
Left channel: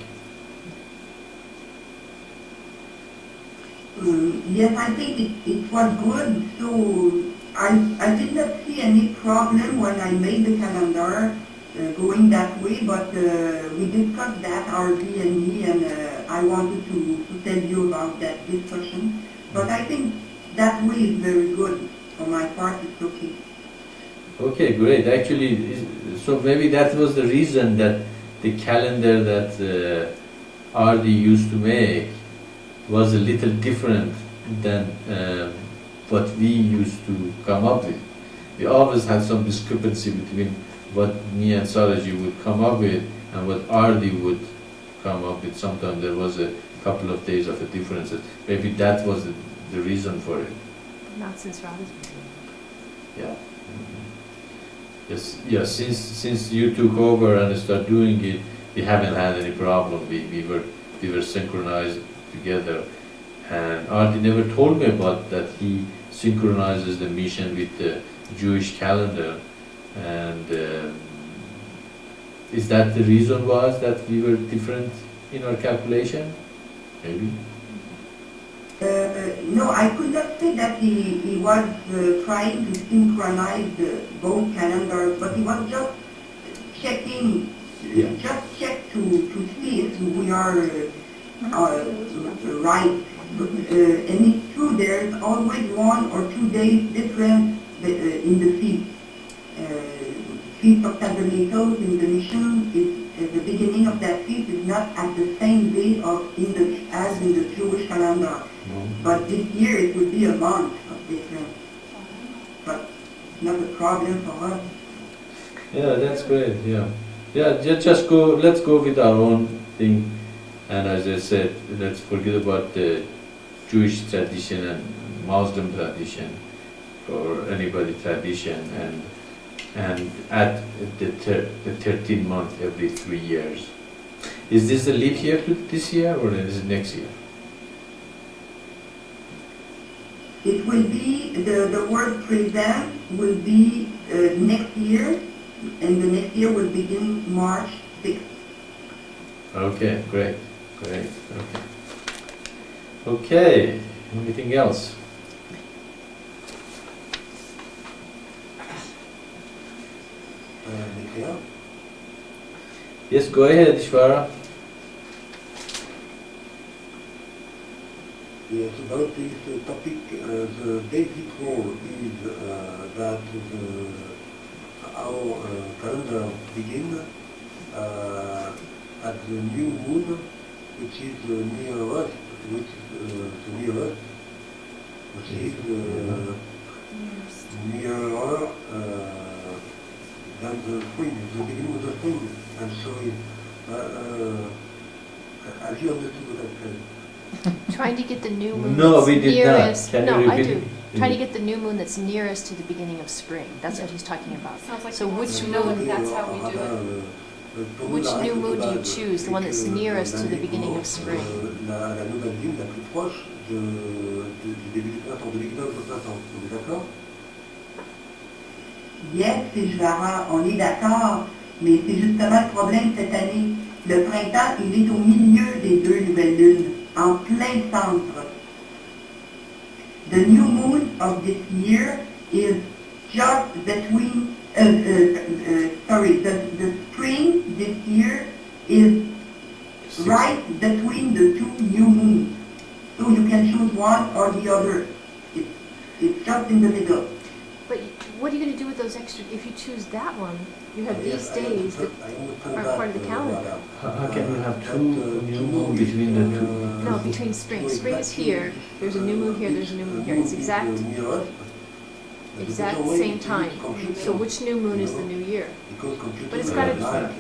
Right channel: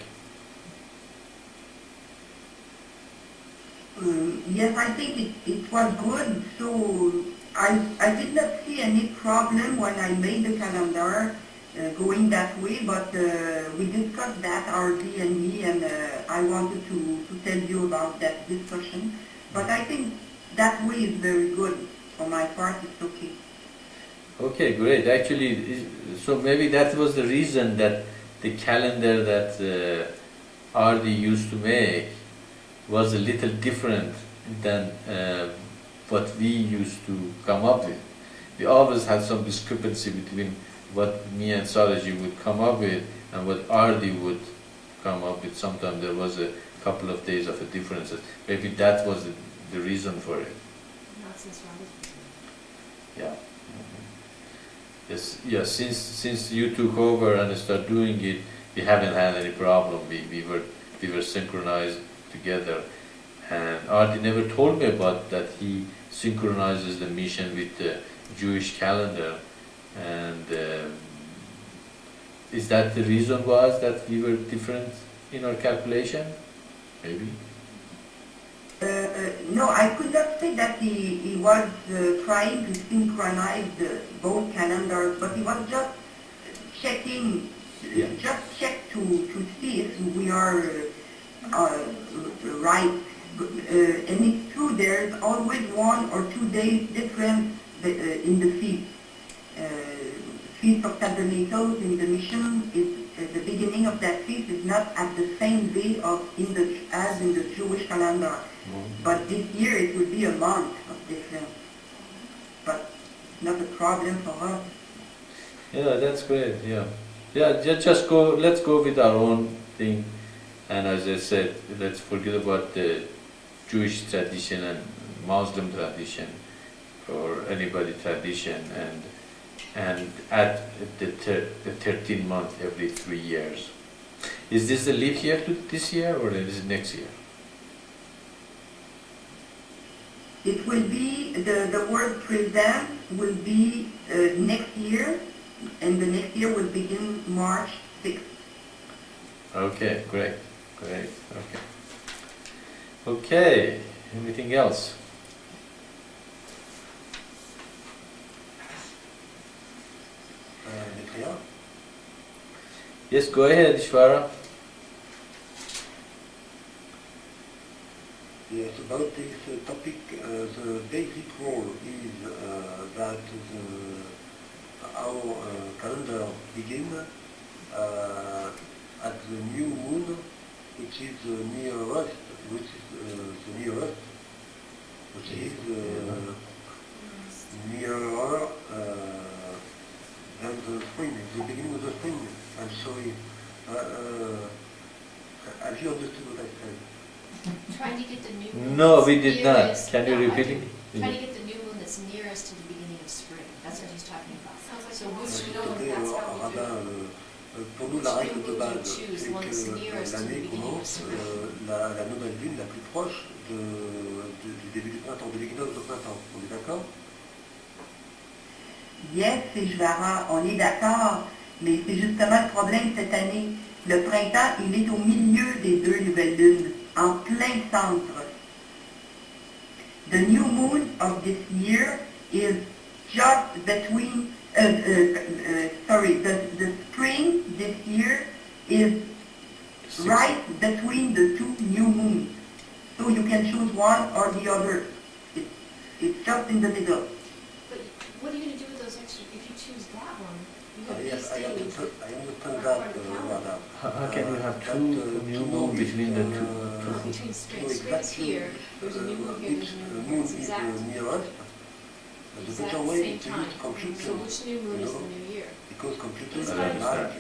Yes, I think it was good. So I did not see any problem when I made the calendar going that way, but we discussed that, our D&D, and I wanted to tell you about that discussion. But I think that way is very good. For my part, it's okay. Okay, great. Actually, so maybe that was the reason that the calendar that RD used to make was a little different than what we used to come up with. We always had some discrepancy between what me and Saraji would come up with and what RD would come up with. Sometimes there was a couple of days of a differences. Maybe that was the reason for it. Not since Robin's been doing it. Yeah. Yes. Yes. Since you took over and started doing it, we haven't had any problem. We were synchronized together, and Artie never told me about that. He synchronizes the mission with the Jewish calendar, and is that the reason was that we were different in our calculation? Maybe. No, I could not say that he was trying to synchronize both calendars, but he was just checking, just check to see if we are right. And it's true, there's always 1 or 2 days difference in the feast. Feast of Tabernacles in the mission is the beginning of that feast is not at the same day as in the Jewish calendar. But this year it will be a month of difference. But not a problem for us. Yeah, that's great. Yeah, just go. Let's go with our own thing. And as I said, let's forget about the Jewish tradition and Muslim tradition, or anybody tradition, and add the 13 month every 3 years. Is this a leap year to this year, or is it next year? It will be, the word present will be next year, and the next year will begin March 6th. Okay, great, okay. Okay, anything else? Maitreya? Yes, go ahead, Ishvara. Yes, about this topic, the basic rule is that our calendar begins at the new moon, which is nearest, which is nearer than the spring, the beginning of the spring. I'm sorry. Have you understood what I said? Trying to get the new moon No, that's we did not. nearest. Can you no, repeat I do. it? Trying to get the new moon that's nearest to the beginning of spring. That's what he's talking about. Sounds like So he wants which to know moon- if that's how we do it. Which new moon do you choose? The one that's nearest to the beginning of spring? La nouvelle lune la plus proche du début du printemps, de l'équinoxe au printemps. On est d'accord? Yes, Ishvara, on est d'accord, mais c'est justement le problème cette année. Le printemps, il est au milieu des 2 nouvelles lunes, en plein centre. The new moon of this year is just between, the spring this year is right between the 2 new moons. So you can choose one or the other. It's just in the middle. But what are you going to do with those extra? If you choose that one, you have these I days that understand are part of the calendar. madame. How can you have two new moon between the two? No, between spring. Spring is here. There's a new moon here. There's a new moon here. It's exact same time. So which new moon is the new year? But it's got to-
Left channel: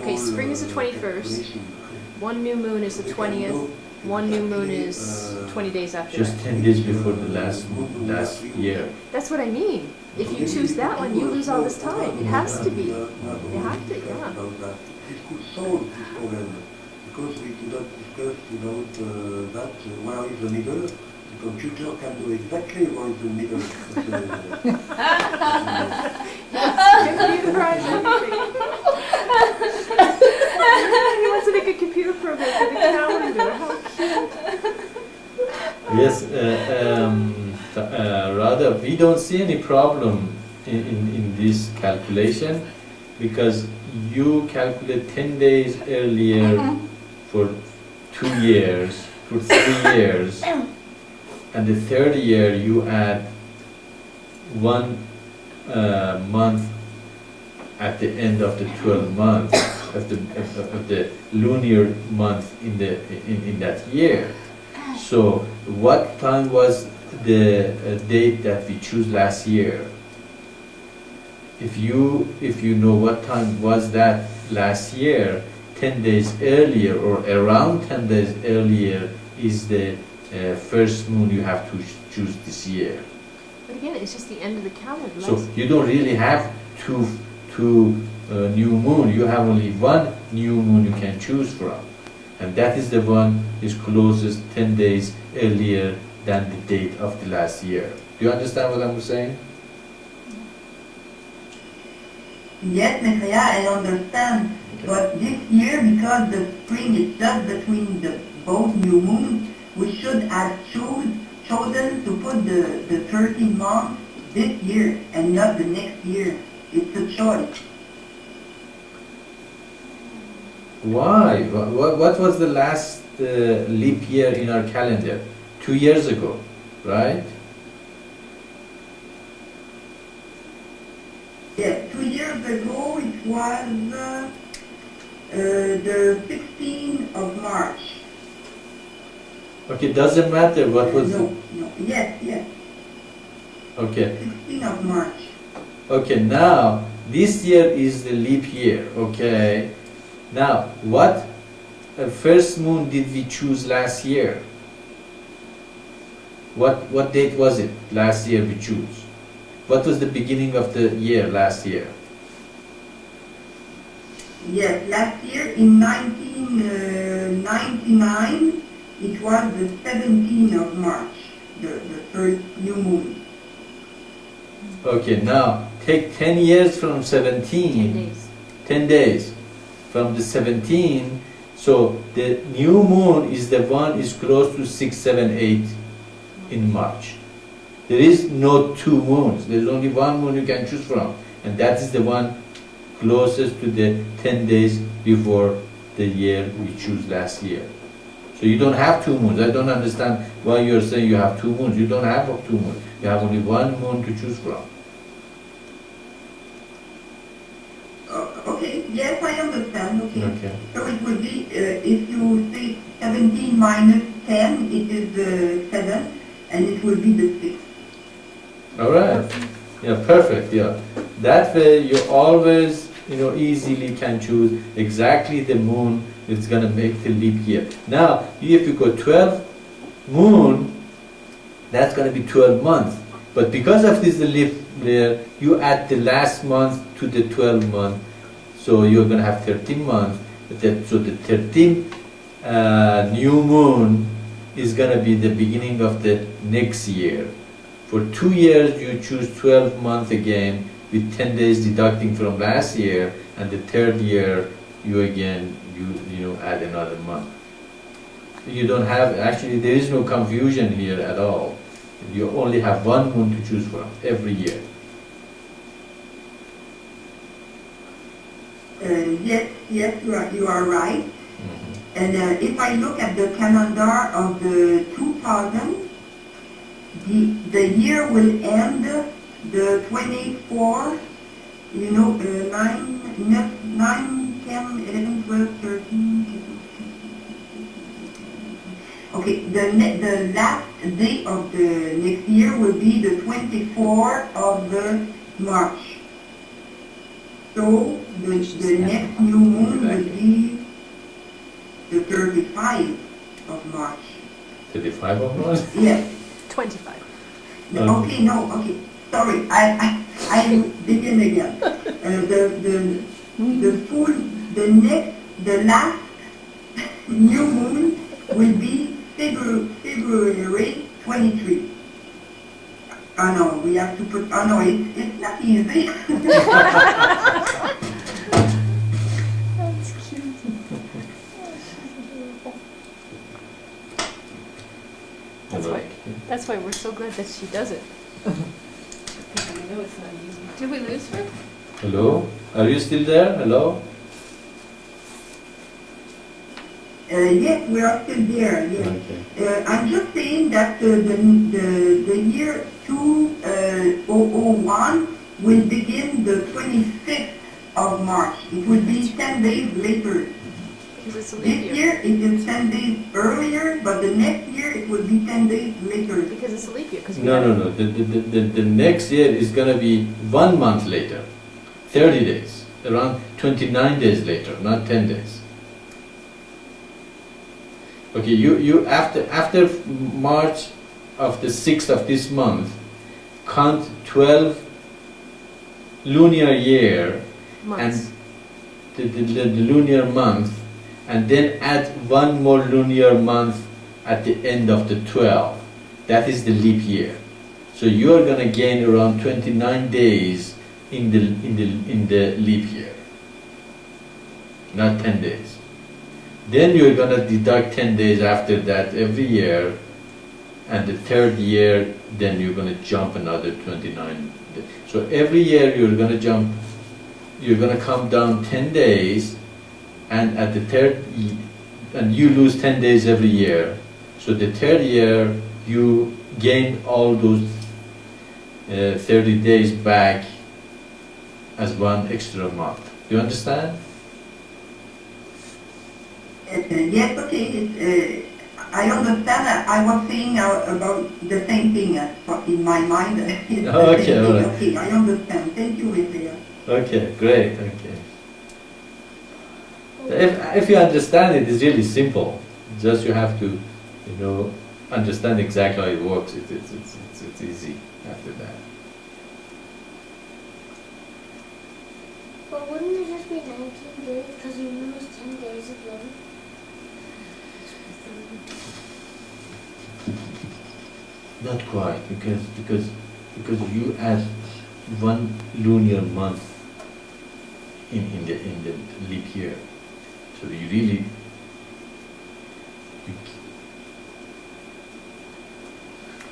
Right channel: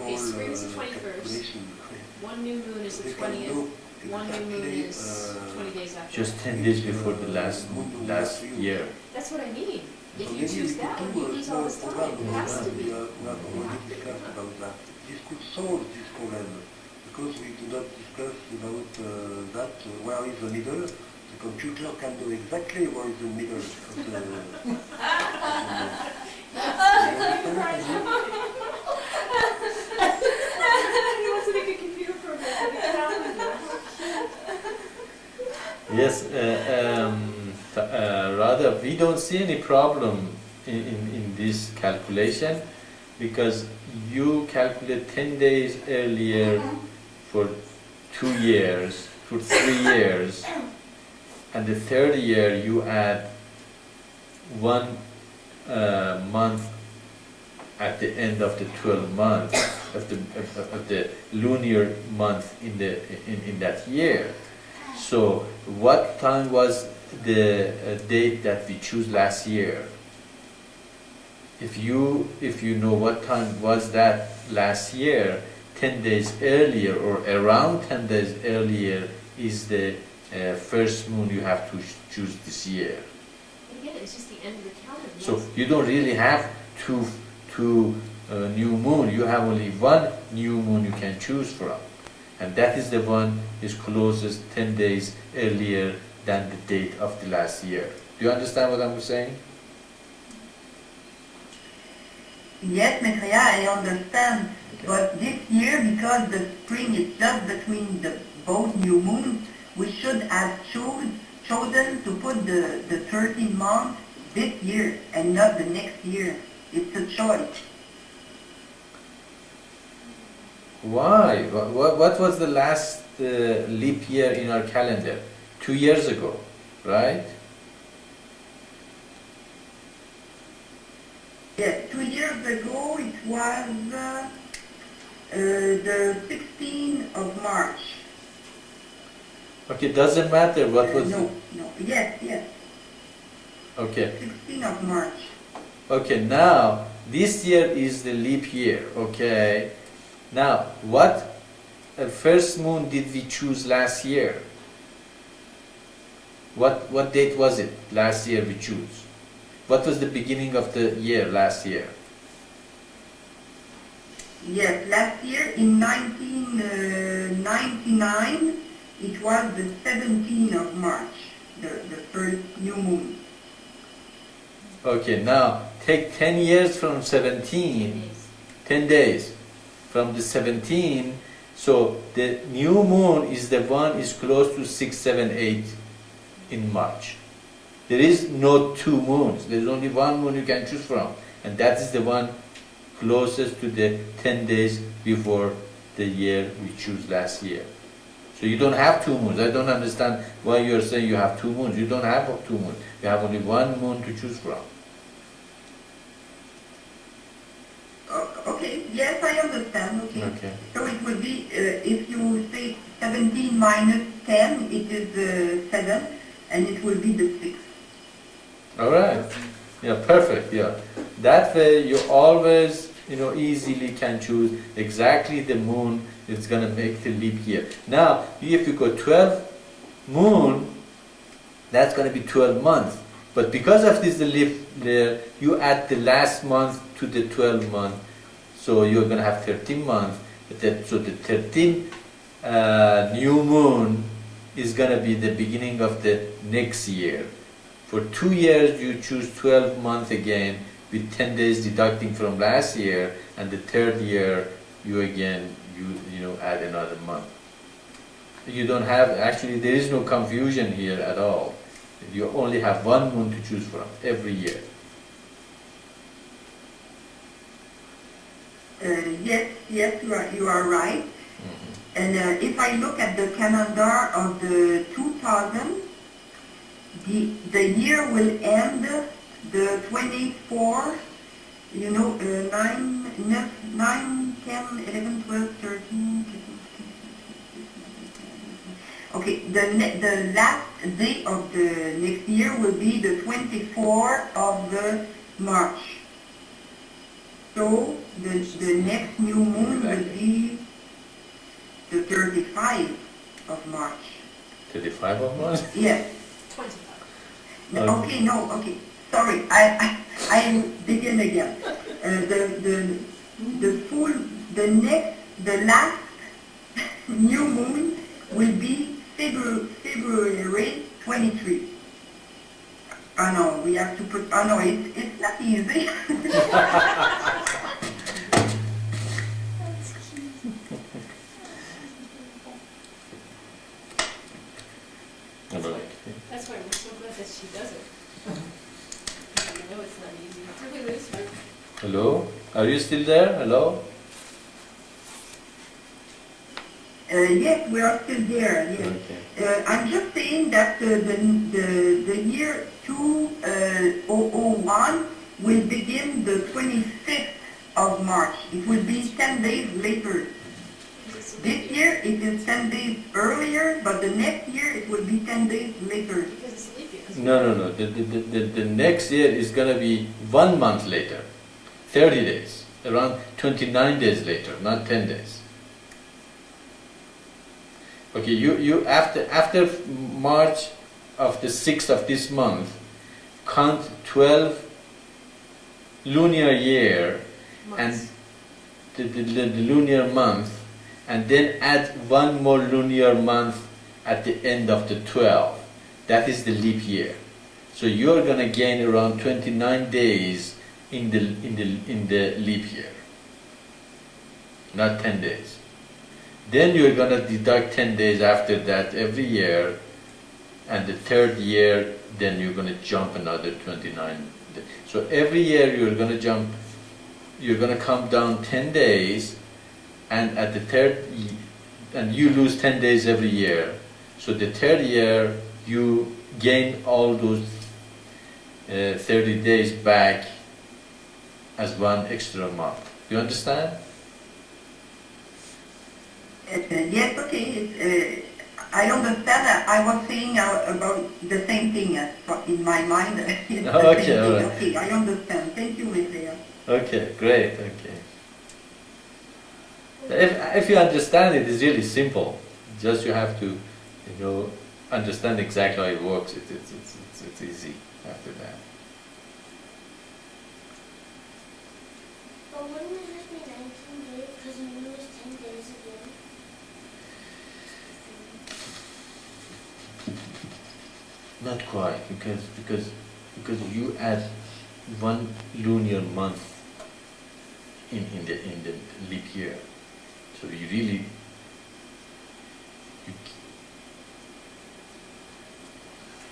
Okay, spring is the 21st. One new moon is the 20th. One new moon is 20 days after Just that. 10 days before the last year. That's what I mean. If you choose that one, you lose all this time. It has to be. You have to, yeah. about that. This could solve this problem because we did not discuss about that where is the middle. The computer can know exactly where is the middle. Computerize everything. He wants to make a computer program for the calendar. How cute. Yes, rather, we don't see any problem in this calculation because you calculate 10 days earlier for 2 years, for 3 years, and the third year you add 1 month at the end of the 12 months of the lunar month in that year. So, what time was the date that we choose last year? If you know what time was that last year, 10 days earlier or around 10 days earlier is the first moon you have to choose this year. But again, it's just the end of the calendar. So you don't really have two new moon. You have only one new moon you can choose from, and that is the one is closest 10 days earlier than the date of the last year. Do you understand what I'm saying? Yes, Maitreya, I understand. But this year, because the spring is just between both new moons, we should have chosen to put the 13 months this year and not the next year. It's a choice. Why? What was the last leap year in our calendar? 2 years ago, right? Yes, 2 years ago it was the 16th of March. Okay, doesn't matter what was. No, yes. Okay. 16th of March. Okay, now this year is the leap year. Okay. Now, what first moon did we choose last year? What date was it last year we choose? What was the beginning of the year last year? Yes, last year in 1999, it was the 17th of March, the first new moon. Okay, now take 10 years from 17, 10 days from the 17, so the new moon is the one is close to 6, 7, 8 in March. There is no 2 moons, there is only 1 moon you can choose from, and that is the one closest to the 10 days before the year we choose last year. So you don't have 2 moons. I don't understand why you are saying you have 2 moons. You don't have 2 moons. You have only 1 moon to choose from. Okay, yes, I understand. Okay. So it would be, if you say 17 minus 10, it is 7, and it will be the 6. All right. Yeah, perfect. Yeah. That way you always, easily can choose exactly the moon that's going to make the leap year. Now, if you go 12 moon, that's going to be 12 months. But because of this leap year, you add the last month to the 12 month, so you're going to have 13 months. So the 13th new moon is going to be the beginning of the next year. For 2 years, you choose 12 months again, with 10 days deducting from last year, and the third year, you add another month. You don't have, actually, there is no confusion here at all. You only have 1 moon to choose from every year. Yes, you are right. Mm-hmm. And if I look at the calendar of the 2000, the year will end the 24, 9, 10, 11, 12, 13, okay, the last day of the next year will be the 24th of the March. So the next new moon will be the 35th of March. 35 of March? Yes. 25. Okay, sorry, I begin again. The last new moon will be February 23. Oh no, we have to put, oh no, it's not easy. That's cute. That's why we're so glad that she does it. Because we know it's not easy. Did we lose her? Hello? Are you still there? Hello? Yes, we are still there, yes. Okay. I'm just saying that the year 2001 will begin the 25th of March. It will be 10 days later. Because it's a leap This year. year it is 10 days earlier, but the next year it will be 10 days later. Because it's a leap year. 'Cause we No, have- no, no. The next year is going to be 1 month later. 30 days. Around 29 days later, not 10 days. Okay, you after March of the 6th of this month, count 12 lunar year months. and the lunar month, and then add one more lunar month at the end of the 12. That is the leap year. So you're gonna gain around 29 days in the leap year, not 10 days. Then you're gonna deduct 10 days after that every year, and the third year, then you're gonna jump another 29 days. So every year you're gonna come down 10 days, and at the and you lose 10 days every year. So the third year you gain all those 30 days back as one extra month. Do you understand? Yes, okay. I understand. I was saying about the same thing in my mind. It's the Okay, same all thing. right. Okay, I understand. Thank you, Maitreya. Okay, great. Okay. If you understand it, it's really simple. Just you have to, understand exactly how it works. It's easy after that. But wouldn't it just be 19 days because you lose 10 days again? Not quite, because you add one lunar month in the leap year, so you really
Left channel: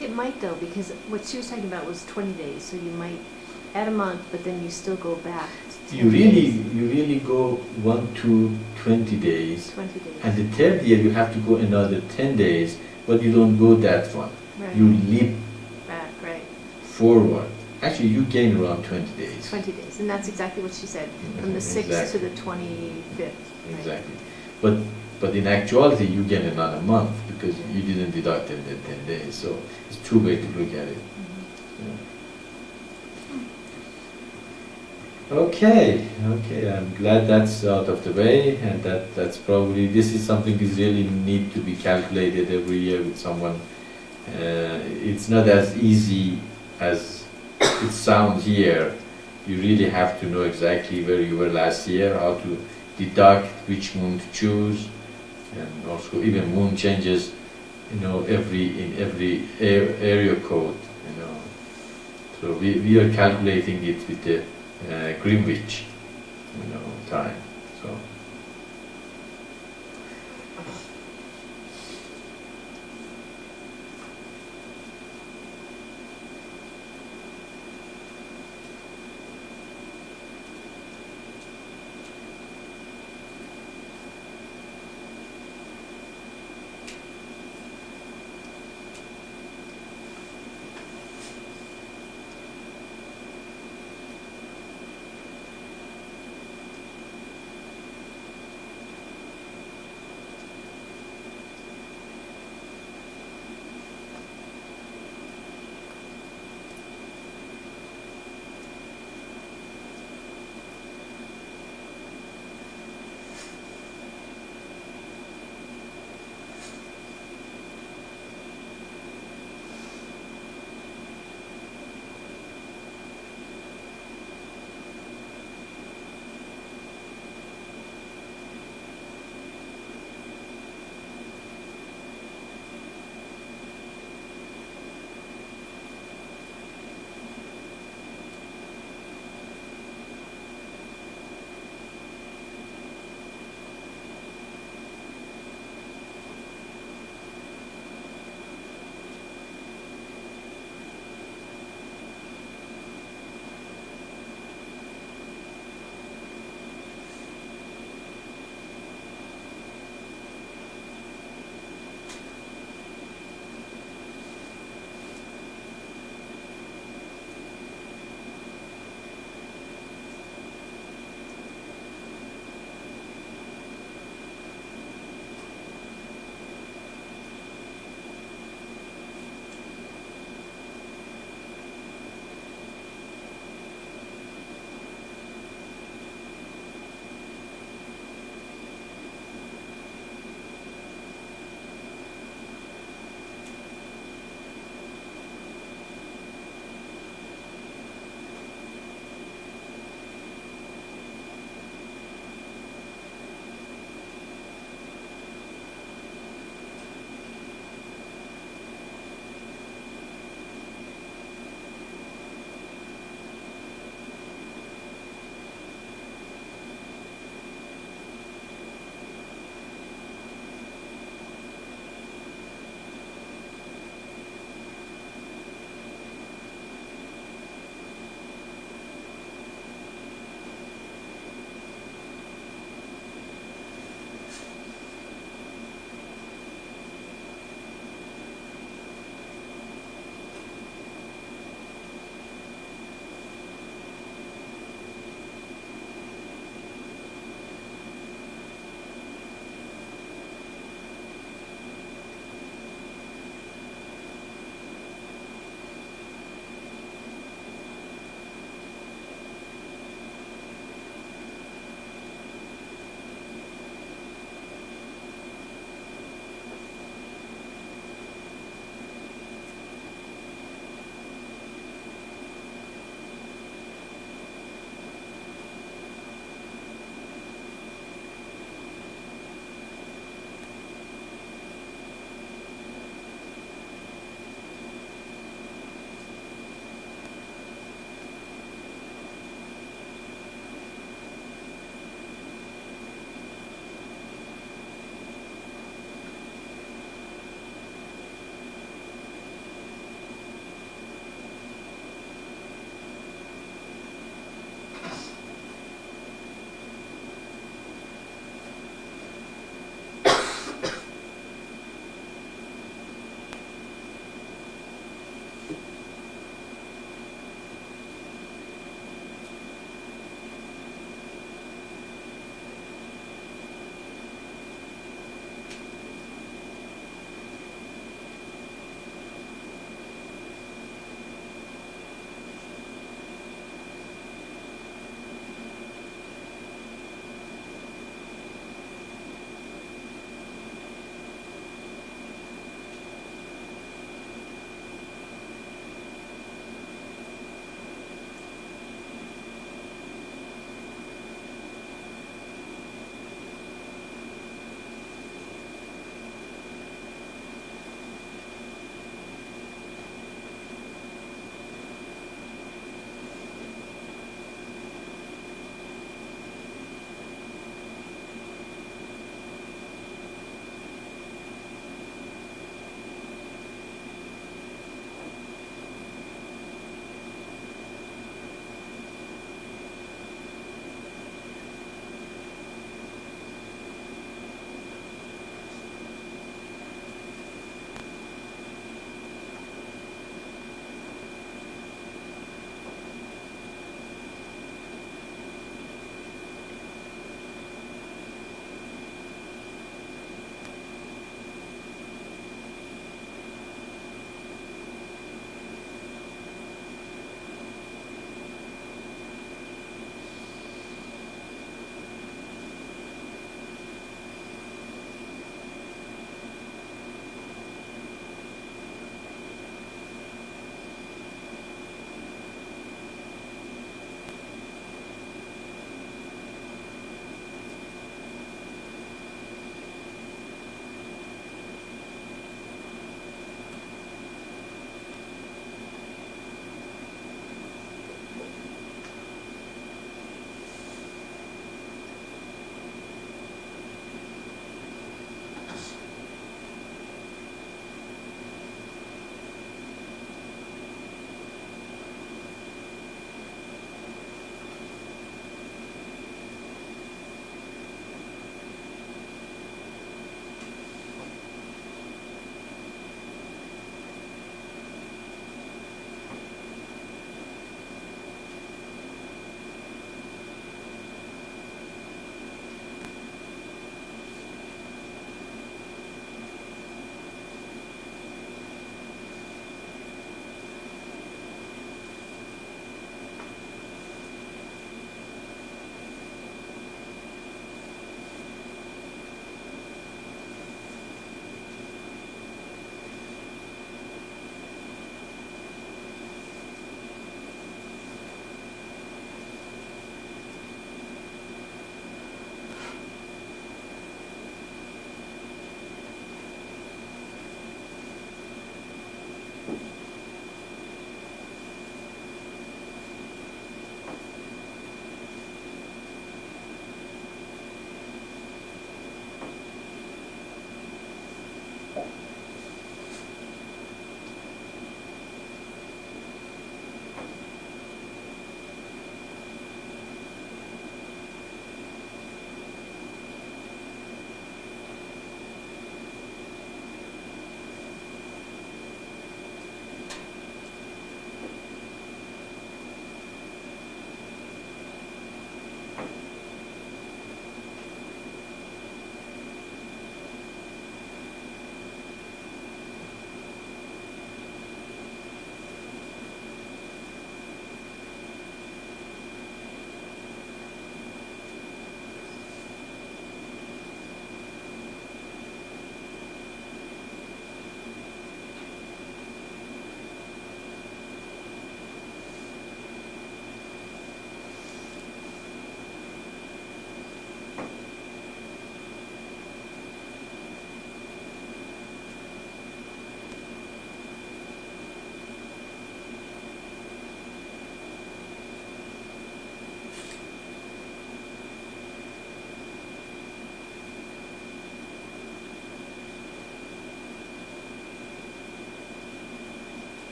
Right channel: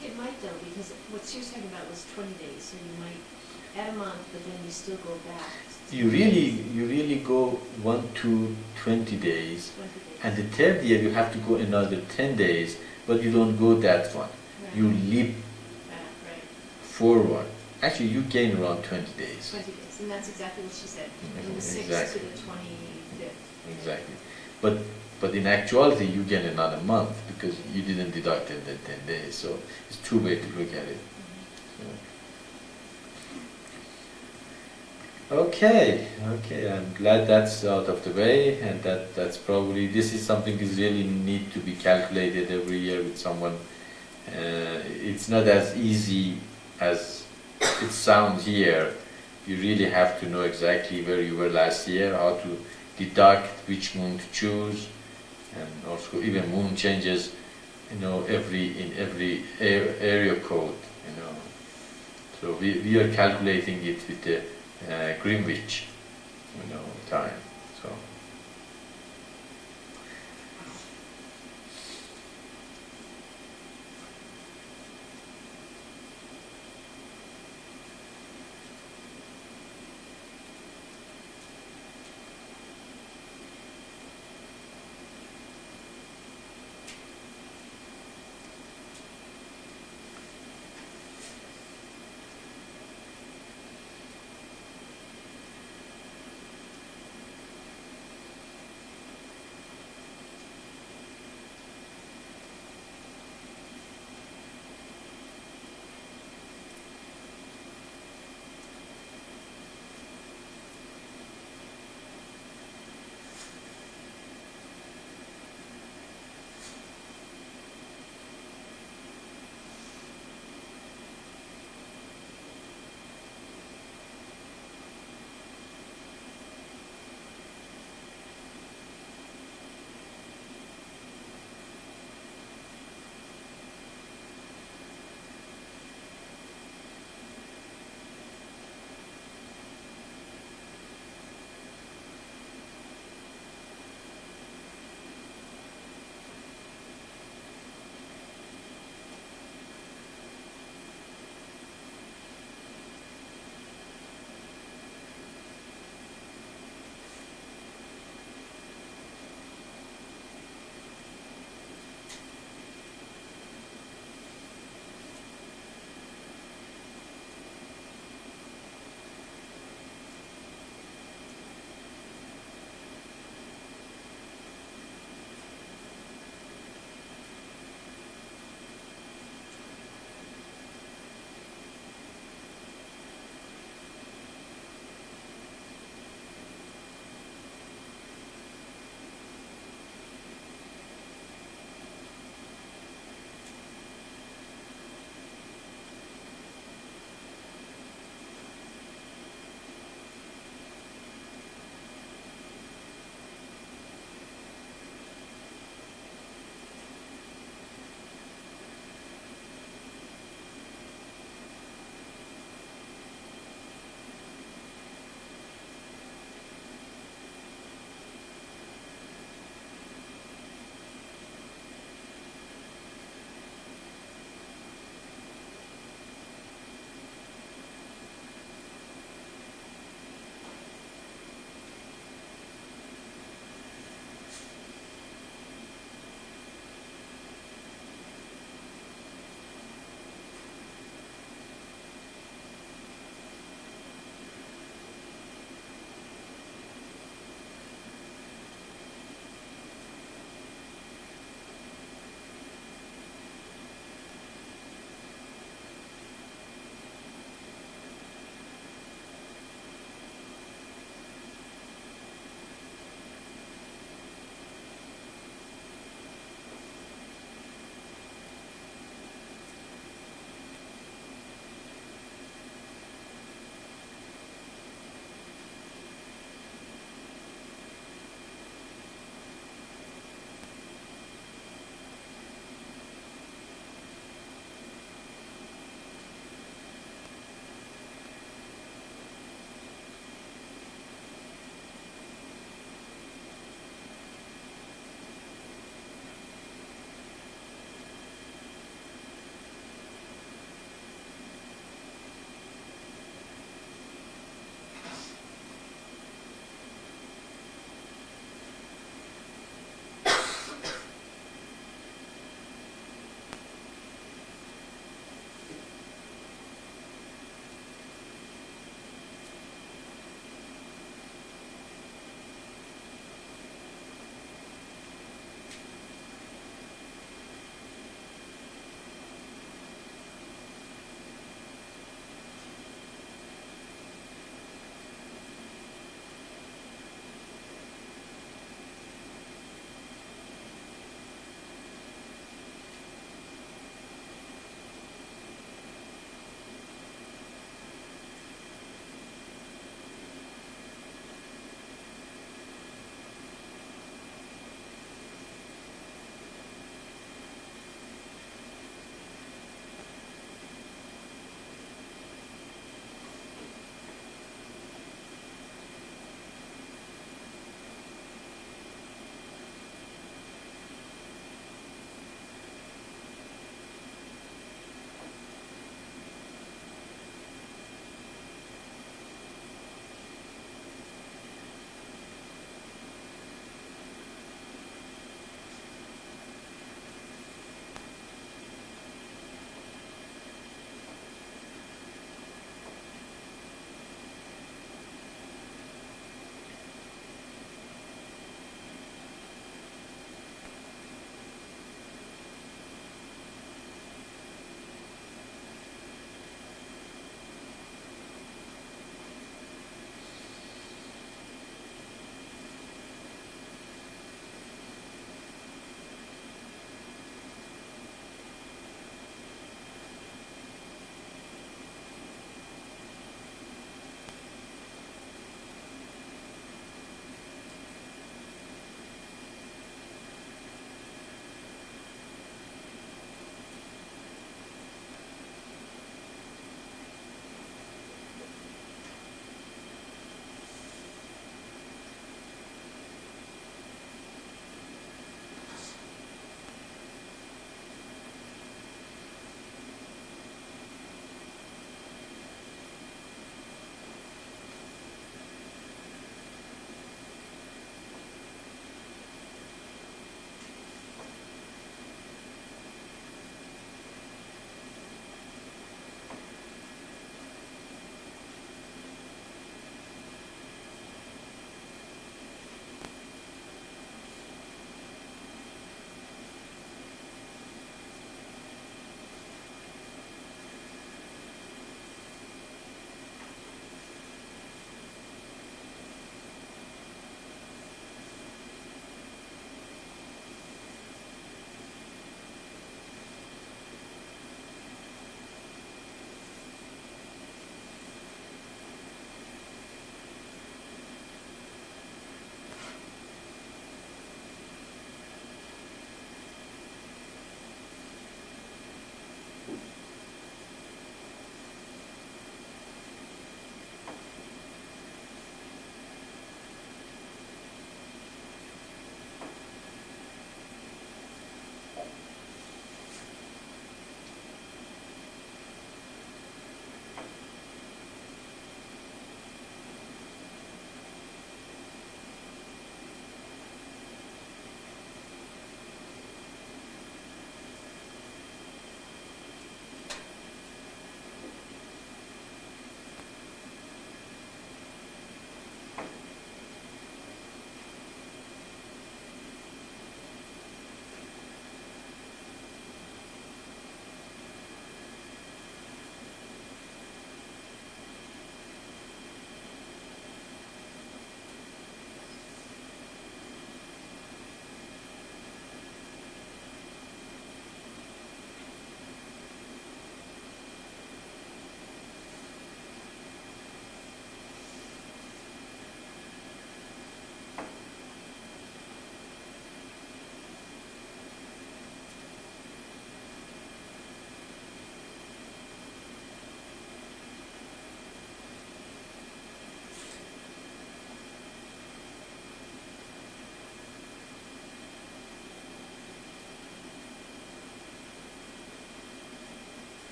It might though, because what she was talking about was 20 days, so you might add a month, but then you still go back. to 10 days. you really go 1 to 20 days, 20 days. and the third year you have to go another 10 days, but you don't go that one. Right. You leap Back, right. forward. Actually, you gain around 20 days. 20 days, and that's exactly what she said, from the 6th Exactly. to the 25th. Exactly. But in actuality, you gain another month because you didn't deduct in the 10 days. So it's two ways to look at it. So. Okay, I'm glad that's out of the way, and that's probably, this is something is really need to be calculated every year with someone. It's not as easy as it sounds here. You really have to know exactly where you were last year, how to deduct, which moon to choose, and also even moon changes, in every area code, So we are calculating it with the Greenwich, time. So.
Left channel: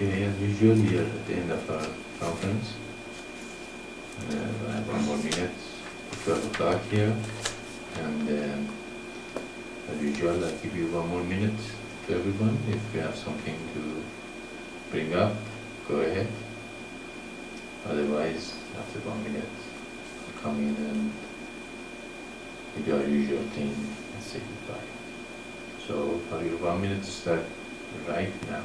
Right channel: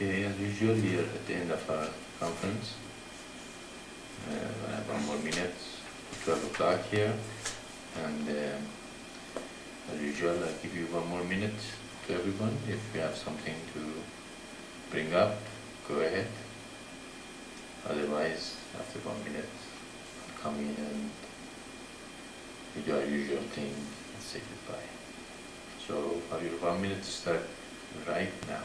Okay, as usual, we are at the end of our conference. I have 1 more minute, 12 o'clock here, and as usual, I give you 1 more minute to everyone. If you have something to bring up, go ahead. Otherwise, after 1 minute, I'll come in and do our usual thing and say goodbye. So, for your 1 minute to start right now.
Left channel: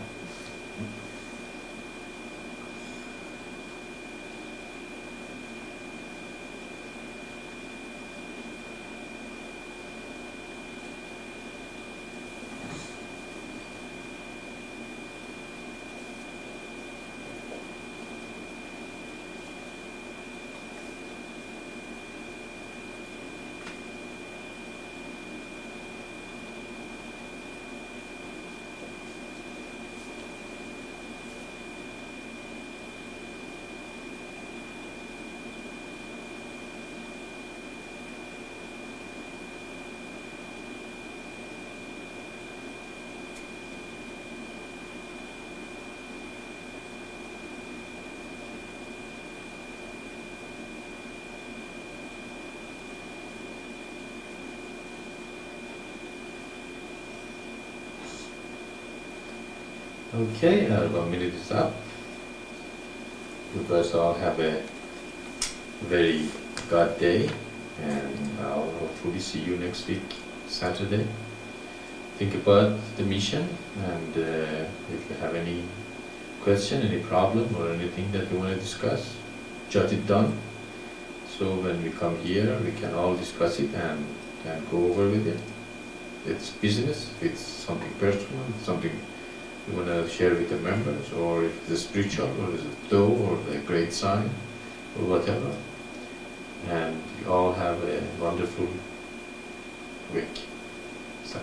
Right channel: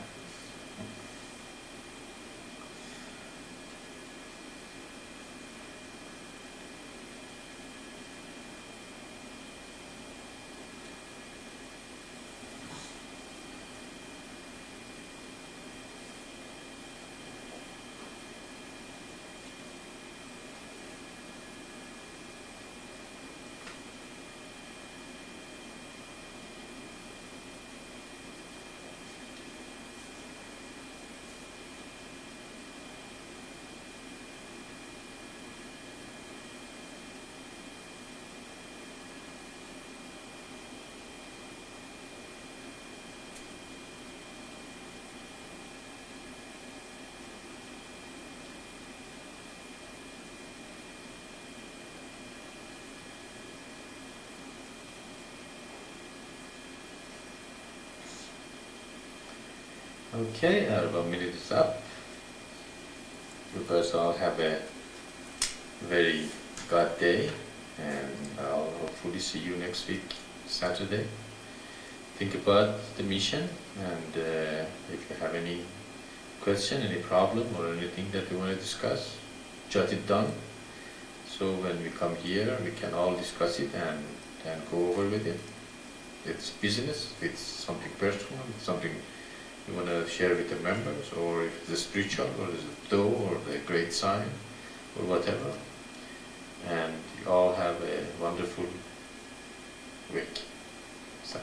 Okay, 1 minute is up. You guys all have a very good day, and I'll hopefully see you next week, Saturday. Think about the mission, and if you have any question, any problem, or anything that you want to discuss, jot it down. So when we come here, we can all discuss it and go over with it. It's business, it's something personal, it's something you want to share with the members, or if it's spiritual, or is it though, or a great sign, or whatever. And you all have a wonderful week. So.